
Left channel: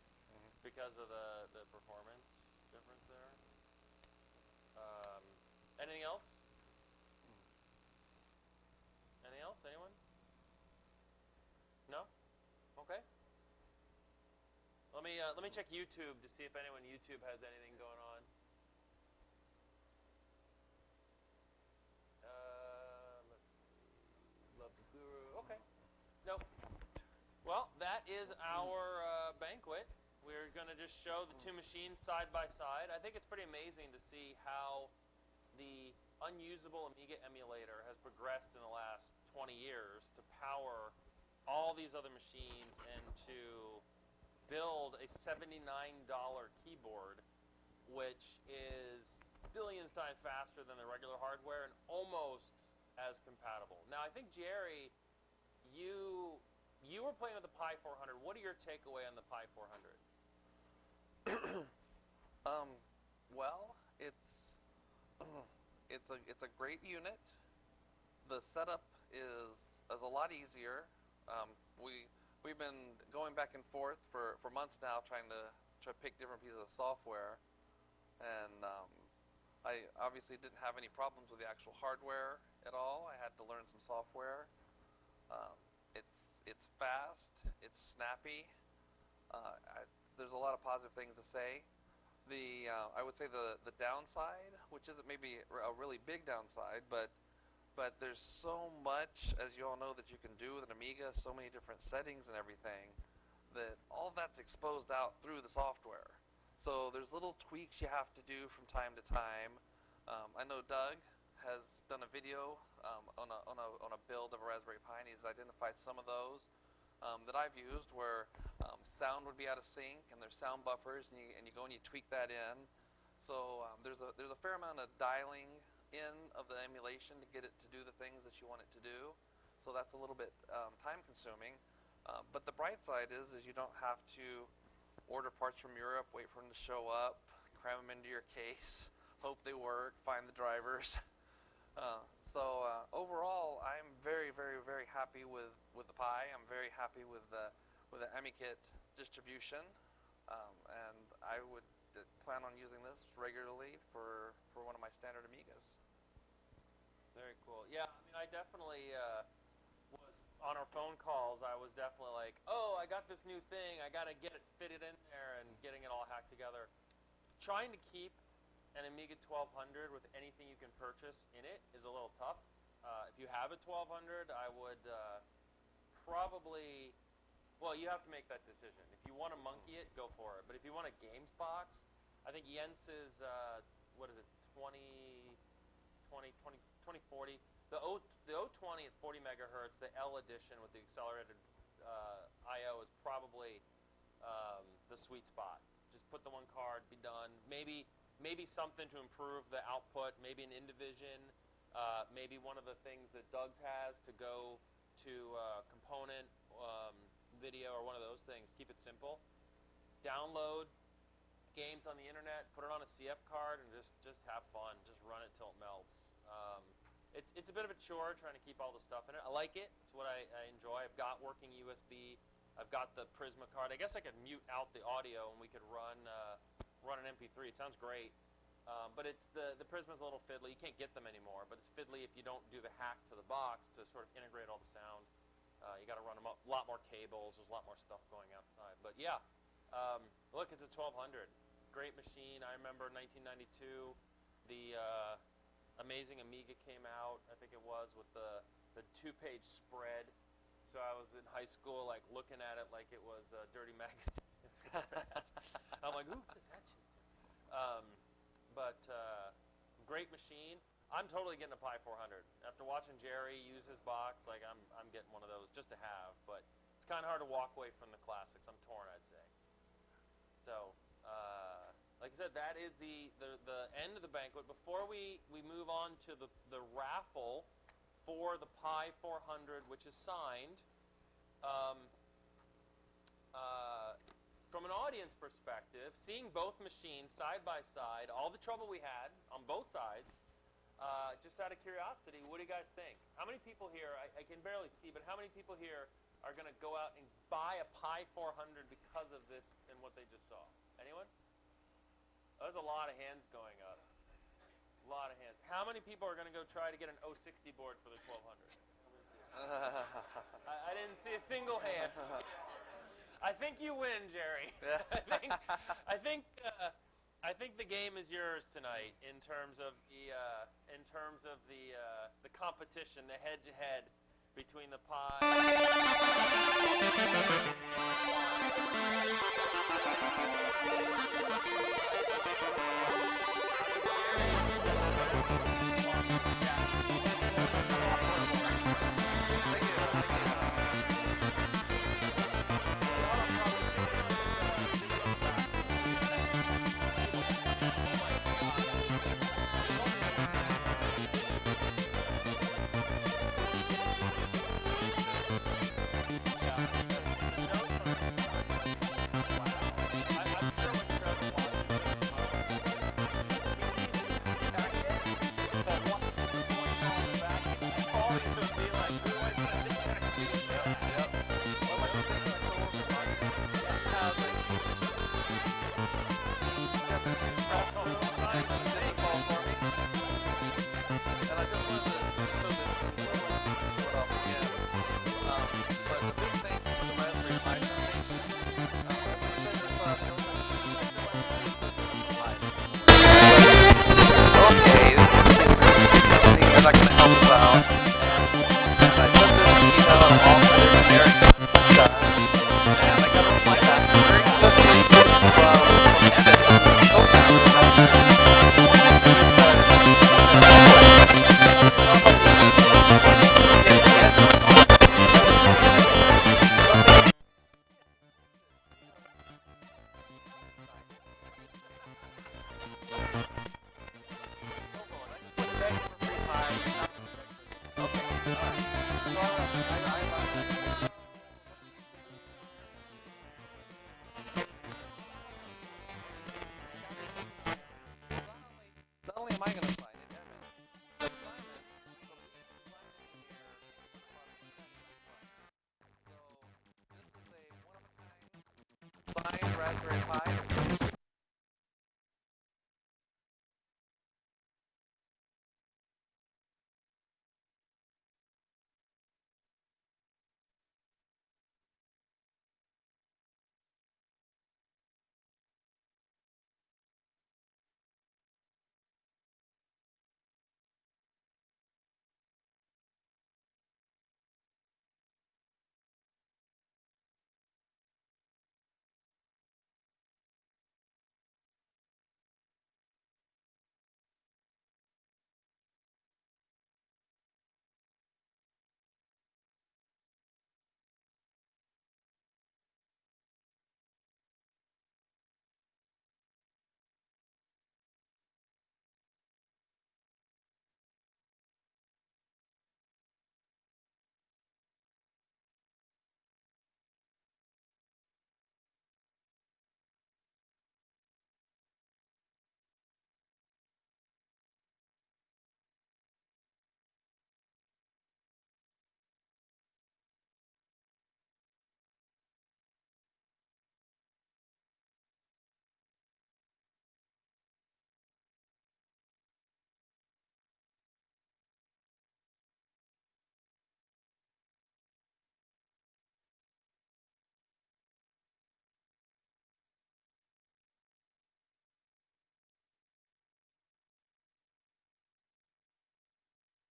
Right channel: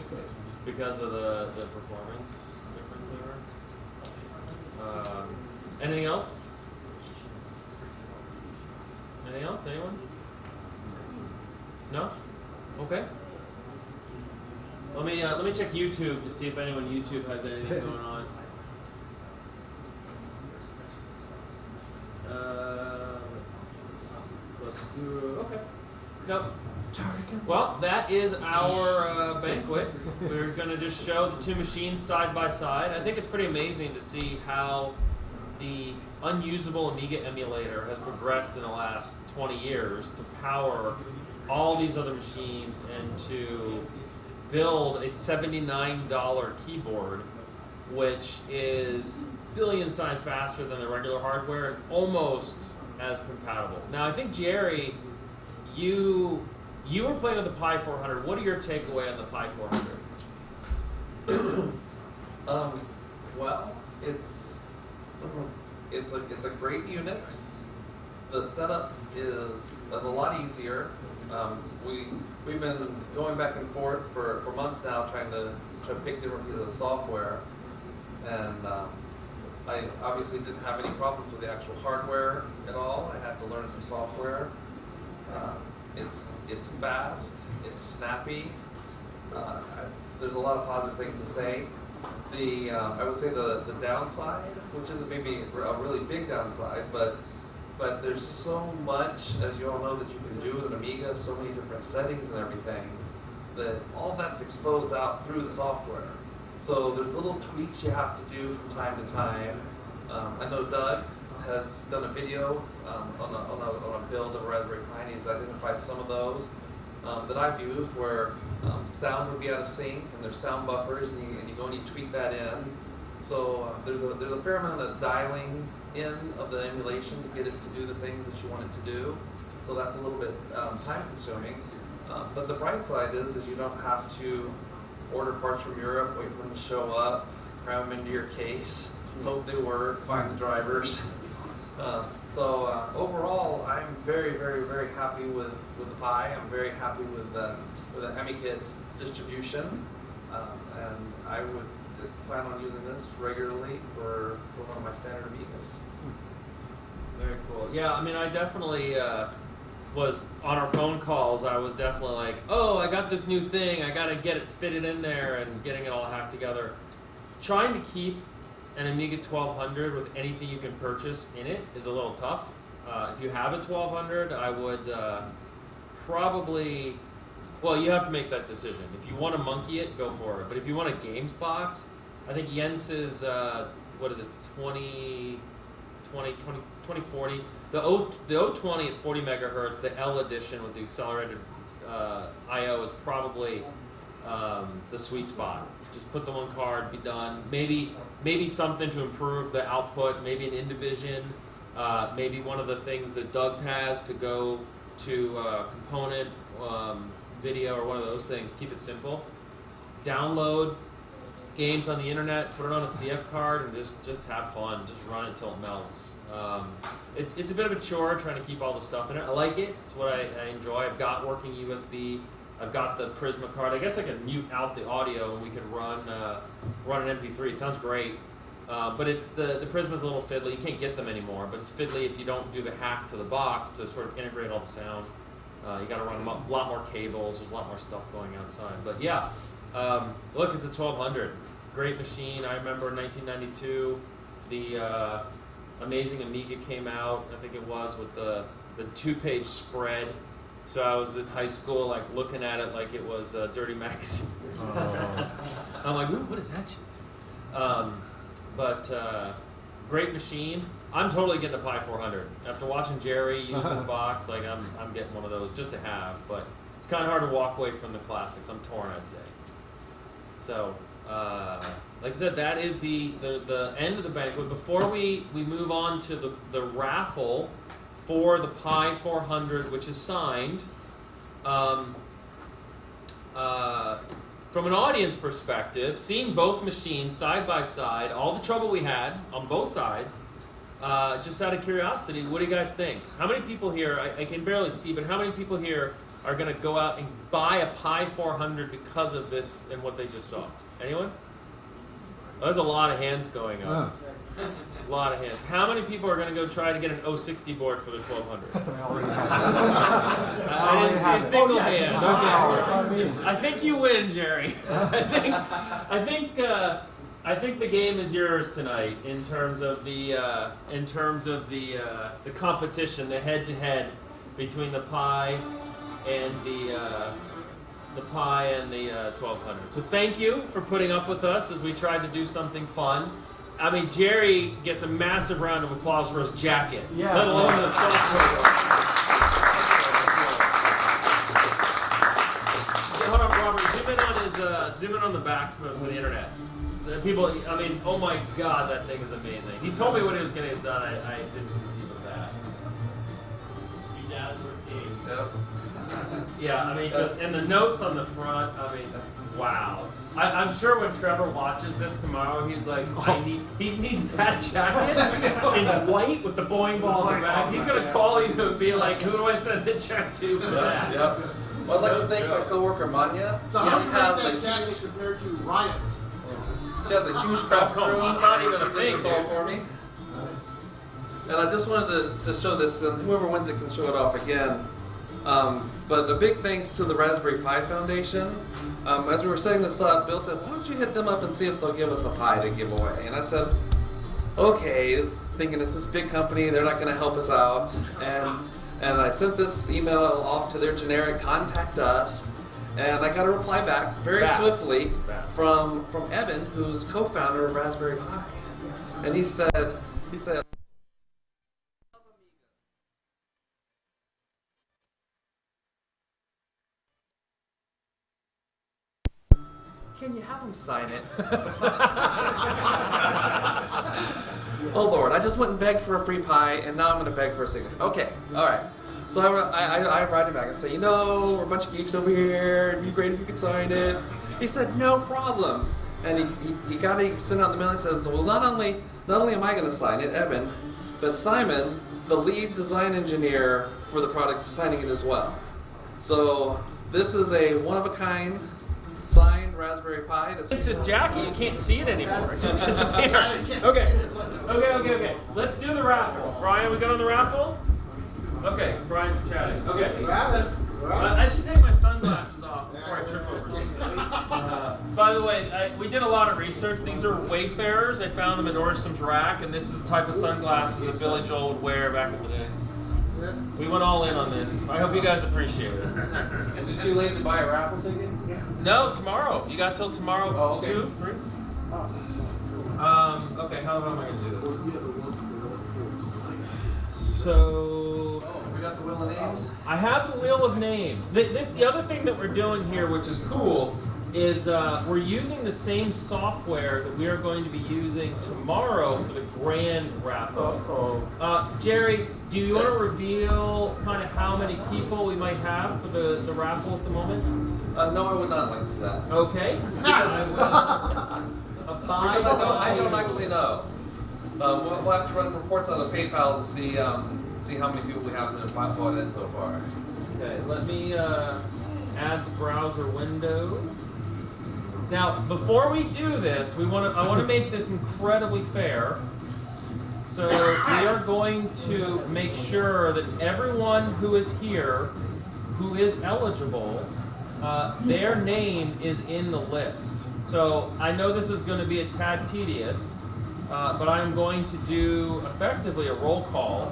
because of the performance difference there. Anything else? Anything else? Anyone? No? Okay. Let me check YouTube to see if anyone YouTube has anything going on. Let's do. Okay. Nope. Well, that is our banquet. We're going to just show the two machines side by side. I think it's pretty amazing to see how the unusable Amiga emulator has progressed in the last 20 years to power all these other machines and to build a $79 keyboard, which is billions times faster than the regular hardware and almost as compatible. Now, I think, Jerry, you were playing with the Pi 400. What are your takeaway on the Pi 400? Well, it's a great unit. The setup is a lot easier. We've been going back and forth for months now trying to pick different pieces of software, and I obviously didn't have any problems with the actual hardware at all. I had to learn some software. It's fast, it's snappy. There's a lot of positive things to say. I would say the downside, which isn't maybe a really big downside, but there's so much, as you all know, that you can do with an Amiga, so many different settings and everything, that all that's exposed out through the software. So there's little tweaks you have to do from time to time. I know Doug has done a video on a build of a Raspberry Pi, and he's identified some of those that I've used where sound would be out of sync and there's sound buffers, and you go and you tweak that in. So there's a fair amount of dialing in of the emulation to get it to do the things that you want it to do. So that's a little bit time consuming. But the bright side is you don't have to order parts from Europe, wait for them to show up, cram them into your case, hope they work, find the drivers. So overall, I'm very, very, very happy with the Pi. I'm very happy with the AmiKit distribution, and I would plan on using this regularly for one of my standard Amigas. Very cool. Yeah, I mean, I definitely was on our phone calls. I was definitely like, oh, I got this new thing. I got to get it fitted in there and getting it all hacked together. Trying to keep an Amiga 1200 with anything you can purchase in it is a little tough. If you have a 1200, I would probably, well, you have to make that decision. If you want to monkey it, go for it. But if you want a games box, I think Jens's, what is it, 2040. The 020 at 40 megahertz, the L edition with the accelerated I/O is probably the sweet spot. Just put the one card, be done. Maybe something to improve the output. Maybe an Indivision. Maybe one of the things that Doug's has to go to component video or one of those things. Keep it simple. Download games on the internet. Put it on a CF card and just have fun. Just run it until it melts. It's a bit of a chore trying to keep all the stuff in it. I like it. It's what I enjoy. I've got working USB. I've got the Prisma card. I guess I could mute out the audio and we could run an MP3. It sounds great, but it's the Prisma's a little fiddly. You can't get them anymore, but it's fiddly if you don't do the hack to the box to sort of integrate all the sound. You got to run a lot more cables. There's a lot more stuff going outside. But yeah, look, it's a 1200. Great machine. I remember in 1992, the Amazing Amiga came out. I think it was with the 2-page spread. So I was in high school, like looking at it like it was a dirty magazine. I'm like, ooh, what is that shit? But great machine. I'm totally getting a Pi 400. After watching Jerry use his box, like I'm getting one of those just to have. But it's kind of hard to walk away from the classics. I'm torn, I'd say. So, like I said, that is the end of the banquet. Before we move on to the raffle for the Pi 400, which is signed, from an audience perspective, seeing both machines side by side, all the trouble we had on both sides, just out of curiosity, what do you guys think? How many people here, I can barely see, but how many people here are going to go out and buy a Pi 400 because of this and what they just saw? Anyone? Well, there's a lot of hands going up. A lot of hands. How many people are going to go try to get an 060 board for the 1200? I didn't see a single hand. I think you win, Jerry. I think the game is yours tonight in terms of the competition, the head-to-head between the Pi and the Pi and the 1200. So thank you for putting up with us as we tried to do something fun. I mean, Jerry gets a massive round of applause for his jacket, let alone the software. Hold on, Robert. Zoom in on the back for the internet. People, I mean, oh my God, that thing is amazing. He told me when it was going to get done. I didn't Yeah, I mean, just, and the notes on the front, I mean, wow. I'm sure when Trevor watches this tomorrow, he's like, he needs that jacket in white with the bowling ball on the back. He's going to call you and be like, who do I send the check to for that? Yep. Well, I'd like to thank my coworker, Manya. He has a huge crop crew. He's not even a big ball for me. And I just wanted to show this, whoever wins it can show it off again. But a big thanks to the Raspberry Pi Foundation. As we were setting this up, Bill said, why don't you hit them up and see if they'll give us a Pi to give away? Okay, this is something they're not going to help us out. And I sent this email off to their contact us, and I got a reply back very quickly from Evan, who's the co-founder of Raspberry. Sign it. Oh Lord, I just went and begged for a free Pi, and now I'm going to beg for a signature. Okay, all right. So I write him back and say, you know, we're a bunch of geeks over here. It'd be great if you could sign it. He said, no problem. And he got to send out the mail and says, well, not only am I going to sign it, Evan, but Simon, the lead design engineer for the product, is signing it as well. So this is a one-of-a-kind signed Raspberry Pi. This is Jackie. You can't see it anymore. It just disappeared. Okay. Let's do the raffle. Brian, we good on the raffle? Okay, Brian's chatting. Okay. I should take my sunglasses off before I trip over something. By the way, we did a lot of research. These are Wayfarers. I found them in Nordstrom's rack, and this is the type of sunglasses that Billy Joel would wear back in the day. We went all in on this. I hope you guys appreciate it. Is it too late to buy a raffle ticket? No, tomorrow. You got till tomorrow, oh, okay. 2, 3? Okay, how am I going to do this? So, we got the wheel of names? I have the wheel of names. The other thing that we're doing here, which is cool, is we're using the same software that we are going to be using tomorrow for the grand raffle. Jerry, do you want to reveal kind of how many people we might have for the raffle at the moment? No, I would not like to do that. Okay. I don't actually know. We'll have to run reports on the PayPal to see how many people we have that have bought in so far. Okay, let me add the browser window. Now, before we do this, I want to make this incredibly fair. So we are going to make sure that everyone who is here, who is eligible, their name is in the list. So I know this is going to be a tad tedious, but I'm going to do effectively a roll call,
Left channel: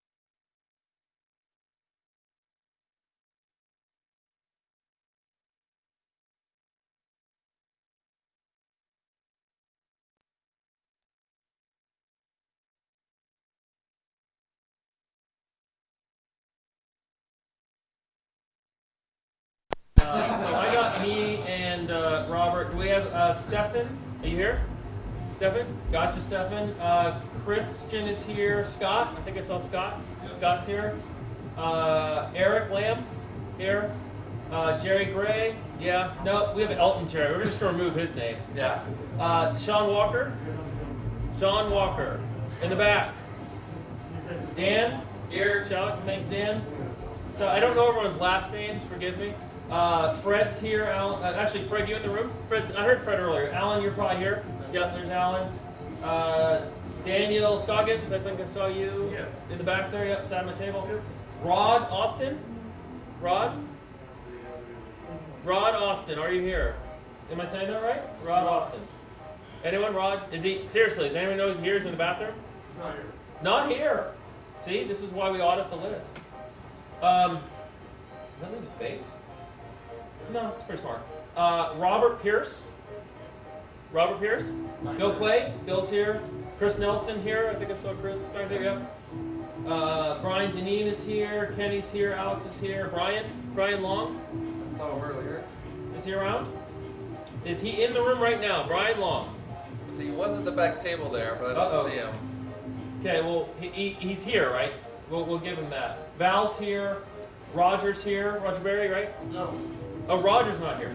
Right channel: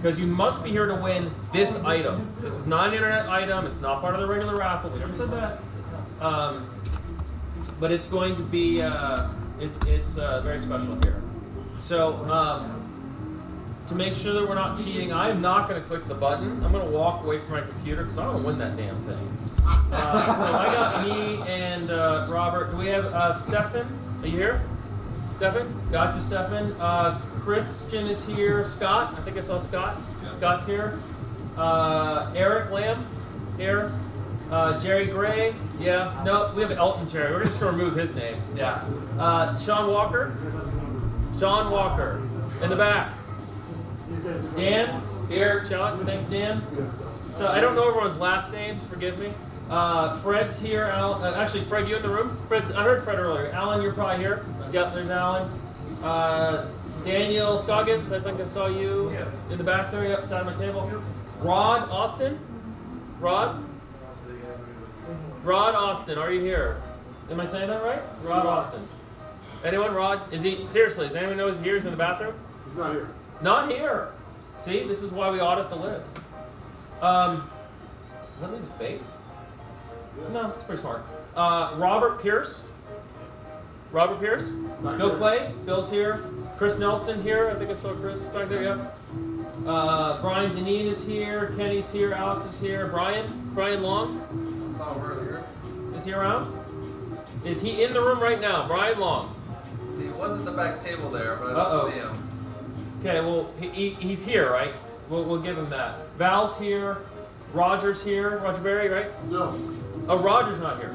because you must be here to win this item. This is not an internet item. It's not part of the regular raffle. We never said that. But it's going to be, it's very special here. So to make sure that we're not cheating, I am not going to click the button. I'm going to walk away from my computer because I don't want to win that damn thing. So I got me and Robert. Do we have Stefan? Are you here? Stefan? Gotcha, Stefan. Christian is here. Scott? I think I saw Scott. Yeah. Scott's here. Eric Lamb? Here. Jerry Gray? Yeah. No, we have Elton Jerry. We're just going to remove his name. Yeah. Sean Walker? Sean Walker. In the back. Dan? Here. Shout. Thank Dan. So I don't know everyone's last names. Forgive me. Fred's here. Actually, Fred, you in the room? Fred's. I heard Fred earlier. Alan, you're probably here. Yep, there's Alan. Daniel Scoggins, I think I saw you in the back there. Yep, beside my table. Yep. Rod Austin. Rod? Rod Austin, are you here? Am I saying that right? Rod Austin. Anyone? Rod? Is he, seriously, does anyone know he's here? He's in the bathroom? He's not here. Not here. See, this is why we audit the list. Does that leave a space? Yes. No, it's pretty smart. Robert Pierce. Robert Pierce. Bill Clay. Bill's here. Chris Nelson here. I think I saw Chris back there. Yep. Brian Deneen is here. Kenny's here. Alex is here. Brian Long. I saw him earlier. Is he around? Is he in the room right now? Brian Long. See, he was at the back table there, but I don't see him. Okay, well, he's here, right? We'll give him that. Val's here. Roger's here. Roger Berry, right? No. Oh, Roger's not here.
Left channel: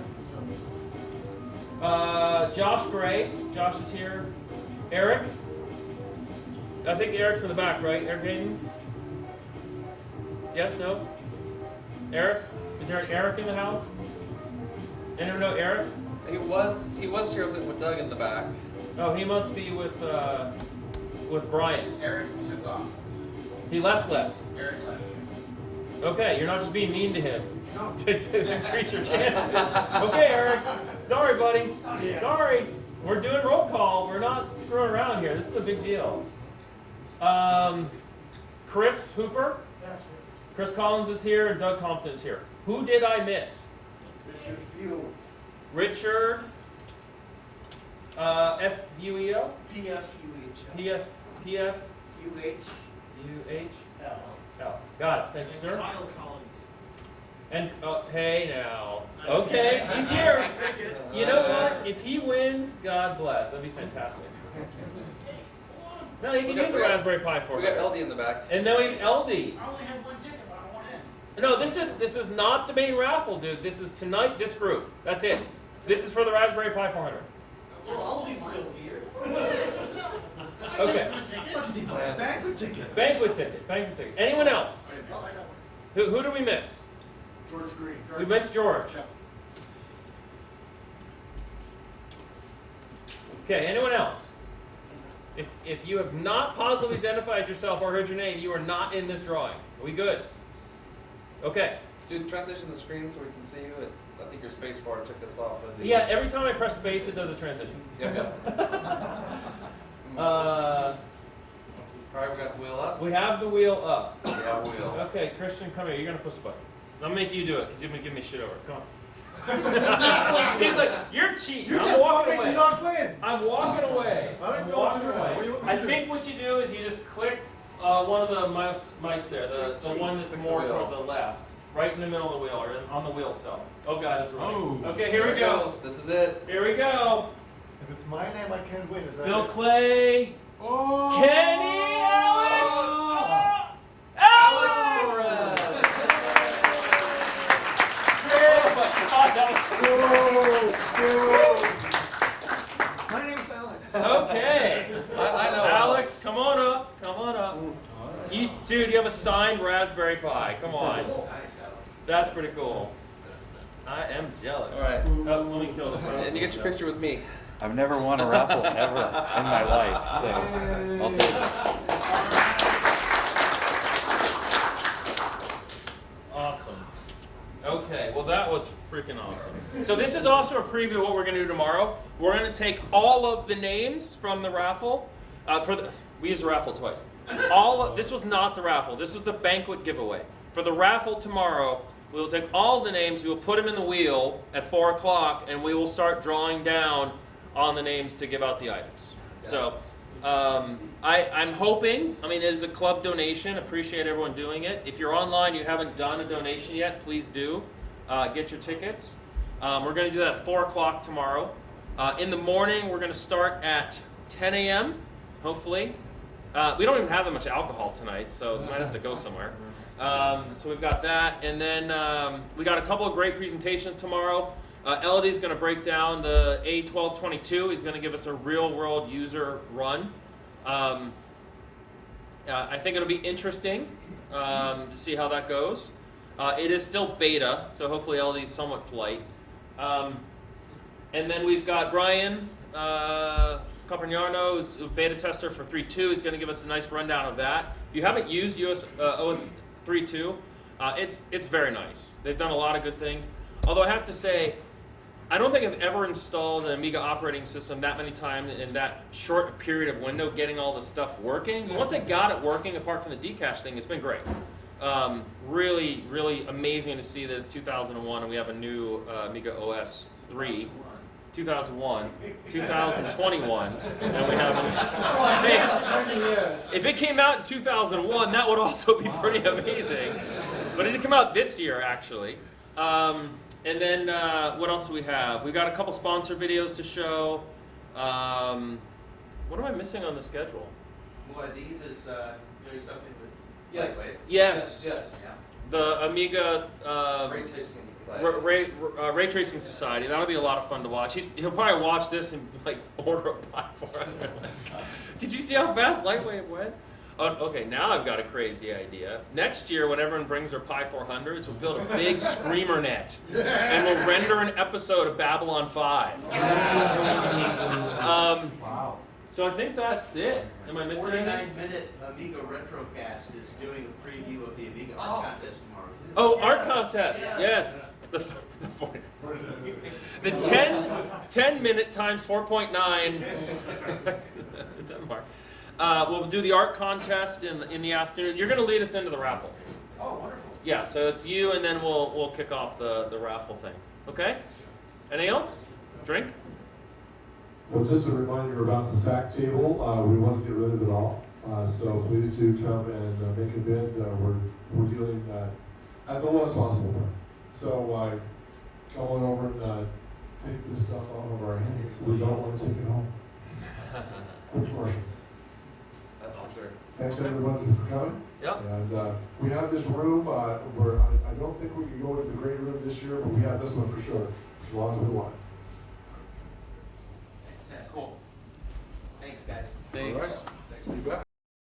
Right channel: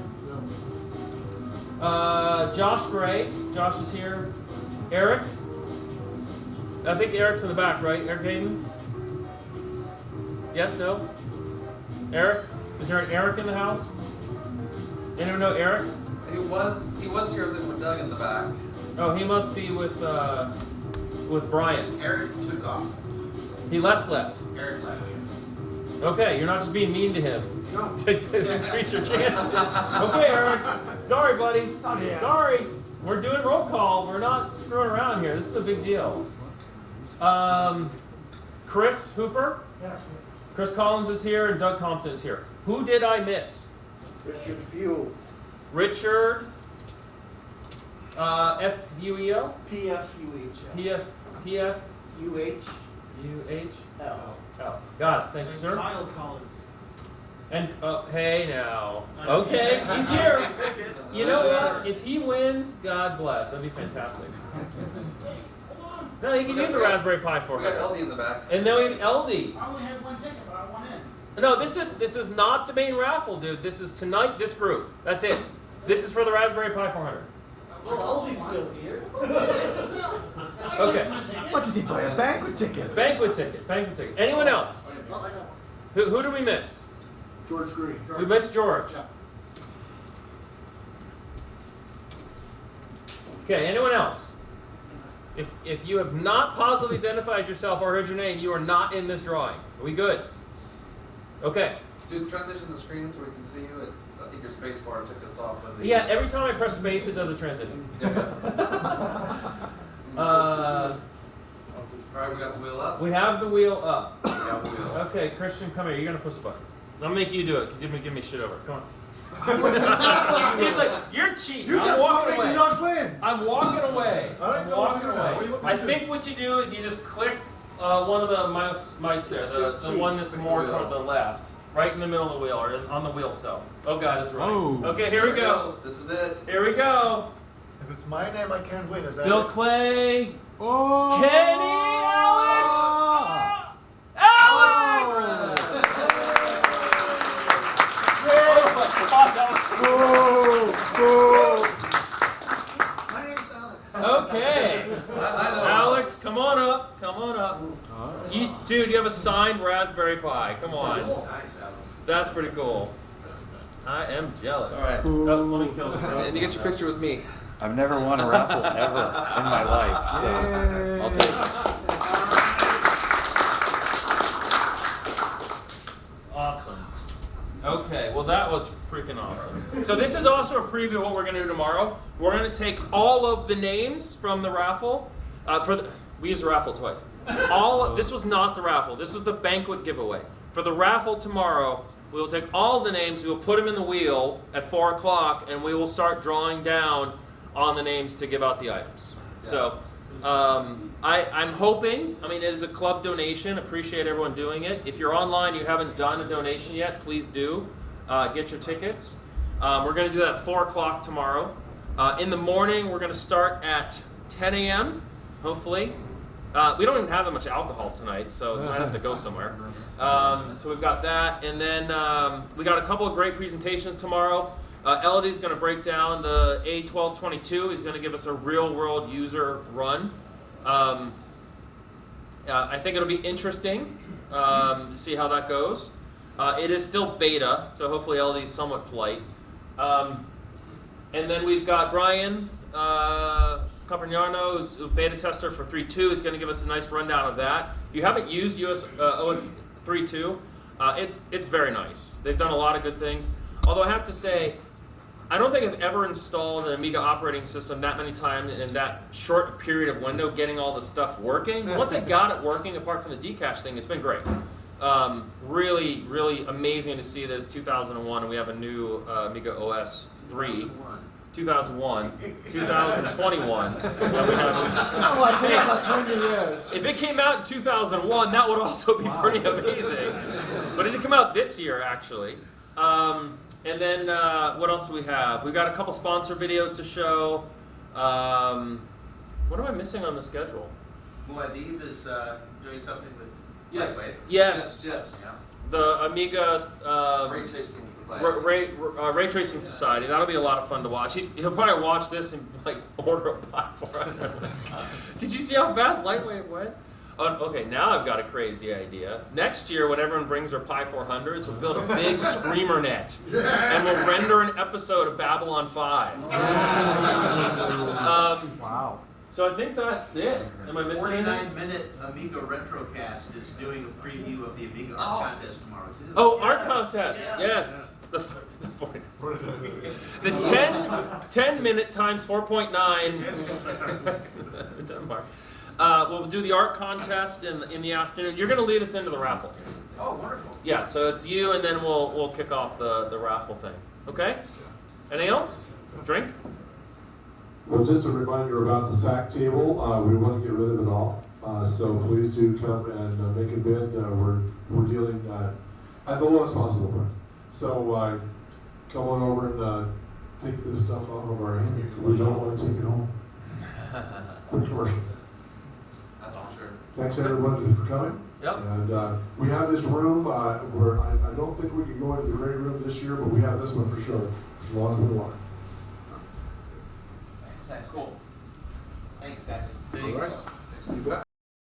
No. Josh Gray. Josh is here. Eric. I think Eric's in the back, right? Eric Hayden? Yes, no? Eric? Is there an Eric in the house? Anyone know Eric? He was here with Doug in the back. Oh, he must be with Brian. Eric took off. He left. Eric left. Okay, you're not just being mean to him. No. To increase your chances. Okay, Eric. Sorry, buddy. Oh, yeah. Sorry. We're doing roll call. We're not screwing around here. This is a big deal. Chris Hooper. Yeah, sure. Chris Collins is here and Doug Compton is here. Who did I miss? Richard Fuel. Richard. F-U-E-O? P-F-U-H. P-F-U-H? U-H. L. Oh, got it. Thanks, sir. Kyle Collins. And, hey now. Okay, he's here. You know what? If he wins, God bless. That'd be fantastic. No, he can use a Raspberry Pi for We got LD in the back. And then we have LD. I only had one ticket, but I won in. No, this is not the main raffle, dude. This is tonight, this group. That's it. This is for the Raspberry Pi 400. Well, Aldi's still here. Okay. What did he buy? A banquet ticket? Banquet ticket. Anyone else? Who do we miss? George Green. We missed George. Okay, anyone else? If you have not positively identified yourself or heard your name, you are not in this drawing. Are we good? Okay. Dude, transition the screen so we can see you. I think your space bar took us off of the... Yeah, every time I press space, it does a transition. All right, we got the wheel up. We have the wheel up. We have the wheel. Okay, Christian, come here. You're going to push the button. I'm going to make you do it because you're going to give me shit over. Come on. He's like, you're cheating. You I'm just walking want me away. to not win. I'm walking away. I don't I'm know what walking to do now. What do you away. want me I to do? think what you do is you just click one of the mice there, the one that's Click the more wheel. toward the left, right in the middle of the wheel, or on the wheel itself. Oh God, it's right. Oh. Okay, here we There it go. goes. This is it. Here we go. If it's my name, I can't win. Is that Bill it? Clay, Oh! Kenny, Alex. My name's Alex. Okay. I know. Alex, come on up. Come on up. Dude, you have a signed Raspberry Pi. Come on. Nice, Alex. That's pretty cool. I am jealous. All right. Oh, let me kill the And you get your picture with me. I've never won a raffle ever in my life, so I'll take it. Awesome. Okay, well that was freaking awesome. So this is also a preview of what we're going to do tomorrow. We're going to take all of the names from the raffle. We used the raffle twice. This was not the raffle. This was the banquet giveaway. For the raffle tomorrow, we will take all the names. We will put them in the wheel at 4 o'clock, and we will start drawing down on the names to give out the items. So I'm hoping, it is a club donation. Appreciate everyone doing it. If you're online, you haven't done a donation yet, please do. Get your tickets. We're going to do that at 4 o'clock tomorrow. In the morning, we're going to start at 10 a.m., hopefully. We don't even have that much alcohol tonight, so we might have to go somewhere. So we've got that. And then we got a couple of great presentations tomorrow. Elodie's going to break down the A1222. He's going to give us a real-world user run. I think it'll be interesting to see how that goes. It is still beta, so hopefully Elodie's somewhat polite. And then we've got Brian Campagnano, who's a beta tester for 3.2. He's going to give us a nice rundown of that. If you haven't used OS 3.2, it's very nice. They've done a lot of good things. Although I have to say, I don't think I've ever installed an Amiga operating system that many times in that short period of window getting all the stuff working. But once I got it working, apart from the decache thing, it's been great. Really, really amazing to see that it's 2001 and we have a new Amiga OS 3. 2001, 2021, and we have. If it came out in 2001, that would also be pretty amazing. But it did come out this year, actually. And then what else do we have? We've got a couple sponsor videos to show. What am I missing on the schedule? Muad'Dib is doing something with Yes. Lightwave. Yes. Yes. Yeah. The Amiga Ray tracing society. Ray Tracing Society. That'll be a lot of fun to watch. He'll probably watch this and order a platform. Did you see how fast Lightwave went? Okay, now I've got a crazy idea. Next year, when everyone brings their Pi 400s, we'll build a big screamer net, and we'll render an episode of Babylon 5. Wow. So I think that's it. Am I missing anything? 49-minute Amiga Retrocast is doing a preview of the Amiga Art Contest tomorrow, too. Oh, art contest, yes. The 10-minute times 4.9 Denmark. We'll do the art contest in the afternoon. You're going to lead us into the raffle. Oh, wonderful. Yeah, so it's you, and then we'll kick off the raffle thing. Okay? Anything else? Drink? Well, just a reminder about the SAC table. We want to get rid of it all. So please do come and make a bid. We're dealing at the lowest possible price. So come on over and take this stuff off of our hands. We don't want to take it home. Quick commercial. Thanks everybody for coming. Yep. And we have this room where I don't think we can go into the great room this year, but we have this one for sure, as long as we want. Fantastic. Cool. Thanks, guys. Thanks. All right. You bet.